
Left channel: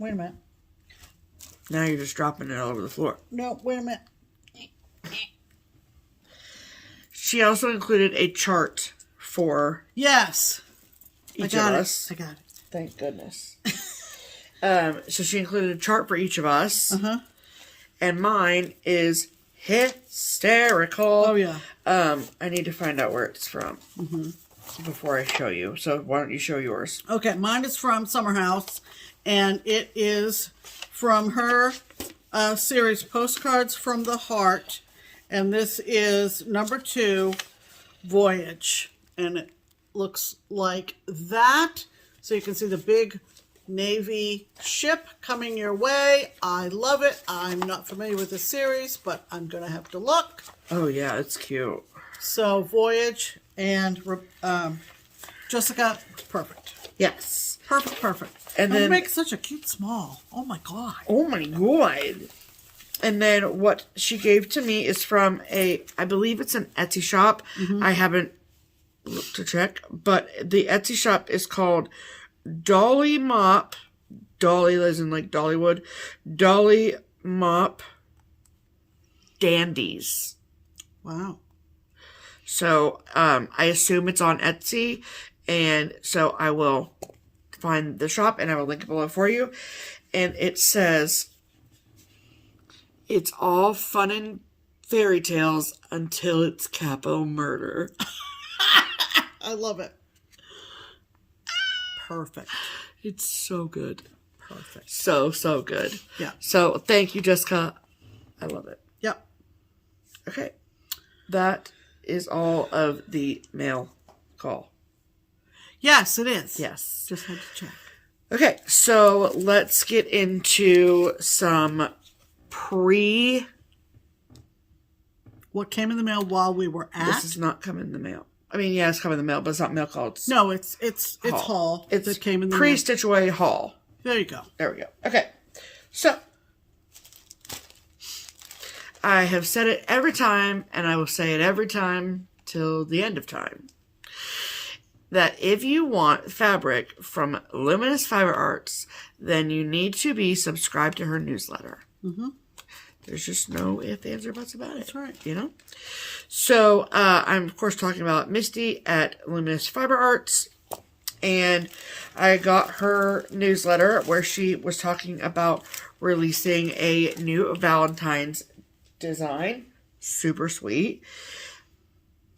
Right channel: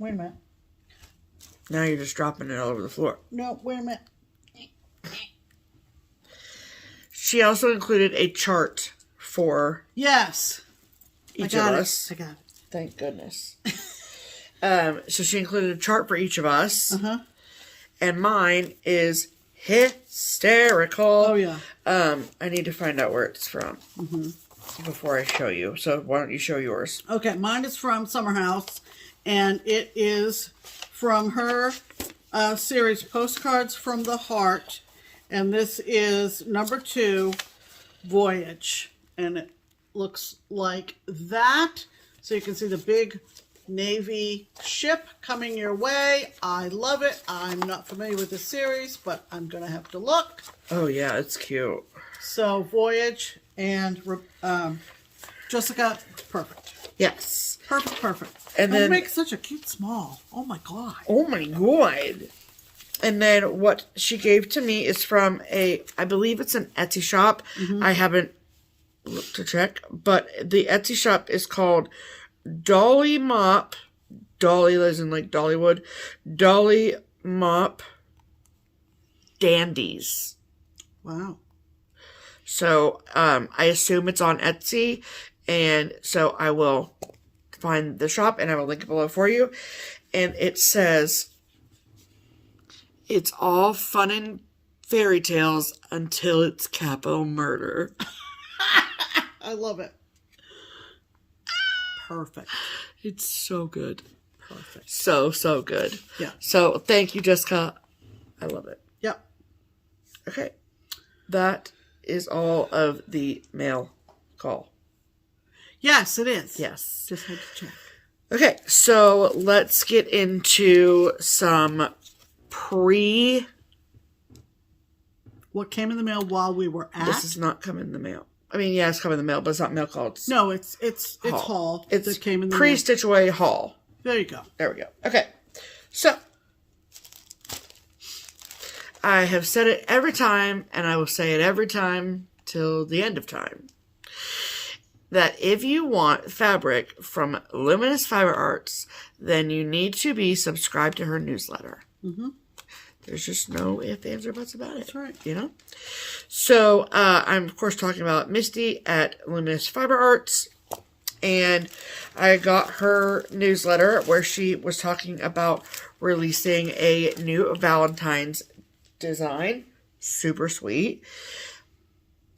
Wait a minute. Now you're just dropping it all over the floor. No, wait a minute. She also included a chart for each of us. I got it. Thank goodness. So she included a chart for each of us. And mine is hysterical. Oh, yeah. I need to find out where it's from before I show you. So why don't you show yours? Okay, mine is from Summer House, and it is from her series, Postcards from the Heart. And this is number 2, Voyage. And it looks like that. So you can see the big navy ship coming your way. I love it. I'm not familiar with the series, but I'm going to have to look. Oh, yeah, it's cute. So Voyage and Jessica, it's perfect. Yes. Perfect. And then... make such a cute small. Oh, my God. Oh, my God. And then what she gave to me is from I believe it's an Etsy shop. I haven't looked to check, but the Etsy shop is called Dollymop, Dolly as in like Dollywood, DollymopDandies. Wow. So, I assume it's on Etsy, and so I will find the shop, and I will link it below for you. And it says... It's all fun and fairy tales until it's capo murder. I love it. Perfect. It's so good. Perfect. So, so good. Yeah. So, thank you, Jessica. I love it. Yep. Okay. That is all of the mail call. Yes, it is. Yes. Just had to check. Okay, so let's get into some what came in the mail while we were at? This is not coming in the mail. I mean, yeah, it's coming in the mail, but it's not mail call. It's no, it's haul. It's that came in the pre-stitch away haul. There you go. There we go. Okay, so I have said it every time, and I will say it every time till the end of time, that if you want fabric from Luminous Fiber Arts, then you need to be subscribed to her newsletter. There's just no ifs, ands, or buts about it. That's right. You know? So, I'm, of course, talking about Misty at Luminous Fiber Arts. And I got her newsletter where she was talking about releasing a new Valentine's design. Super sweet.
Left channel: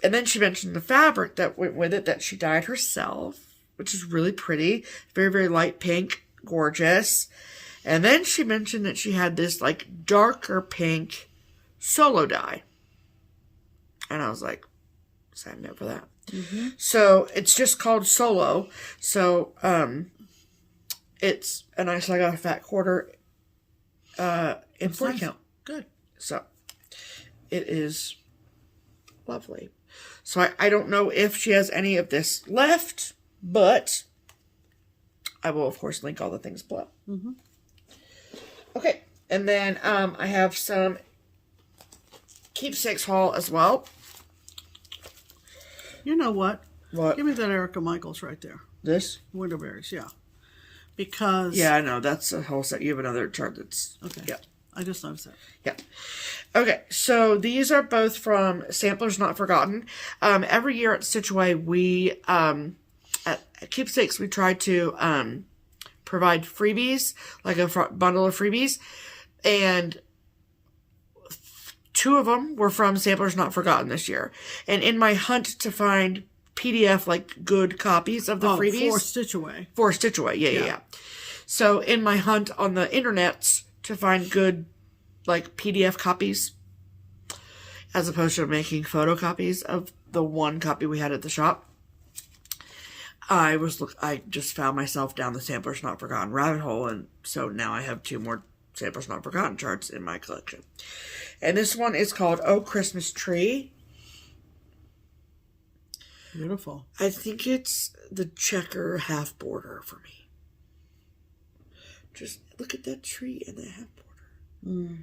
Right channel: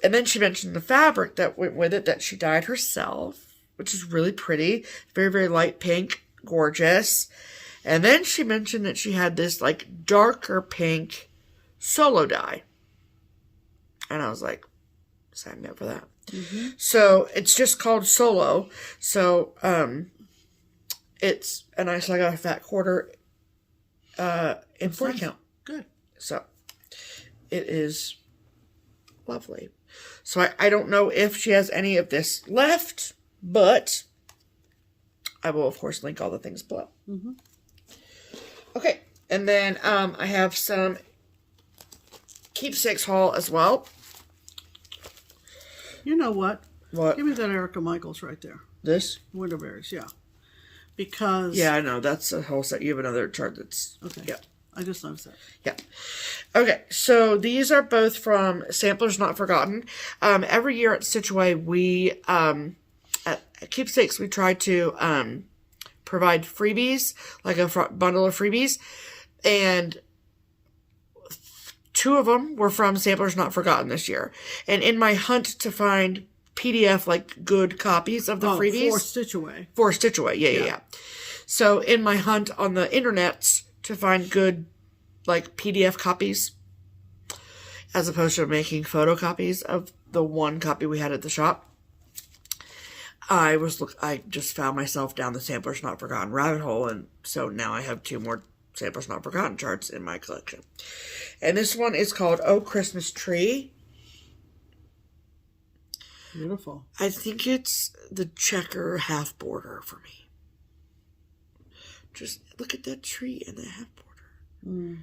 And then she mentioned the fabric that went with it that she dyed herself, which is really pretty. Very, very light pink. Gorgeous. And then she mentioned that she had this, like, darker pink solo dye. And I was like, sign me up for that. Mm-hmm. So, it's just called Solo. So, it's a nice, like, a fat quarter in 40 count. Good. So, it is lovely. So, I don't know if she has any of this left, but I will, of course, link all the things below. Mm-hmm. Okay. And then I have some Keepsakes haul as well. You know what? What? Give me that Erica Michaels right there. This? Winterberries, yeah. Because... Yeah, I know. That's a whole set. You have another chart that's... Okay. Yeah. I just noticed that. Yeah. Okay, so these are both from Samplers Not Forgotten. Every year at Stitch Away, we... at Keepsakes, we try to provide freebies, like a bundle of freebies. And 2 of them were from Samplers Not Forgotten this year. And in my hunt to find PDF, like, good copies of the freebies... For Stitch Away. For Stitch Away, yeah. So in my hunt on the internets to find good, like, PDF copies, as opposed to making photocopies of the one copy we had at the shop, I just found myself down the Samplers Not Forgotten rabbit hole, and so now I have 2 more Samplers Not Forgotten charts in my collection. And this one is called Oh Christmas Tree. Beautiful. I think it's the checker half border for me. Just look at that tree and that half border. Mm.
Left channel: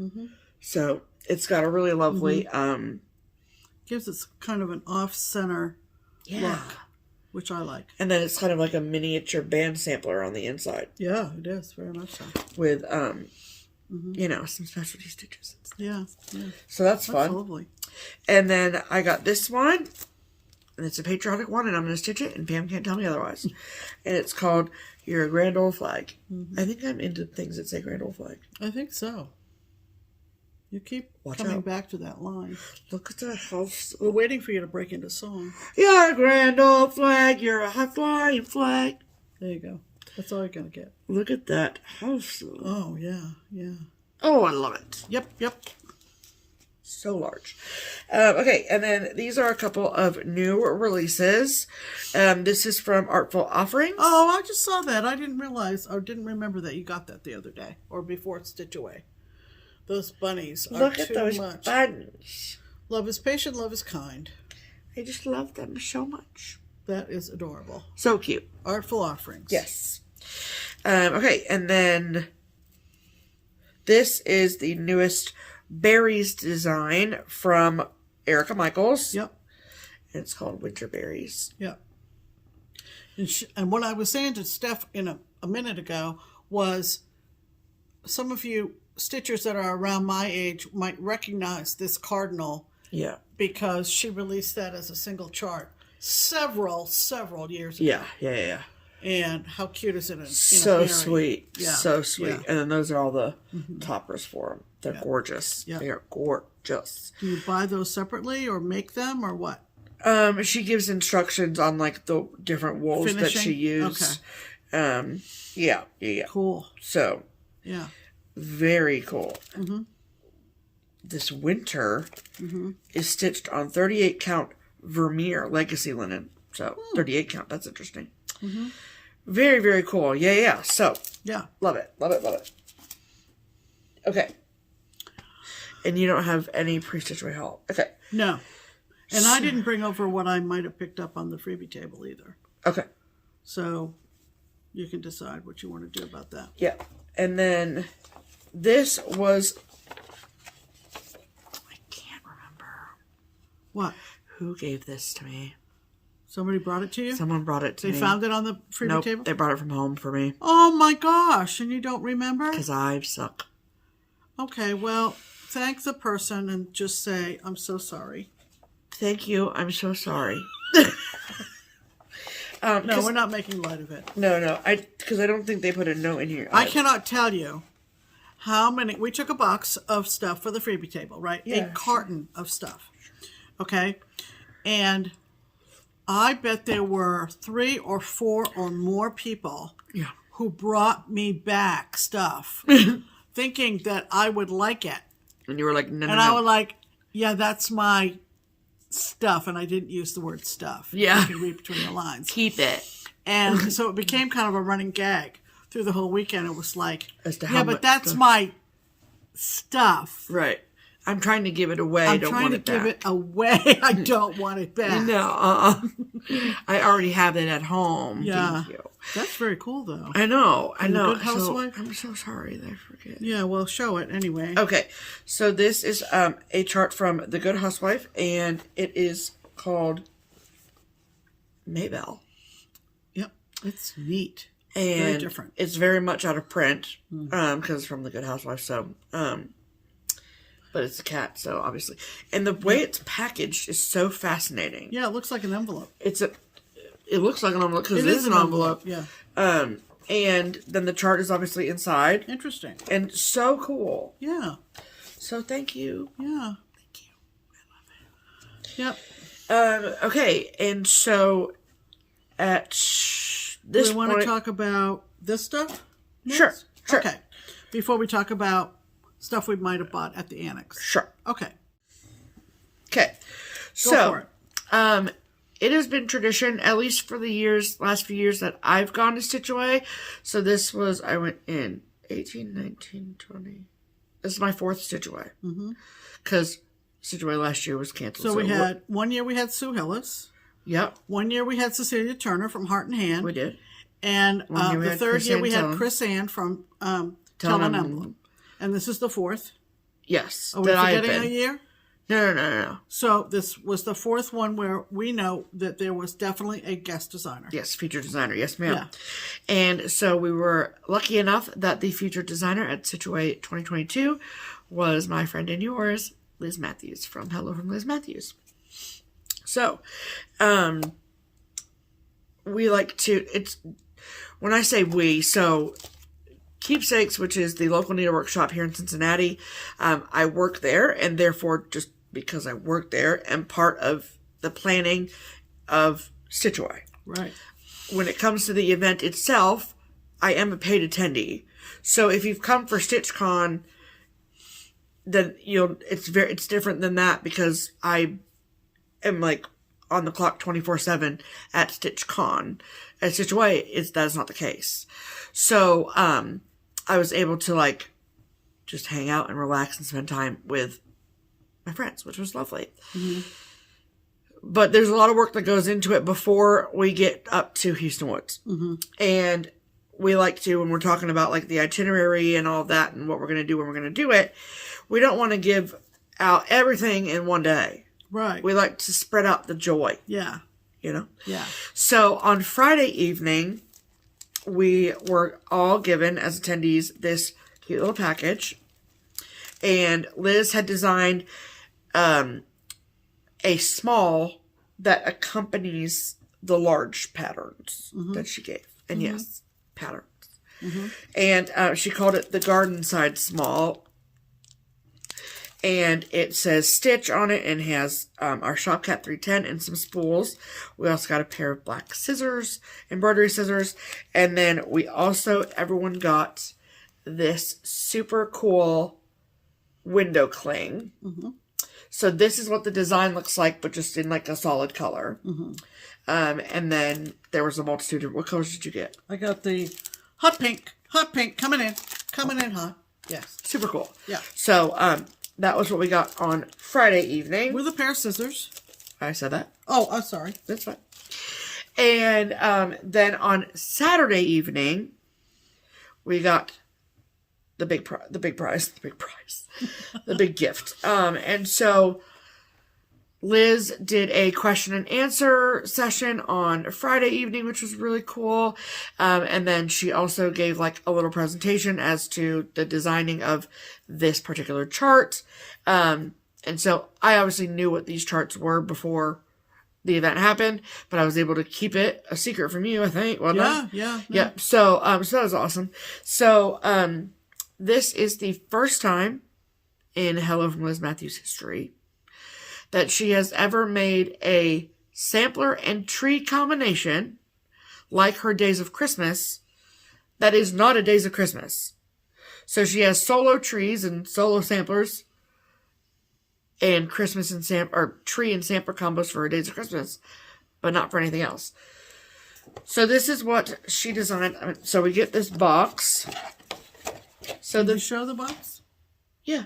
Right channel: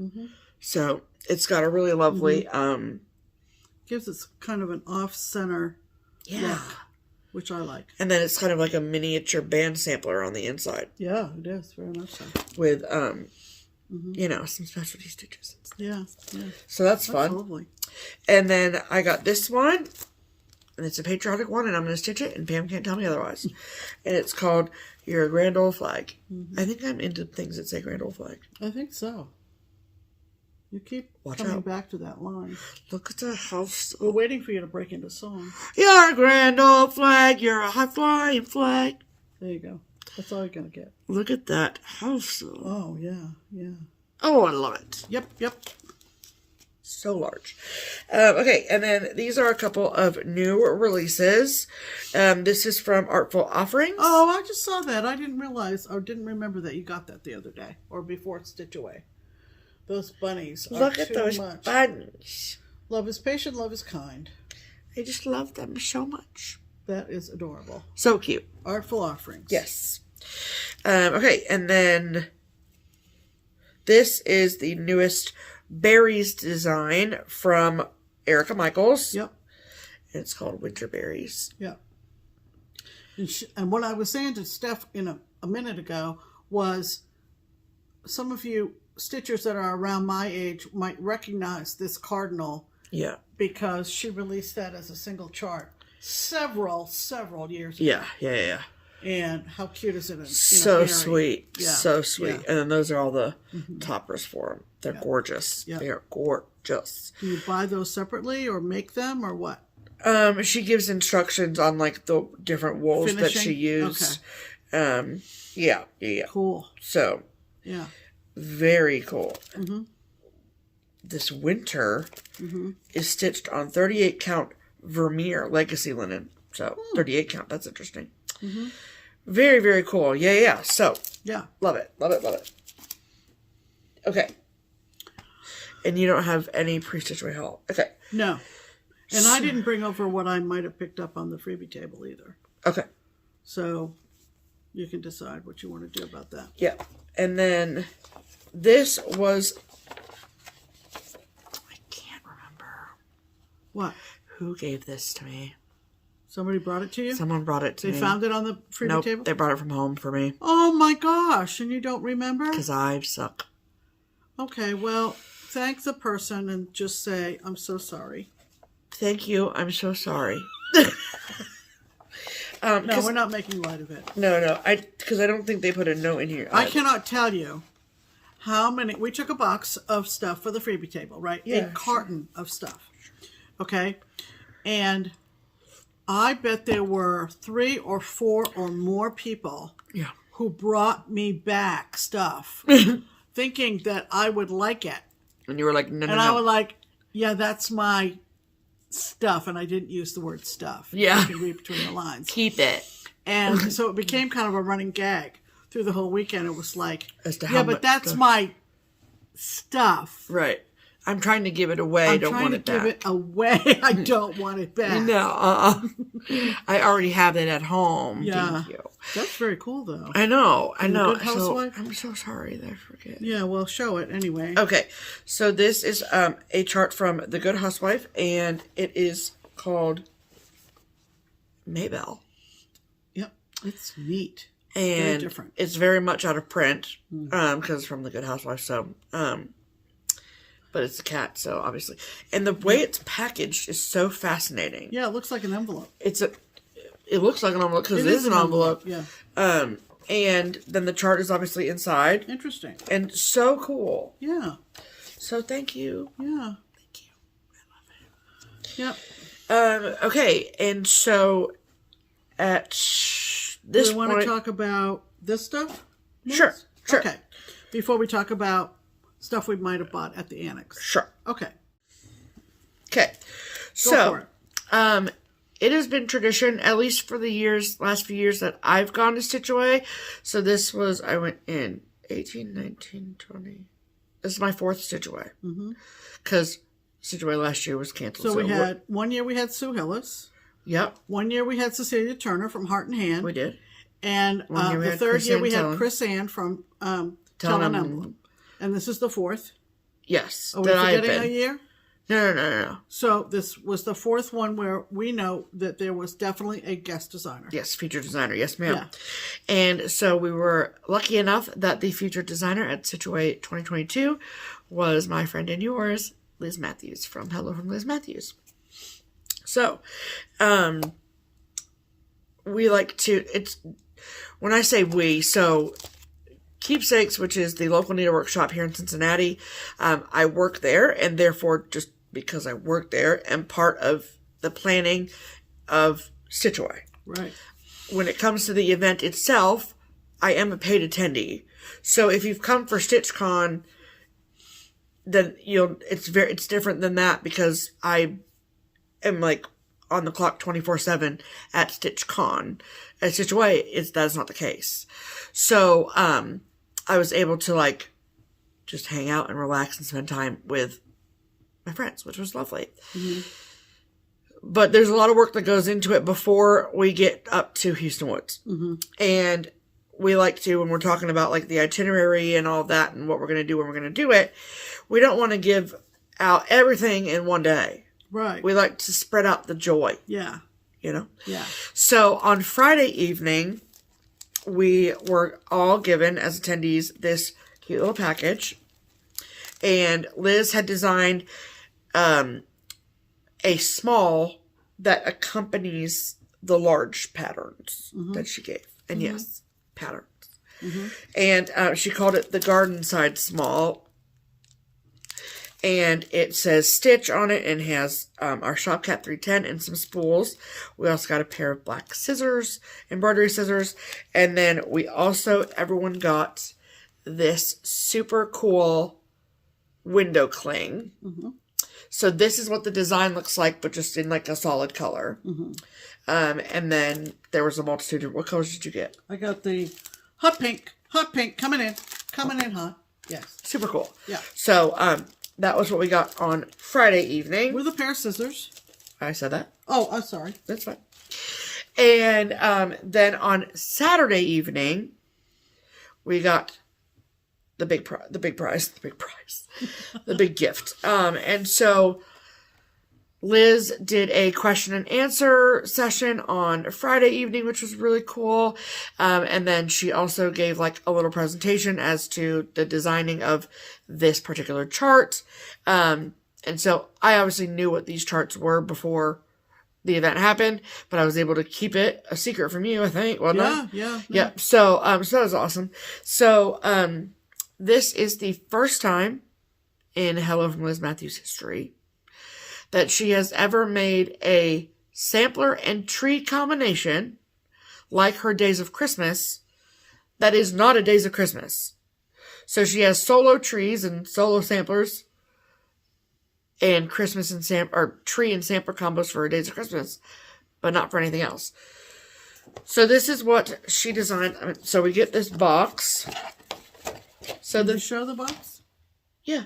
Mm-hmm. So it's got a really lovely... Gives it kind of an off-center look, which I like. And then it's kind of like a miniature band sampler on the inside. Yeah, it is. Very much so. With, you know, some specialty stitches. Yeah. So that's fun. Lovely. And then I got this one. And it's a patriotic one, and I'm going to stitch it, and Pam can't tell me otherwise. And it's called Your Grand Old Flag. Mm-hmm. I think I'm into things that say Grand Old Flag. I think so. You keep coming back to that line. Look at the house. We're waiting for you to break into song. Your grand old flag, you're a high flying flag. There you go. That's all you're going to get. Look at that house. Oh, yeah. Oh, I love it. Yep. So large. Okay, and then these are a couple of new releases. This is from Artful Offerings. Oh, I just saw that. I didn't realize or didn't remember that you got that the other day or before Stitch Away. Those bunnies are Look at too those much. buttons. Love is patient, love is kind. I just love them so much. That is adorable. So cute. Artful Offerings. Yes. Okay, and then this is the newest berries design from Erica Michaels. Yep. It's called Winter Berries. Yep. And what I was saying to Steph in a minute ago was some of you stitchers that are around my age might recognize this cardinal. Yeah. Because she released that as a single chart several years ago. Yeah. And how cute is it? So sweet. Yeah. So sweet. Yeah. And then those are all the toppers for them. They're gorgeous. Yeah. They are gorgeous. Do you buy those separately or make them or what? She gives instructions on like the different wools that she used. Okay. Yeah. Cool. So. Yeah. Very cool. Mm-hmm. This winter is stitched on 38 count Vermeer legacy linen. So 38 count. That's interesting. Mm-hmm. Very, very cool. Yeah. So love it. Okay. And you don't have any pre-stitch away haul. Okay. No. And I didn't bring over what I might have picked up on the freebie table either. Okay. So you can decide what you want to do about that. Yeah. And then this was... I can't remember. What? Who gave this to me? Somebody brought it to you? Someone brought it to me. They found it on the freebie table? They brought it from home for me. Oh my gosh. And you don't remember? Because I suck. Okay, well, thank the person and just say, I'm so sorry. Thank you. I'm so sorry. No, we're not making light of it. No. Because I don't think they put a note in here. I cannot tell you how many. We took a box of stuff for the freebie table, right? Yeah, a carton of stuff. Okay? And I bet there were 3 or 4 or more people who brought me back stuff thinking that I would like it. And you were like, no. And I was like, yeah, that's my stuff. And I didn't use the word stuff. Yeah. You can read between the lines. Keep it. And so it became kind of a running gag through the whole weekend. It was like, as to how but that's my stuff. Right. I'm trying to give it away. I don't want it back. I'm trying to give it away. I don't want it back. No, I already have it at home. Yeah. Thank you. That's very cool, though. I know. Good housewife? I'm so sorry that I forget. Yeah, well, show it anyway. Okay, so this is a chart from The Good Housewife, and it is called Maybelle. Yep, it's neat. And very different. It's very much out of print, because it's from The Good Housewife, so, but it's a cat, so obviously. And the way it's packaged is so fascinating. Yeah, it looks like an envelope. It looks like an envelope because it is an envelope. Yeah. And then the chart is obviously inside. Interesting. And so cool. Yeah. So thank you. Yeah. Thank you. I love it. Yep. Okay, and so at this Do we want point, to talk about this stuff? Sure. Okay. Before we talk about stuff we might have bought at the annex. Sure. Okay. Okay. Go for it. It has been tradition, at least for the last few years that I've gone to Stitch Away. So this was, I went in 18, 19, 20. This is my 4th Stitch Away. Because Stitch Away last year was canceled. So we had, one year we had Sue Hillis. Yep. One year we had Cecilia Turner from Heart and Hand. We did. And the 3rd year we had Chris Ann from Tell an Emblem. And this is the 4th. Yes. Are we forgetting a year? No. So this was the 4th one where we know that there was definitely a guest designer. Yes, featured designer. Yes, ma'am. Yeah. And so we were lucky enough that the featured designer at Stitch Away 2022 was my friend and yours, Liz Matthews, from Hello from Liz Matthews. So, we like to, when I say we, so Keepsakes, which is the local needlework shop here in Cincinnati, I work there, and therefore, just because I work there, am part of the planning of Stitch Away. Right. When it comes to the event itself, I am a paid attendee. So if you've come for StitchCon, then it's different than that, because I am like on the clock 24/7 at StitchCon. At Stitch Away, that is not the case. So I was able to just hang out and relax and spend time with my friends, which was lovely. But there's a lot of work that goes into it before we get up to Houston Woods. And we like to, when we're talking about the itinerary and all that and what we're going to do when we're going to do it, we don't want to give out everything in one day. Right. We like to spread out the joy. Yeah. Yeah. So on Friday evening, we were all given, as attendees, this cute little package. And Liz had designed a small that accompanies the large patterns that she gave. And yes, patterns. And she called it the Garden Side Small. And it says Stitch on it and has our Shopcat 310 and some spools. We also got a pair of black scissors, embroidery scissors. And then we also, everyone got this super cool window cling. So this is what the design looks like, but just in a solid color. And then there was a multitude of, what colors did you get? I got the hot pink, coming in hot. Yes. Super cool. Yeah. So, that was what we got on Friday evening. With a pair of scissors. I said that. Oh, I'm sorry. That's fine. And then on Saturday evening, we got the big prize, the big gift. And so Liz did a question and answer session on Friday evening, which was really cool. And then she also gave a little presentation as to the designing of this particular chart. And so I obviously knew what these charts were before the event happened, but I was able to keep it a secret from you, I think. Wasn't I? Yeah. So, so that was awesome. So, this is the first time in Hello from Liz Matthews history that she has ever made a sampler and tree combination like her Days of Christmas that is not a Days of Christmas. So she has solo trees and solo samplers and Christmas and or tree and sampler combos for her Days of Christmas, but not for anything else. So this is what she designed. So we get this box. So Did you show the box? Yeah.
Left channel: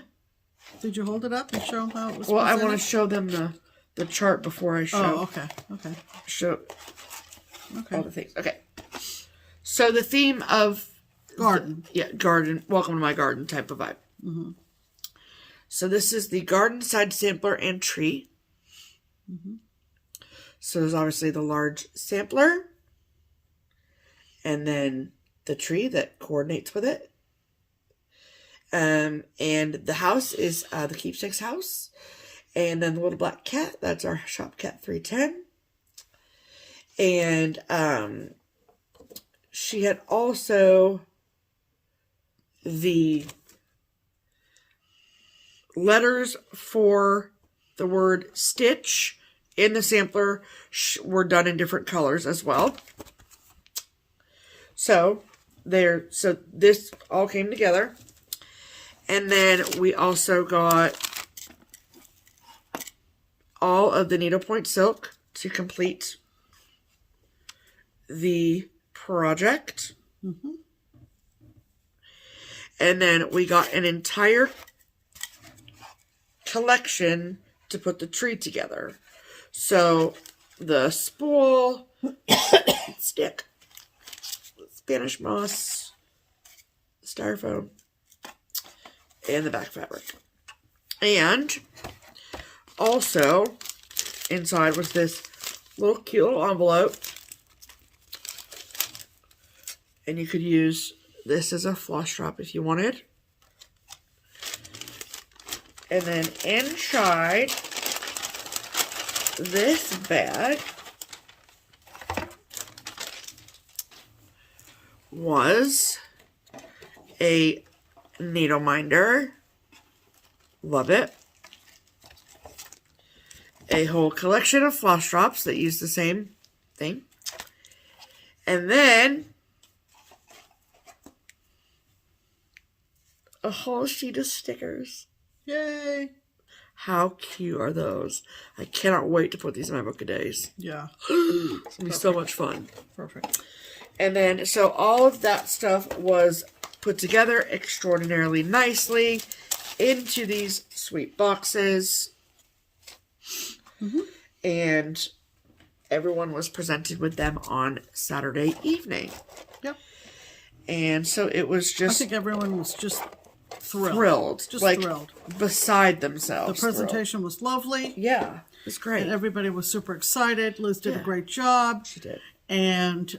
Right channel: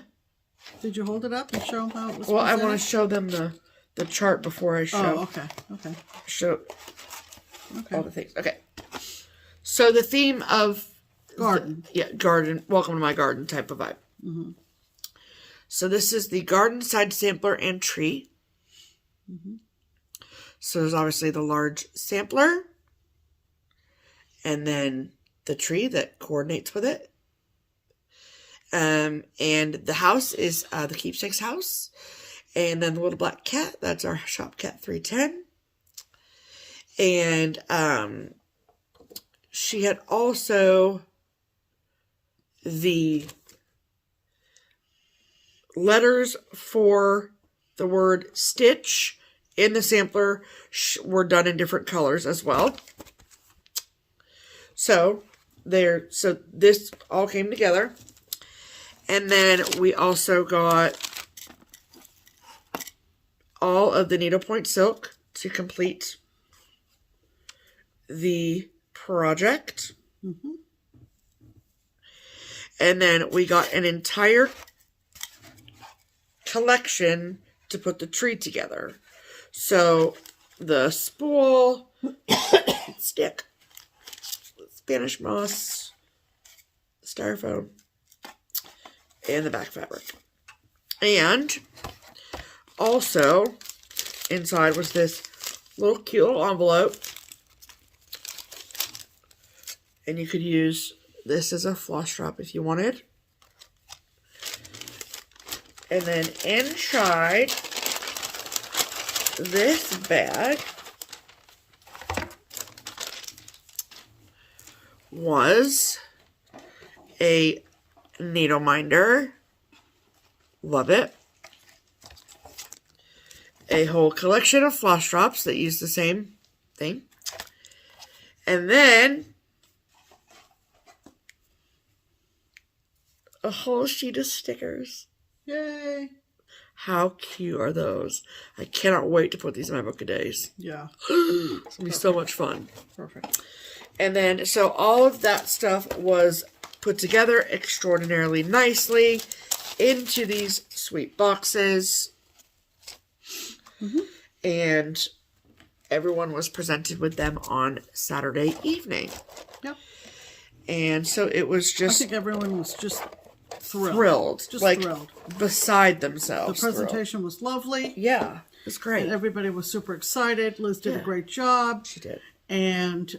Did you hold it up and show them how it was? Well, I want to show them the chart before I show. Oh, okay. Show all the things. Okay. So the theme of garden. Garden. Welcome to my garden type of vibe. Mm-hmm. So this is the garden side sampler and tree. Mm-hmm. So there's obviously the large sampler. And then the tree that coordinates with it. And the house is the Keepsakes house. And then the little black cat, that's our shop cat 310. And she had also the letters for the word stitch in the sampler were done in different colors as well. So this all came together. And then we also got all of the needlepoint silk to complete the project. Mm-hmm. And then we got an entire collection to put the tree together. So the spool, stick, Spanish moss, styrofoam, and the back fabric. And also inside was this little cute little envelope. And you could use this as a floss drop if you wanted. And then inside this bag was a needle minder. Love it. A whole collection of floss drops that use the same thing. And then a whole sheet of stickers. Yay! How cute are those? I cannot wait to put these in my book of days. Yeah. It's going to be so much fun. Perfect. And then, so all of that stuff was put together extraordinarily nicely into these sweet boxes. Mm-hmm. And everyone was presented with them on Saturday evening. Yep. And so it was just... I think everyone was just thrilled. Just like, thrilled. Beside themselves. The presentation was lovely. Yeah. It was great. And everybody was super excited. Liz did a great job. She did. And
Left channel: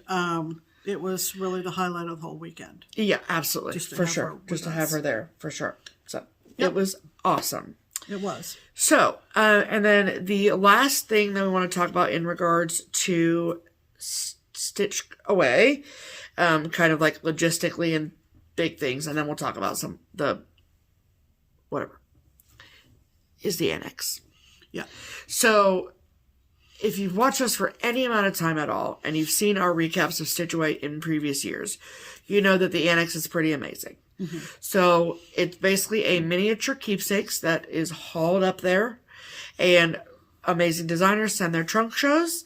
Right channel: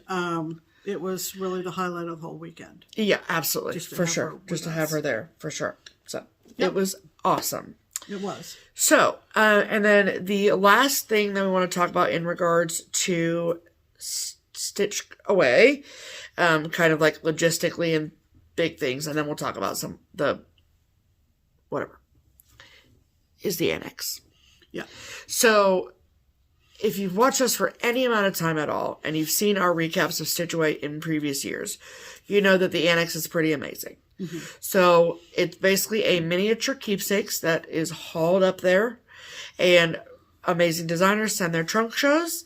it was really the highlight of the whole weekend. Yeah, absolutely. For sure. Just to have her there. For sure. So it was awesome. It was. So, and then the last thing that we want to talk about in regards to Stitch Away, kind of like logistically and big things, and then we'll talk about is the annex. Yeah. So, if you've watched us for any amount of time at all, and you've seen our recaps of Stitch Away in previous years, you know that the annex is pretty amazing. Mm-hmm. So, it's basically a miniature keepsakes that is hauled up there, and amazing designers send their trunk shows,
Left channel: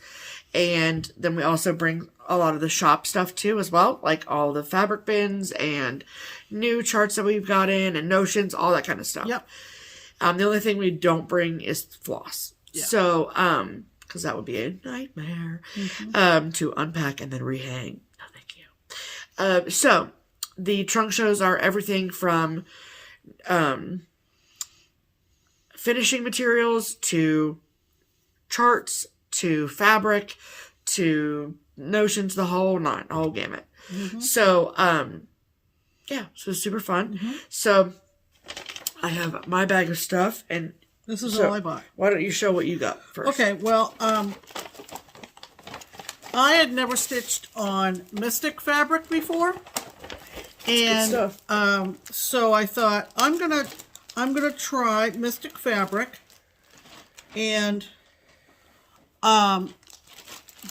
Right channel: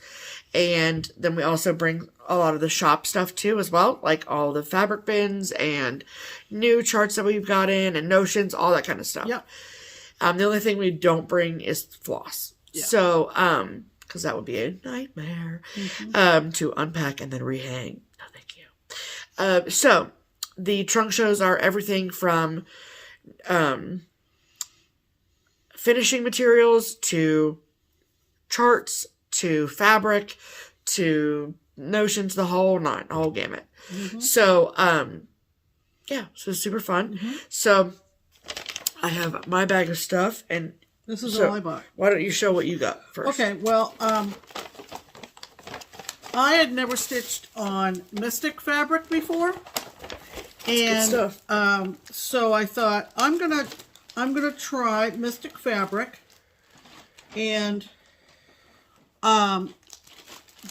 and then we also bring a lot of the shop stuff too as well, like all the fabric bins and new charts that we've got in and notions, all that kind of stuff. Yep. The only thing we don't bring is floss. Yeah. So, because that would be a nightmare to unpack and then rehang. No, thank you. So, the trunk shows are everything from finishing materials to charts to fabric to notions, the whole gamut. Mm-hmm. So, so it's super fun. Mm-hmm. So, I have my bag of stuff, and this is all I bought. Why don't you show what you got first? Okay, well, I had never stitched on Mystic fabric before, and good stuff. So I thought I'm gonna try Mystic fabric, and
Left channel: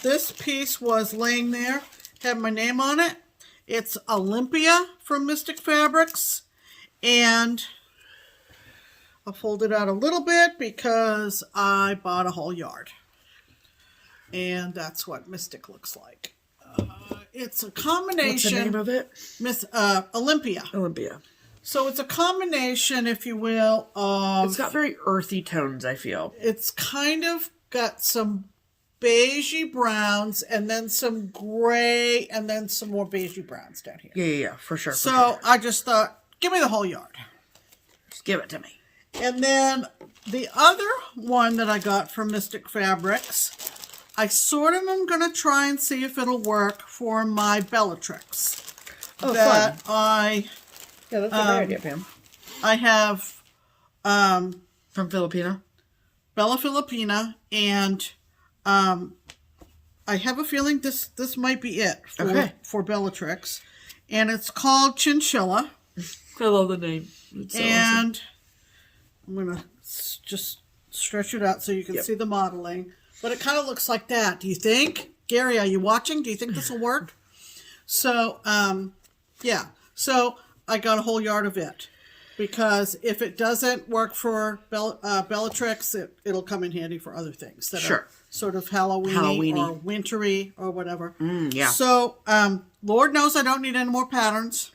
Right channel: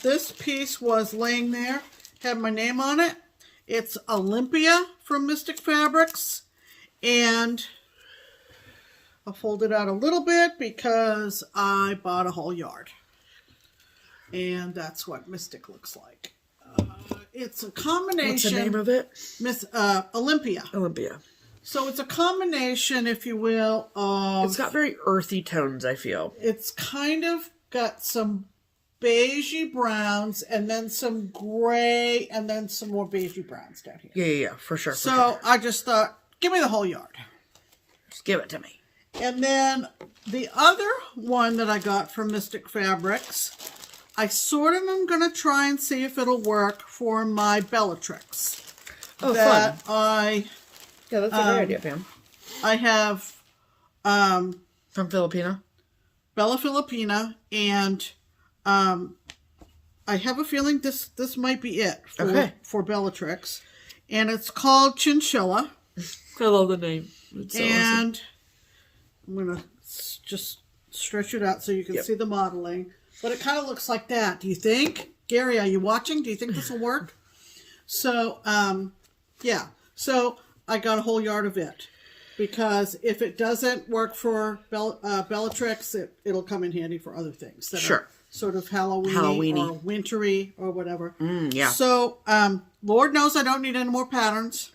this piece was laying there, had my name on it. It's Olympia from Mystic Fabrics, and I'll fold it out a little bit because I bought a whole yard. And that's what Mystic looks like. It's a combination. What's the name of it? Olympia. Olympia. So it's a combination, if you will, of... It's got very earthy tones, I feel. It's kind of got some beigey browns, and then some gray, and then some more beigey browns down here. Yeah, for sure. So I just thought, give me the whole yard. Just give it to me. And then the other one that I got from Mystic Fabrics, I sort of am going to try and see if it'll work for my Bellatrix. Oh, that fun. Yeah, that's a good idea, Pam. I have... from Filipina? Bella Filipina, and I have a feeling this might be it for Bellatrix. And it's called Chinchilla. I love the name. It's so awesome. I'm going to just stretch it out so you can see the modeling. But it kind of looks like that. Do you think? Gary, are you watching? Do you think this will work? So, yeah. So, I got a whole yard of it. Because if it doesn't work for Bellatrix, it'll come in handy for other things that are sort of Halloween-y or wintry or whatever. Yeah. So, Lord knows I don't need any more patterns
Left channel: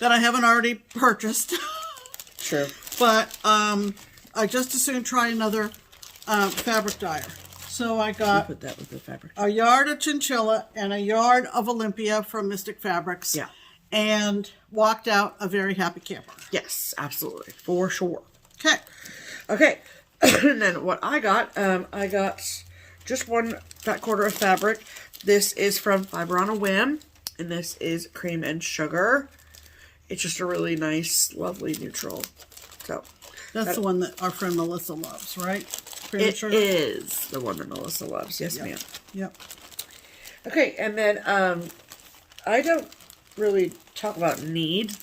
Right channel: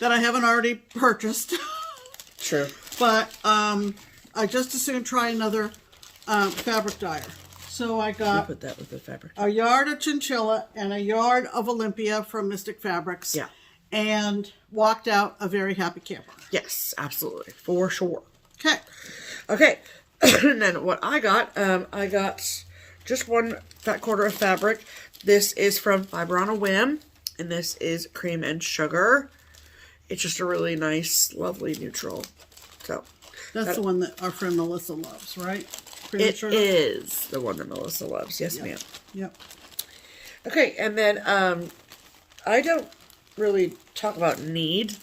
that I haven't already purchased. Sure. But I just as soon try another fabric dyer. So I got put that with the fabric. A yard of Chinchilla and a yard of Olympia from Mystic Fabrics. Yeah. And walked out a very happy camper. Yes, absolutely. For sure. Okay. Okay. And then what I got just one fat quarter of fabric. This is from Fiber on a Whim. And this is Cream and Sugar. It's just a really nice, lovely neutral. So that's the one that our friend Melissa loves, right? It is the one that Melissa loves. Yes, ma'am. Yep. Okay, and then I don't really talk about need.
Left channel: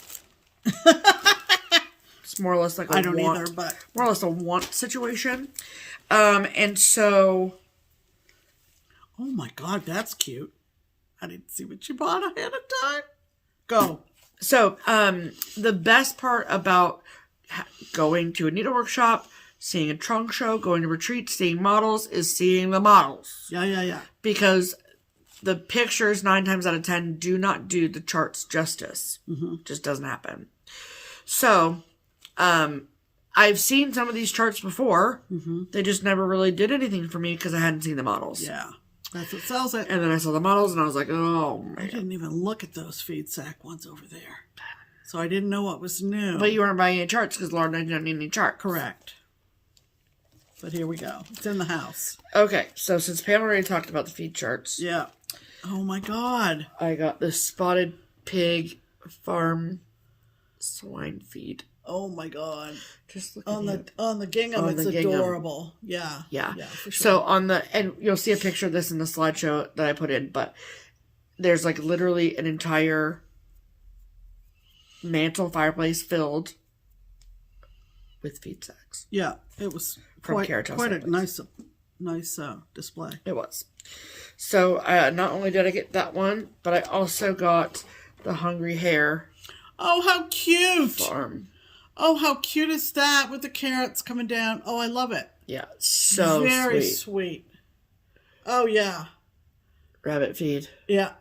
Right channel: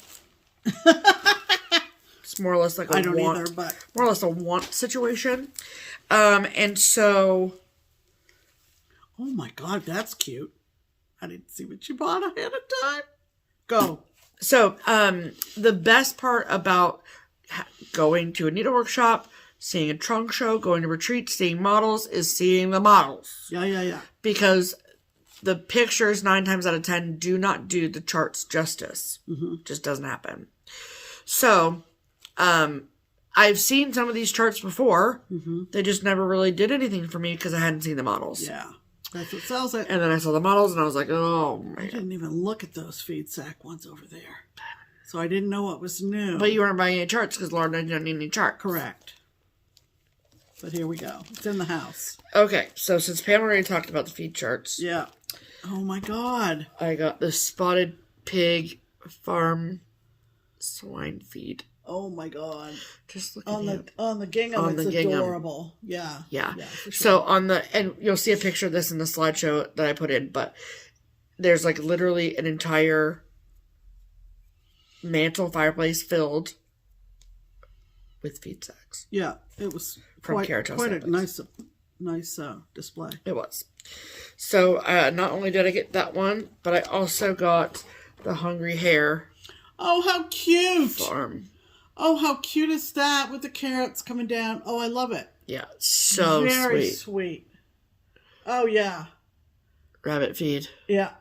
It's more or less like a want. Either, but more or less a want situation. And so, oh my God, that's cute. I didn't see what you bought ahead of time. Go. So, the best part about going to a needle workshop, seeing a trunk show, going to retreats, seeing models, is seeing the models. Yeah. Because the pictures, 9 times out of 10, do not do the charts justice. Just doesn't happen. So, I've seen some of these charts before. They just never really did anything for me because I hadn't seen the models. Yeah. That's what sells it. And then I saw the models and I was like, oh, man. I didn't even look at those feed sack ones over there. So I didn't know what was new. But you weren't buying any charts because Lord, I don't need any charts. Correct. But here we go. It's in the house. Okay, so since Pam already talked about the feed charts. Yeah. Oh my God. I got the Spotted Pig Farm Swine Feed. Oh my God. Just look on the gingham, it's adorable. Yeah. For sure. So and you'll see a picture of this in the slideshow that I put in, but there's like literally an entire mantle fireplace filled with feed sacks. Yeah, it was quite a nice display. It was. So not only did I get that one, but I also got the Hungry Hare. Oh, how cute! Farm. Oh, how cute is that with the carrots coming down? Oh, I love it. Yeah, so very sweet. Oh yeah. Rabbit feed. Yeah.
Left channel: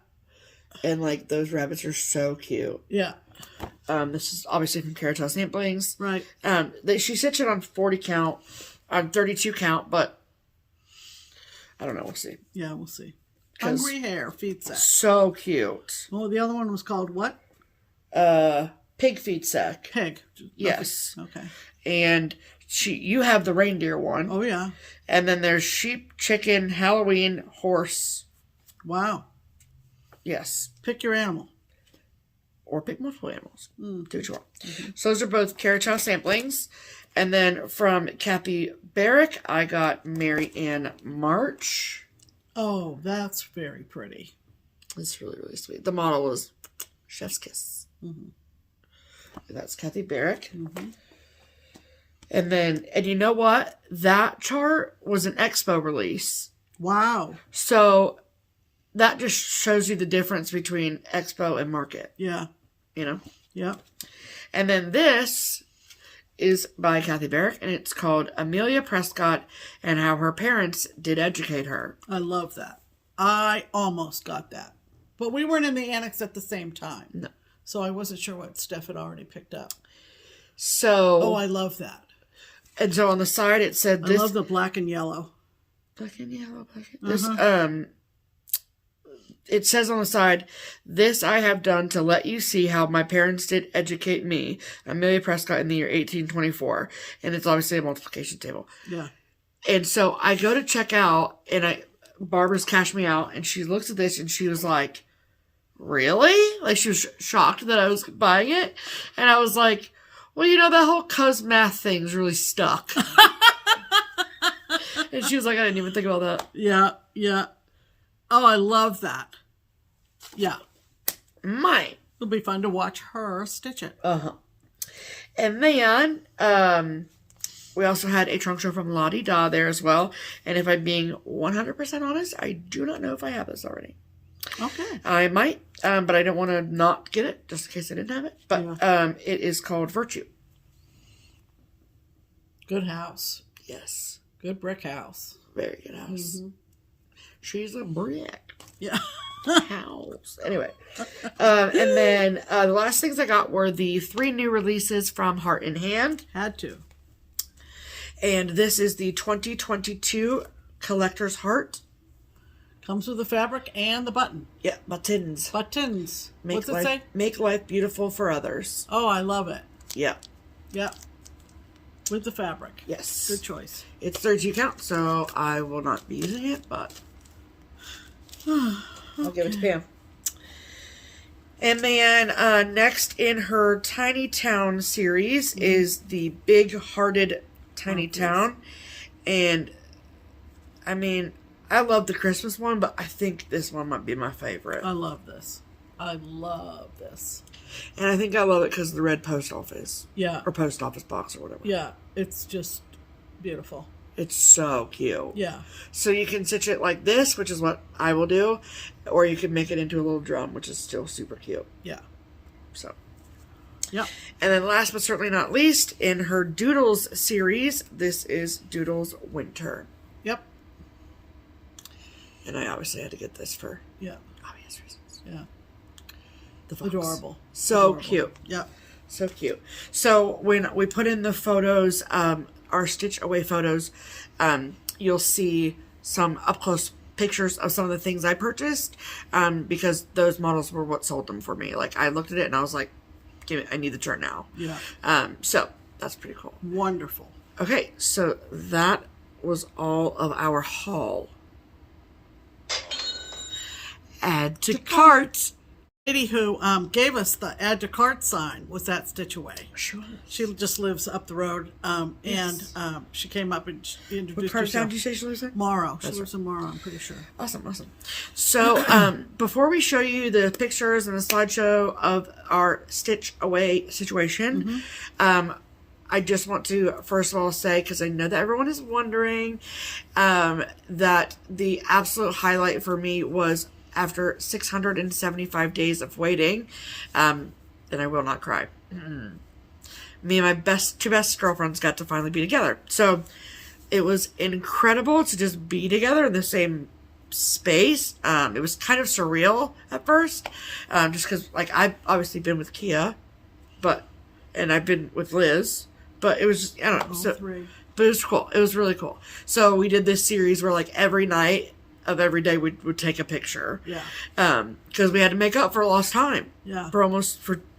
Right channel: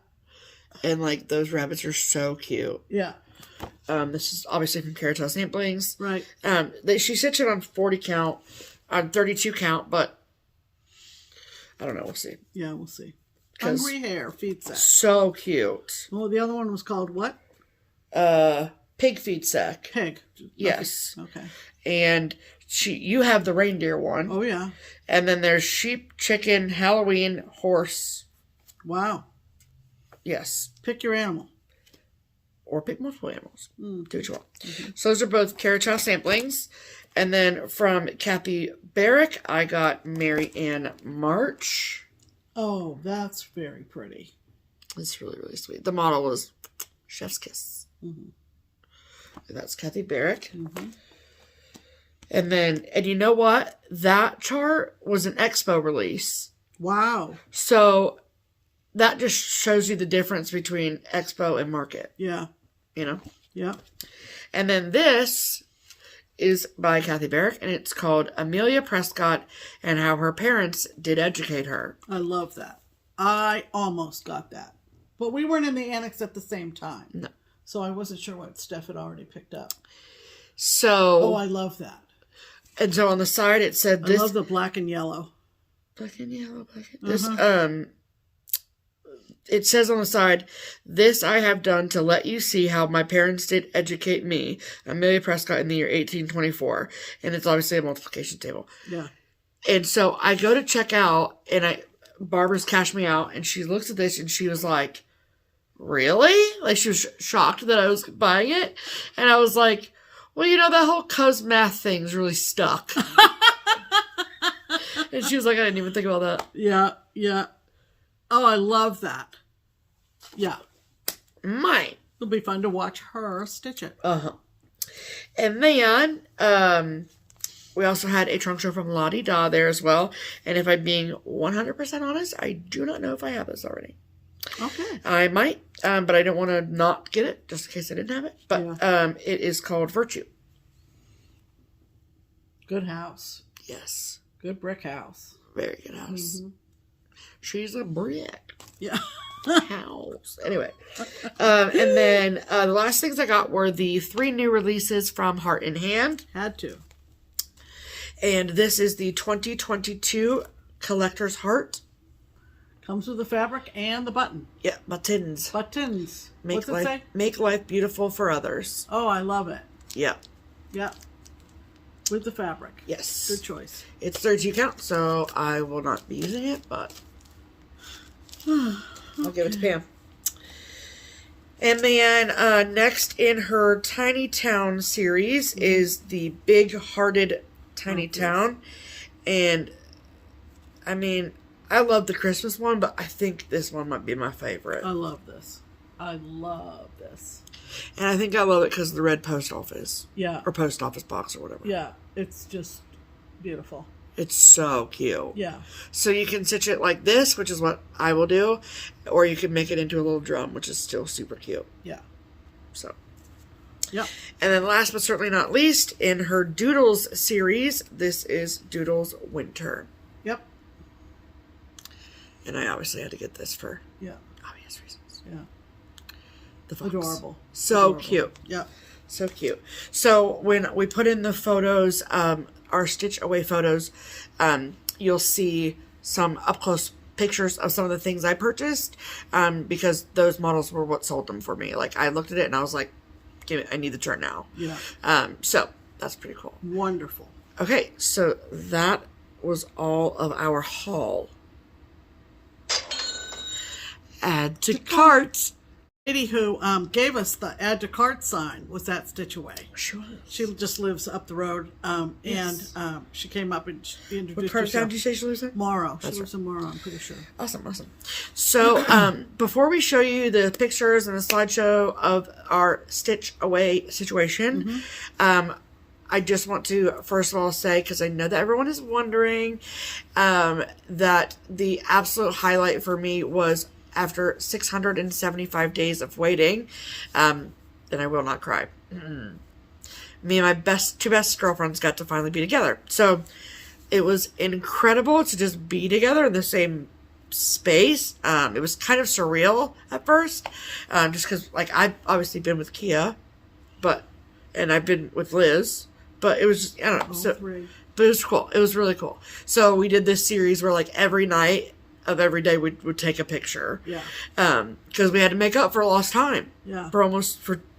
And like those rabbits are so cute. Yeah. This is obviously from Caratelle Samplings. Right. She stitched it on 40 count, on 32 count, but I don't know. We'll see. Yeah, we'll see. Hungry Hare feed sack. So cute. Well, the other one was called what? Pig feed sack. Pig. Yes. Okay. And you have the reindeer one. Oh yeah. And then there's sheep, chicken, Halloween, horse. Wow. Yes. Pick your animal. or pick multiple animals. Do what you want. So those are both Carriage House samplings. And then from Kathy Barrick, I got Mary Ann March. Oh, that's very pretty. It's really, really sweet. The model is Chef's Kiss. And that's Kathy Barrick. And then, and you know what? That chart was an Expo release. Wow. So that just shows you the difference between Expo and Market. Yeah. You know? Yeah. And then this is by Kathy Barrick, and it's called Amelia Prescott and How Her Parents Did Educate Her. I love that. I almost got that. But we weren't in the annex at the same time. No. So I wasn't sure what Steph had already picked up. So... Oh, I love that. And so on the side it said this... I love the black and yellow. Black and yellow, black and... This, it says on the side, this I have done to let you see how my parents did educate me, Amelia Prescott, in the year 1824. And it's obviously a multiplication table. Yeah. And so I go to check out, and Barbara's cashed me out, and she looks at this, and she was like, really? Like, she was shocked that I was buying it. And I was like, well, you know, that whole cos math thing's really stuck. And she was like, I didn't even think about that. Yeah, yeah. Oh, I love that. Yeah. Mine. It'll be fun to watch her stitch it. And then, we also had a trunk show from Lottie Da there as well. And if I'm being 100% honest, I do not know if I have this already. Okay. I might, but I don't want to not get it, just in case I didn't have it. But it is called Virtue. Good house. Yes. Good brick house. Very good house. She's a brick. Yeah. House. Anyway. And then the last things I got were the 3 new releases from Heart in Hand. Had to. And this is the 2022 Collector's Heart. Comes with the fabric and the button. Yeah, buttons. Buttons. What's it say? Make life beautiful for others. Oh, I love it. Yeah. Yeah. With the fabric. Yes. Good choice. It's 30 count, so I will not be using it, but I'll give it to Pam. And then next in her Tiny Town series is the Big Hearted Tiny Town. And I mean, I love the Christmas one, but I think this one might be my favorite. I love this. I love this. And I think I love it because of the red post office. Yeah. Or post office box or whatever. Yeah. It's just beautiful. It's so cute. Yeah. So you can stitch it like this, which is what I will do. Or you can make it into a little drum, which is still super cute. Yeah. So. Yep. And then last but certainly not least, in her Doodles series, this is Doodles Winter. Yep. And I obviously had to get this for obvious reasons. Yeah. The fox. Adorable. So Adorable. cute. Yep. So cute. So when we put in the photos, our Stitch Away photos, you'll see some up-close pictures of some of the things I purchased, because those models were what sold them for me. Like, I looked at it and I was like, I need the chart now. Yeah. So that's pretty cool. Wonderful. Okay, so that was all of our haul. Add to cart. Lady who gave us the add to cart sign was that Stitch Away. Sure. She just lives up the road, Yes. and she came up and she introduced What part of town herself. did you say she lives in? Morrow. She That's lives in Morrow, I'm pretty sure. Awesome, awesome. So, before we show you the pictures and the slideshow of our Stitch Away situation, I just want to, first of all, say, because I know that everyone is wondering, that the absolute highlight for me was after 675 days of waiting, then I will not cry. Me and my two best girlfriends got to finally be together. So it was incredible to just be together in the same space. It was kind of surreal at first, just because, like, I've obviously been with Kia, and I've been with Liz, but it was just, I don't know. But it was cool. It was really cool. So we did this series where, like, every night of every day we would take a picture. Yeah. Because we had to make up for lost time. Yeah. For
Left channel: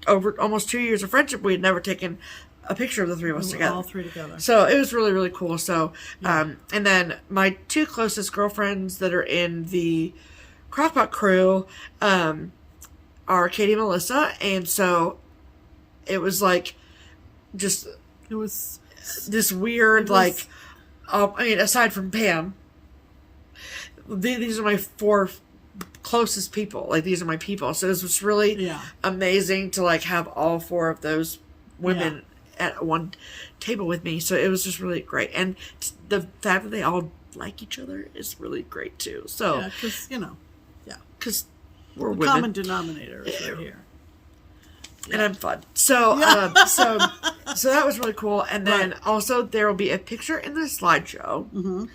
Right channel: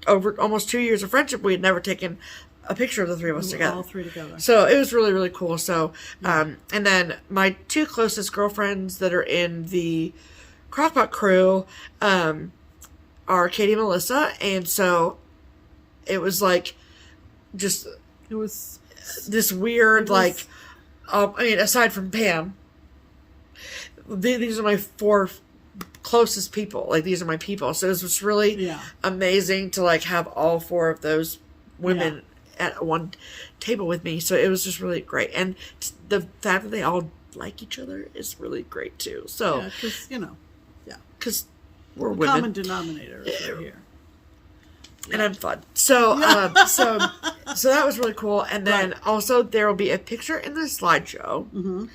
over almost 2 years of friendship, we had never taken a picture of the three of us together. All three together. So it was really, really cool. So, and then my two closest girlfriends that are in the Crockpot crew, are Katie and Melissa, and so it was like just It was this weird like. I mean, aside from Pam, these are my 4 closest people. Like, these are my people. So it was really amazing to like have all 4 of those women at one table with me. So it was just really great, and the fact that they all like each other is really great too. So because because we're the women. common denominator is right here. And I'm fun. So, so that was really cool. And then also there will be a picture in the slideshow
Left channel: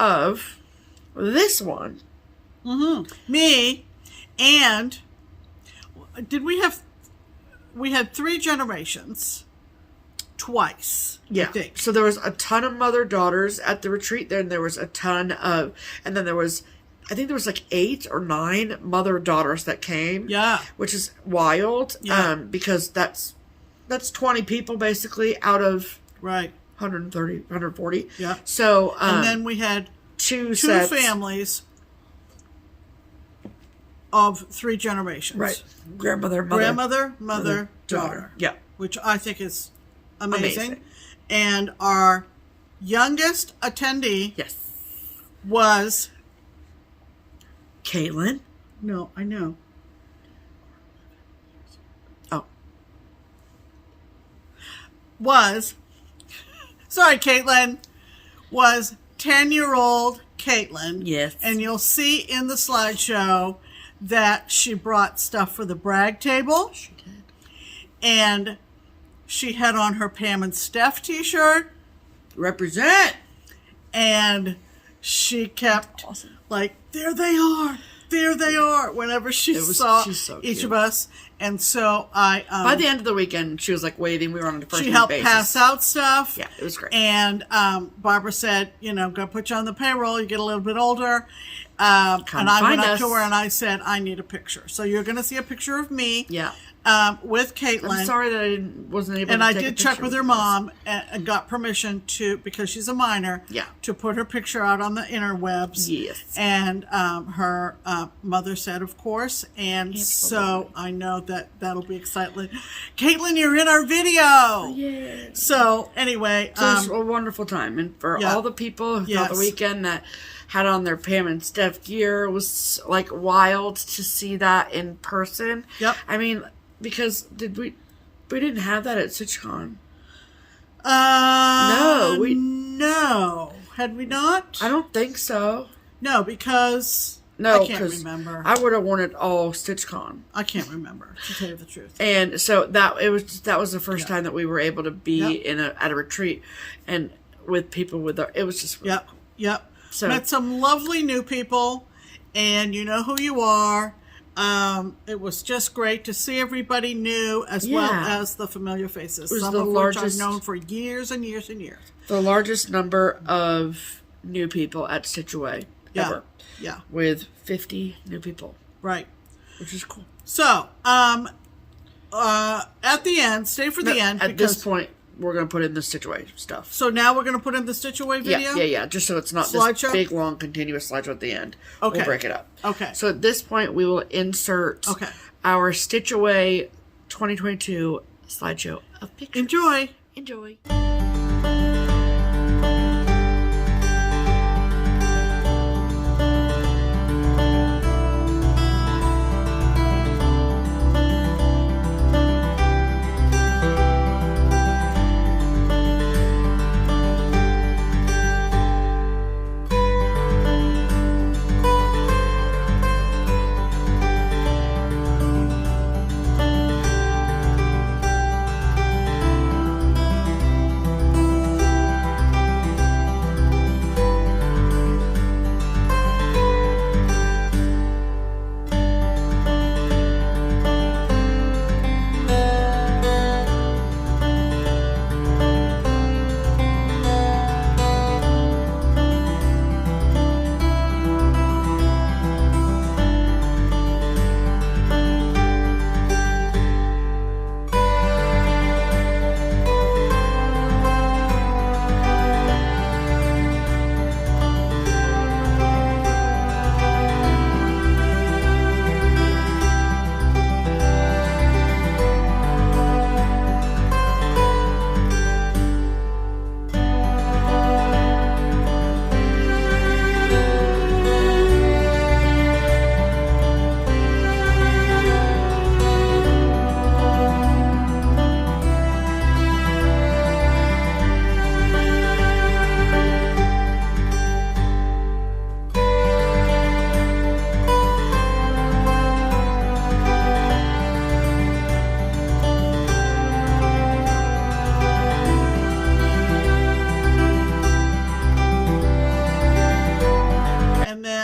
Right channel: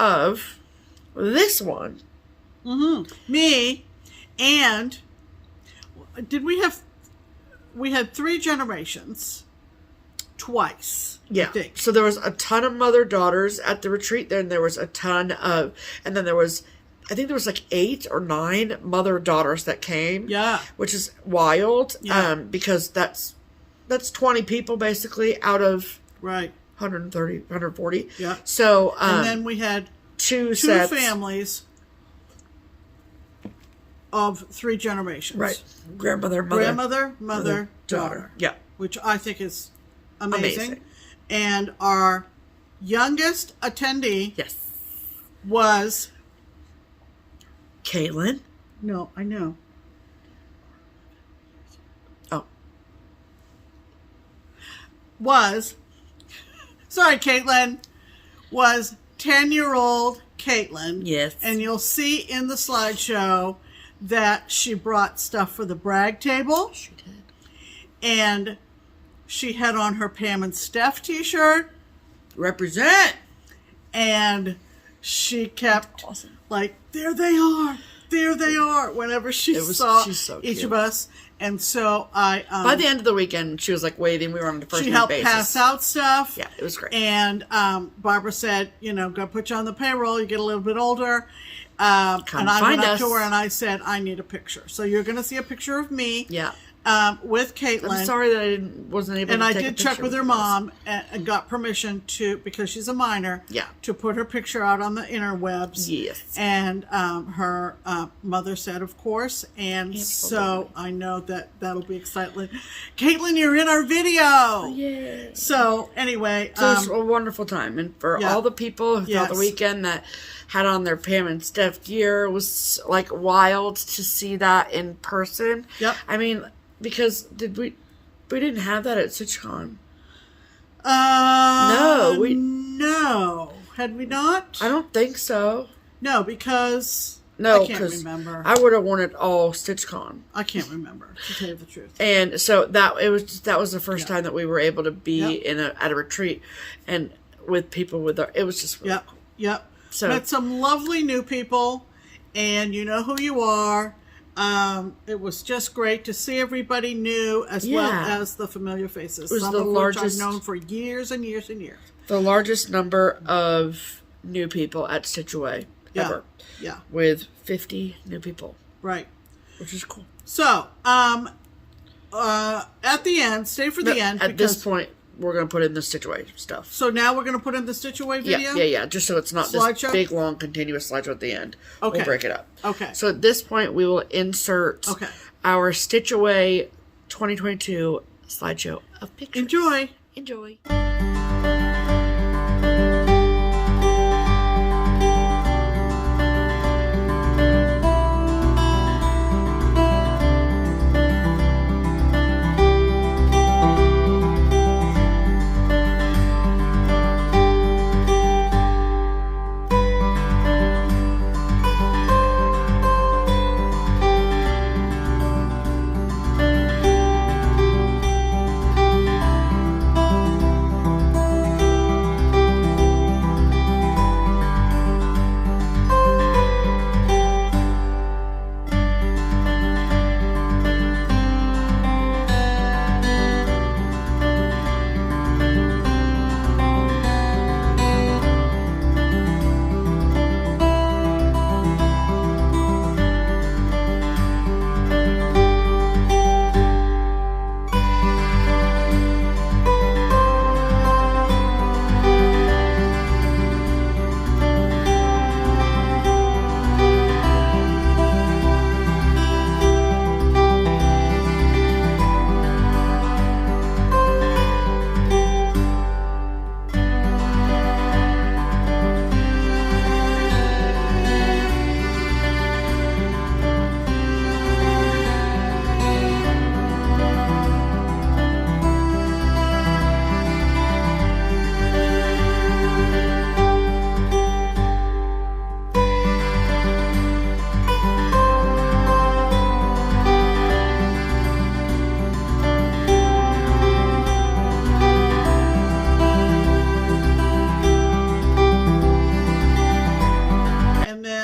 of this one. Me, and we had 3 generations twice. Yeah. I think. So there was a ton of mother-daughters at the retreat. Then there was a ton of, and then there was, I think there was like 8 or 9 mother-daughters that came. Yeah. Which is wild. Yeah. Because that's 20 people basically out of 130, 140. Yeah. So, and then we had 2 families of 3 generations. Right. Grandmother, mother, daughter. Yeah. Which I think is amazing. And our youngest attendee was Caitlin. No, I know. Oh. Sorry, Caitlin. Was 10-year-old Caitlin. Yes. And you'll see in the slideshow that she brought stuff for the brag table. She did. And she had on her Pam and Steph t-shirt. Represent. And she kept like, there they are, whenever she saw each of us. And so I... by the end of the weekend, she was like waiting. We were on the first She helped pass out stuff. Yeah, it was great. And Barbara said, go put you on the payroll. You get a little bit older. And I went up to her and I said, I need a picture. So you're going to see a picture of me. Yeah. With Caitlin. I'm sorry that I wasn't able to take a picture. And I did check with her mom and got permission to, because she's a minor, to put her picture out on the interwebs. Yes. And her mother said, of course. And so I know that'll be exciting. Caitlin, you're in our video. Yay. So anyway. So it was a wonderful time. And for all the people who thought the weekend that had on their Pam and Steph gear, it was like wild to see that in person. Yep. I mean... Because we didn't have that at StitchCon. No. Had we not? I don't think so. No, because I can't remember. I would have worn it all StitchCon. I can't remember, to tell you the truth. And so that was the first time that we were able to be at a retreat and with people it was just really cool. Yep. So met some lovely new people, and you know who you are. It was just great to see everybody new as well as the familiar faces. Some of which I've known for years and years and years. The largest number of new people at Stitch Away ever. Yeah. With 50 new people. Right. Which is cool. So, at the end, stay for the end. At this point, we're going to put in the Stitch Away stuff. So now we're going to put in the Stitch Away video? Yeah. Just so it's not this big, long, continuous slideshow at the end. Okay. We'll break it up. Okay. So at this point, we will insert our Stitch Away 2022 slideshow of pictures. Enjoy.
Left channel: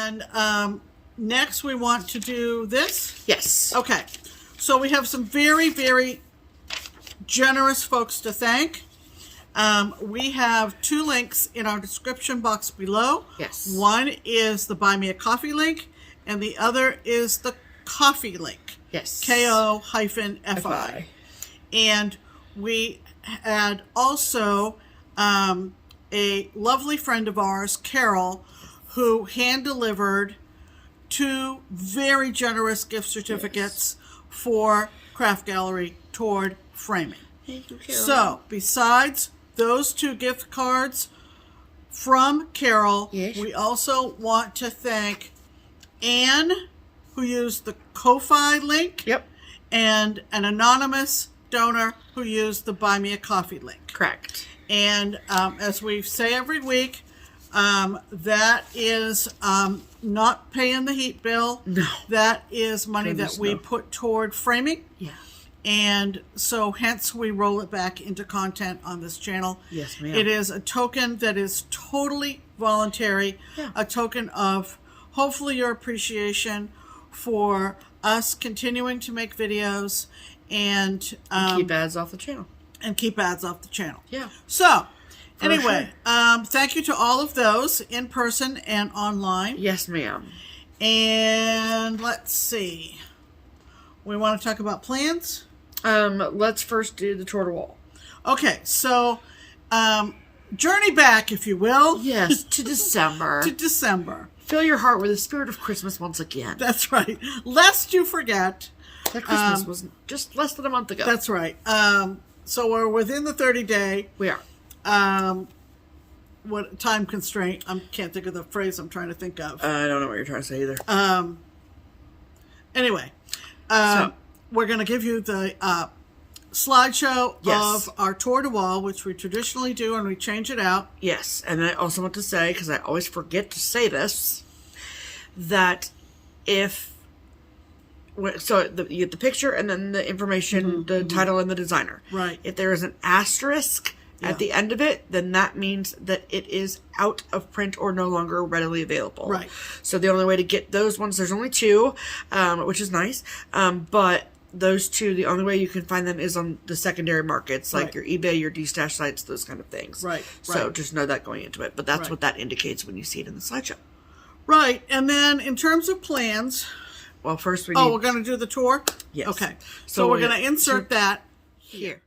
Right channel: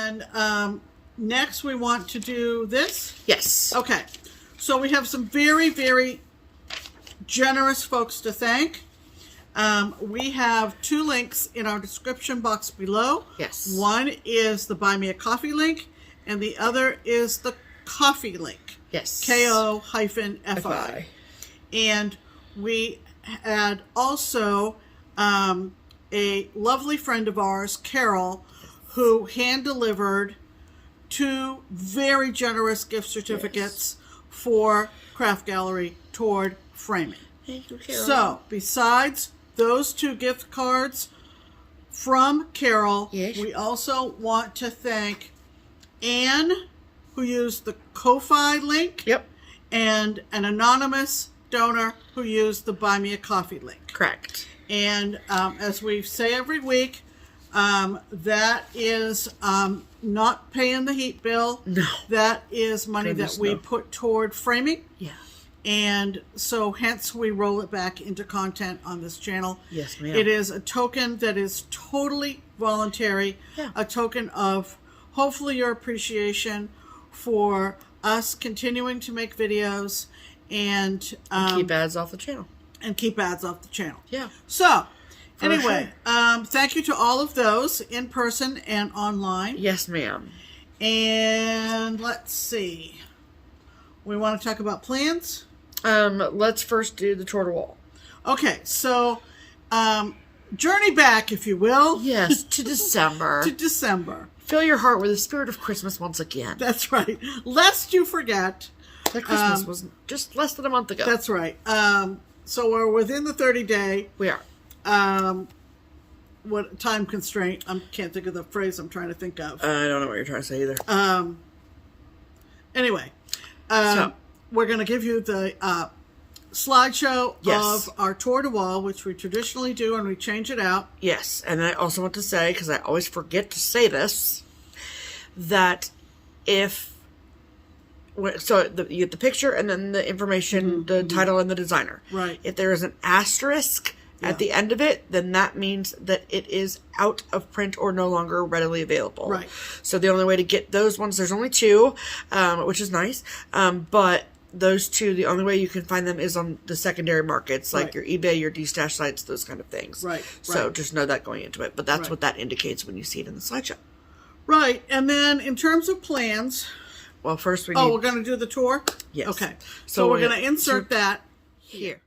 And next we want to do this. Yes. Okay. So we have some very, very generous folks to thank. We have 2 links in our description box below. Yes. One is the Buy Me a Coffee link, and the other is the Coffee link. Yes. KO-FI. And we had also a lovely friend of ours, Carol, who hand-delivered 2 very generous gift certificates for Craft Gallery toward framing. Thank you, Carol. So, besides those 2 gift cards from Carol, yes, we also want to thank Anne, who used the Ko-Fi link, yep, and an anonymous donor who used the Buy Me a Coffee link. Correct. And as we say every week, that is not paying the heat bill. No. That is money that we put toward framing. Yeah. And so hence we roll it back into content on this channel. Yes, ma'am. It is a token that is totally voluntary. Yeah. A token of hopefully your appreciation for us continuing to make videos and keep ads off the channel. Yeah. So, anyway, sure. Thank you to all of those in person and online. Yes, ma'am. And let's see. We want to talk about plans? Let's first do the tour to wall. Okay, so journey back, if you will. Yes, to December. To December. Fill your heart with the spirit of Christmas once again. That's right. Lest you forget. That Christmas was just less than a month ago. That's right. So we're within the 30-day. We are. What time constraint? I can't think of the phrase I'm trying to think of. I don't know what you're trying to say either. Anyway, so, we're going to give you the slideshow yes, of our tour de wall, which we traditionally do, and we change it out. Yes, and I also want to say, because I always forget to say this, that if... So you get the picture and then the information, the title and the designer. Right. If there is an asterisk at the end of it, then that means that it is out of print or no longer readily available. Right. So the only way to get those ones, there's only 2, which is nice. But those 2, the only way you can find them is on the secondary markets, like your eBay, your Destash sites, those kind of things. Right. So just know that going into it. But that's what that indicates when you see it in the slideshow. Right. And then in terms of plans... Well, first we need... Oh, we're going to do the tour? Yes. Okay. So we're going to insert that here.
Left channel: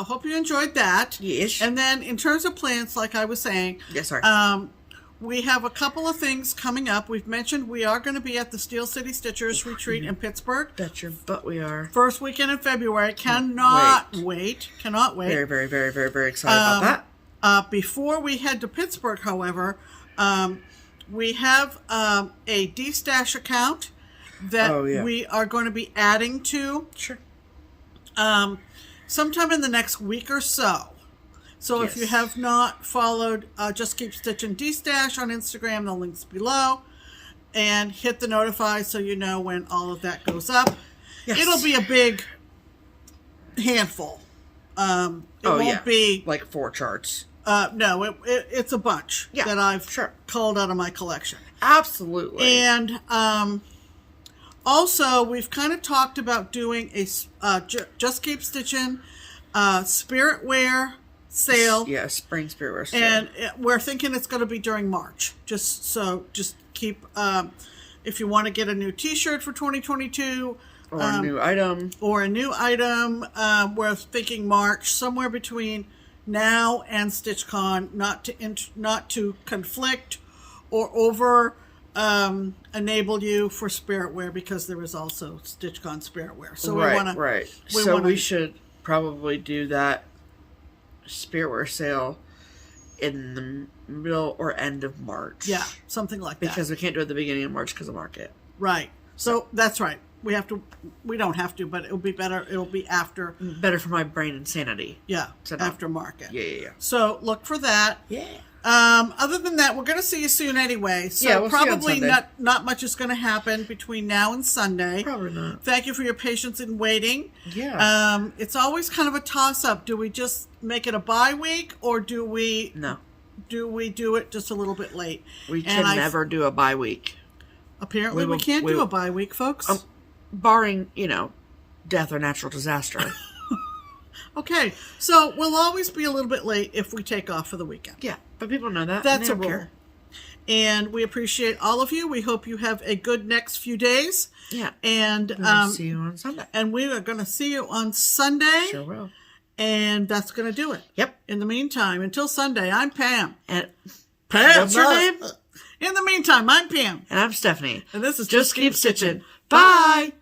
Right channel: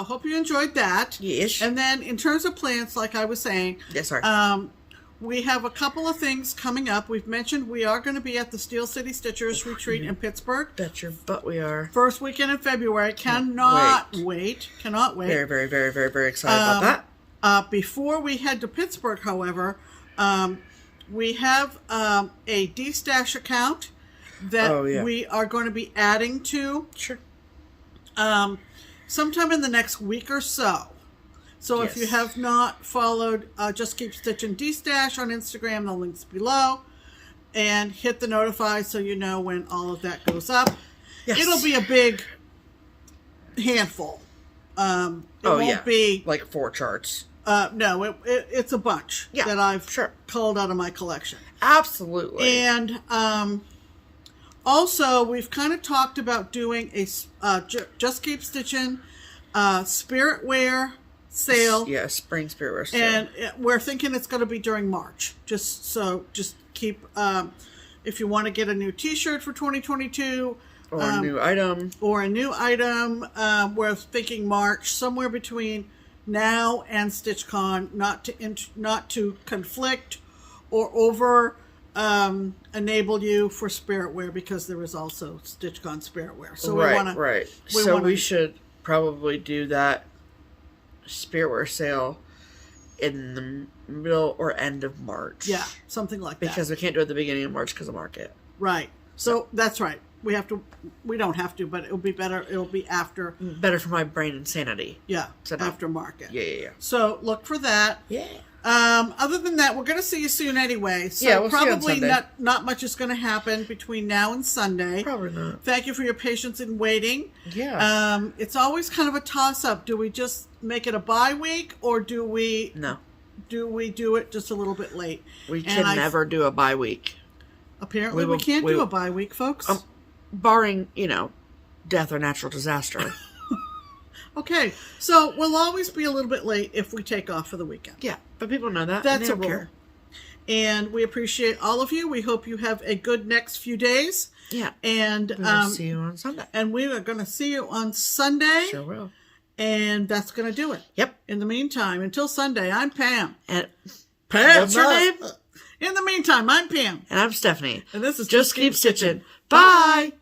Hope you enjoyed that. Yes. And then in terms of plans, like I was saying, yes, sir. We have a couple of things coming up. We've mentioned we are going to be at the Steel City Stitchers Retreat in Pittsburgh. Bet your butt we are. First weekend in February. Cannot wait. Cannot wait. Very, very, very, very, very excited about that. Before we head to Pittsburgh, however, we have a Destash account that we are going to be adding to. Sure. Sometime in the next week or so. So if you have not followed Just Keep Stitching Destash on Instagram, the link's below. And hit the notify so you know when all of that goes up. Yes. It'll be a big handful. It won't be... like 4 charts. No, it's a bunch that I've culled out of my collection. Absolutely. And also, we've kind of talked about doing a Just Keep Stitching spirit wear sale. Yeah, spring spirit wear sale. And we're thinking it's going to be during March. Just keep, if you want to get a new t-shirt for 2022. Or a new item. We're thinking March, somewhere between now and StitchCon, not to conflict or over enable you for spirit wear, because there is also StitchCon spirit wear. So we should probably do that spirit wear sale in the middle or end of March. Yeah, something like that. Because we can't do it at the beginning of March because of market. Right. So that's right. We don't have to, but it'll be better. It'll be after. Better for my brain and sanity. Yeah. After market. Yeah. So look for that. Yeah. Other than that, we're going to see you soon anyway. So yeah, we'll probably see you on Sunday. not much is going to happen between now and Sunday. Probably not. Thank you for your patience in waiting. Yeah. It's always kind of a toss-up. Do we just make it a bye week, or do we do it just a little bit late? We can never do a bye week. Apparently we can't do a bye week, folks. Barring, death or natural disaster. Okay, so we'll always be a little bit late if we take off for the weekend. Yeah, but people know that. That's a rule. And we appreciate all of you. We hope you have a good next few days. Yeah. And we'll see you on Sunday. And we are going to see you on Sunday. Sure will. And that's going to do it. Yep. In the meantime, until Sunday, I'm Pam. And Pam, what's your name? In the meantime, I'm Pam. And I'm Stephanie. And this is Just Keep Stitching. Bye.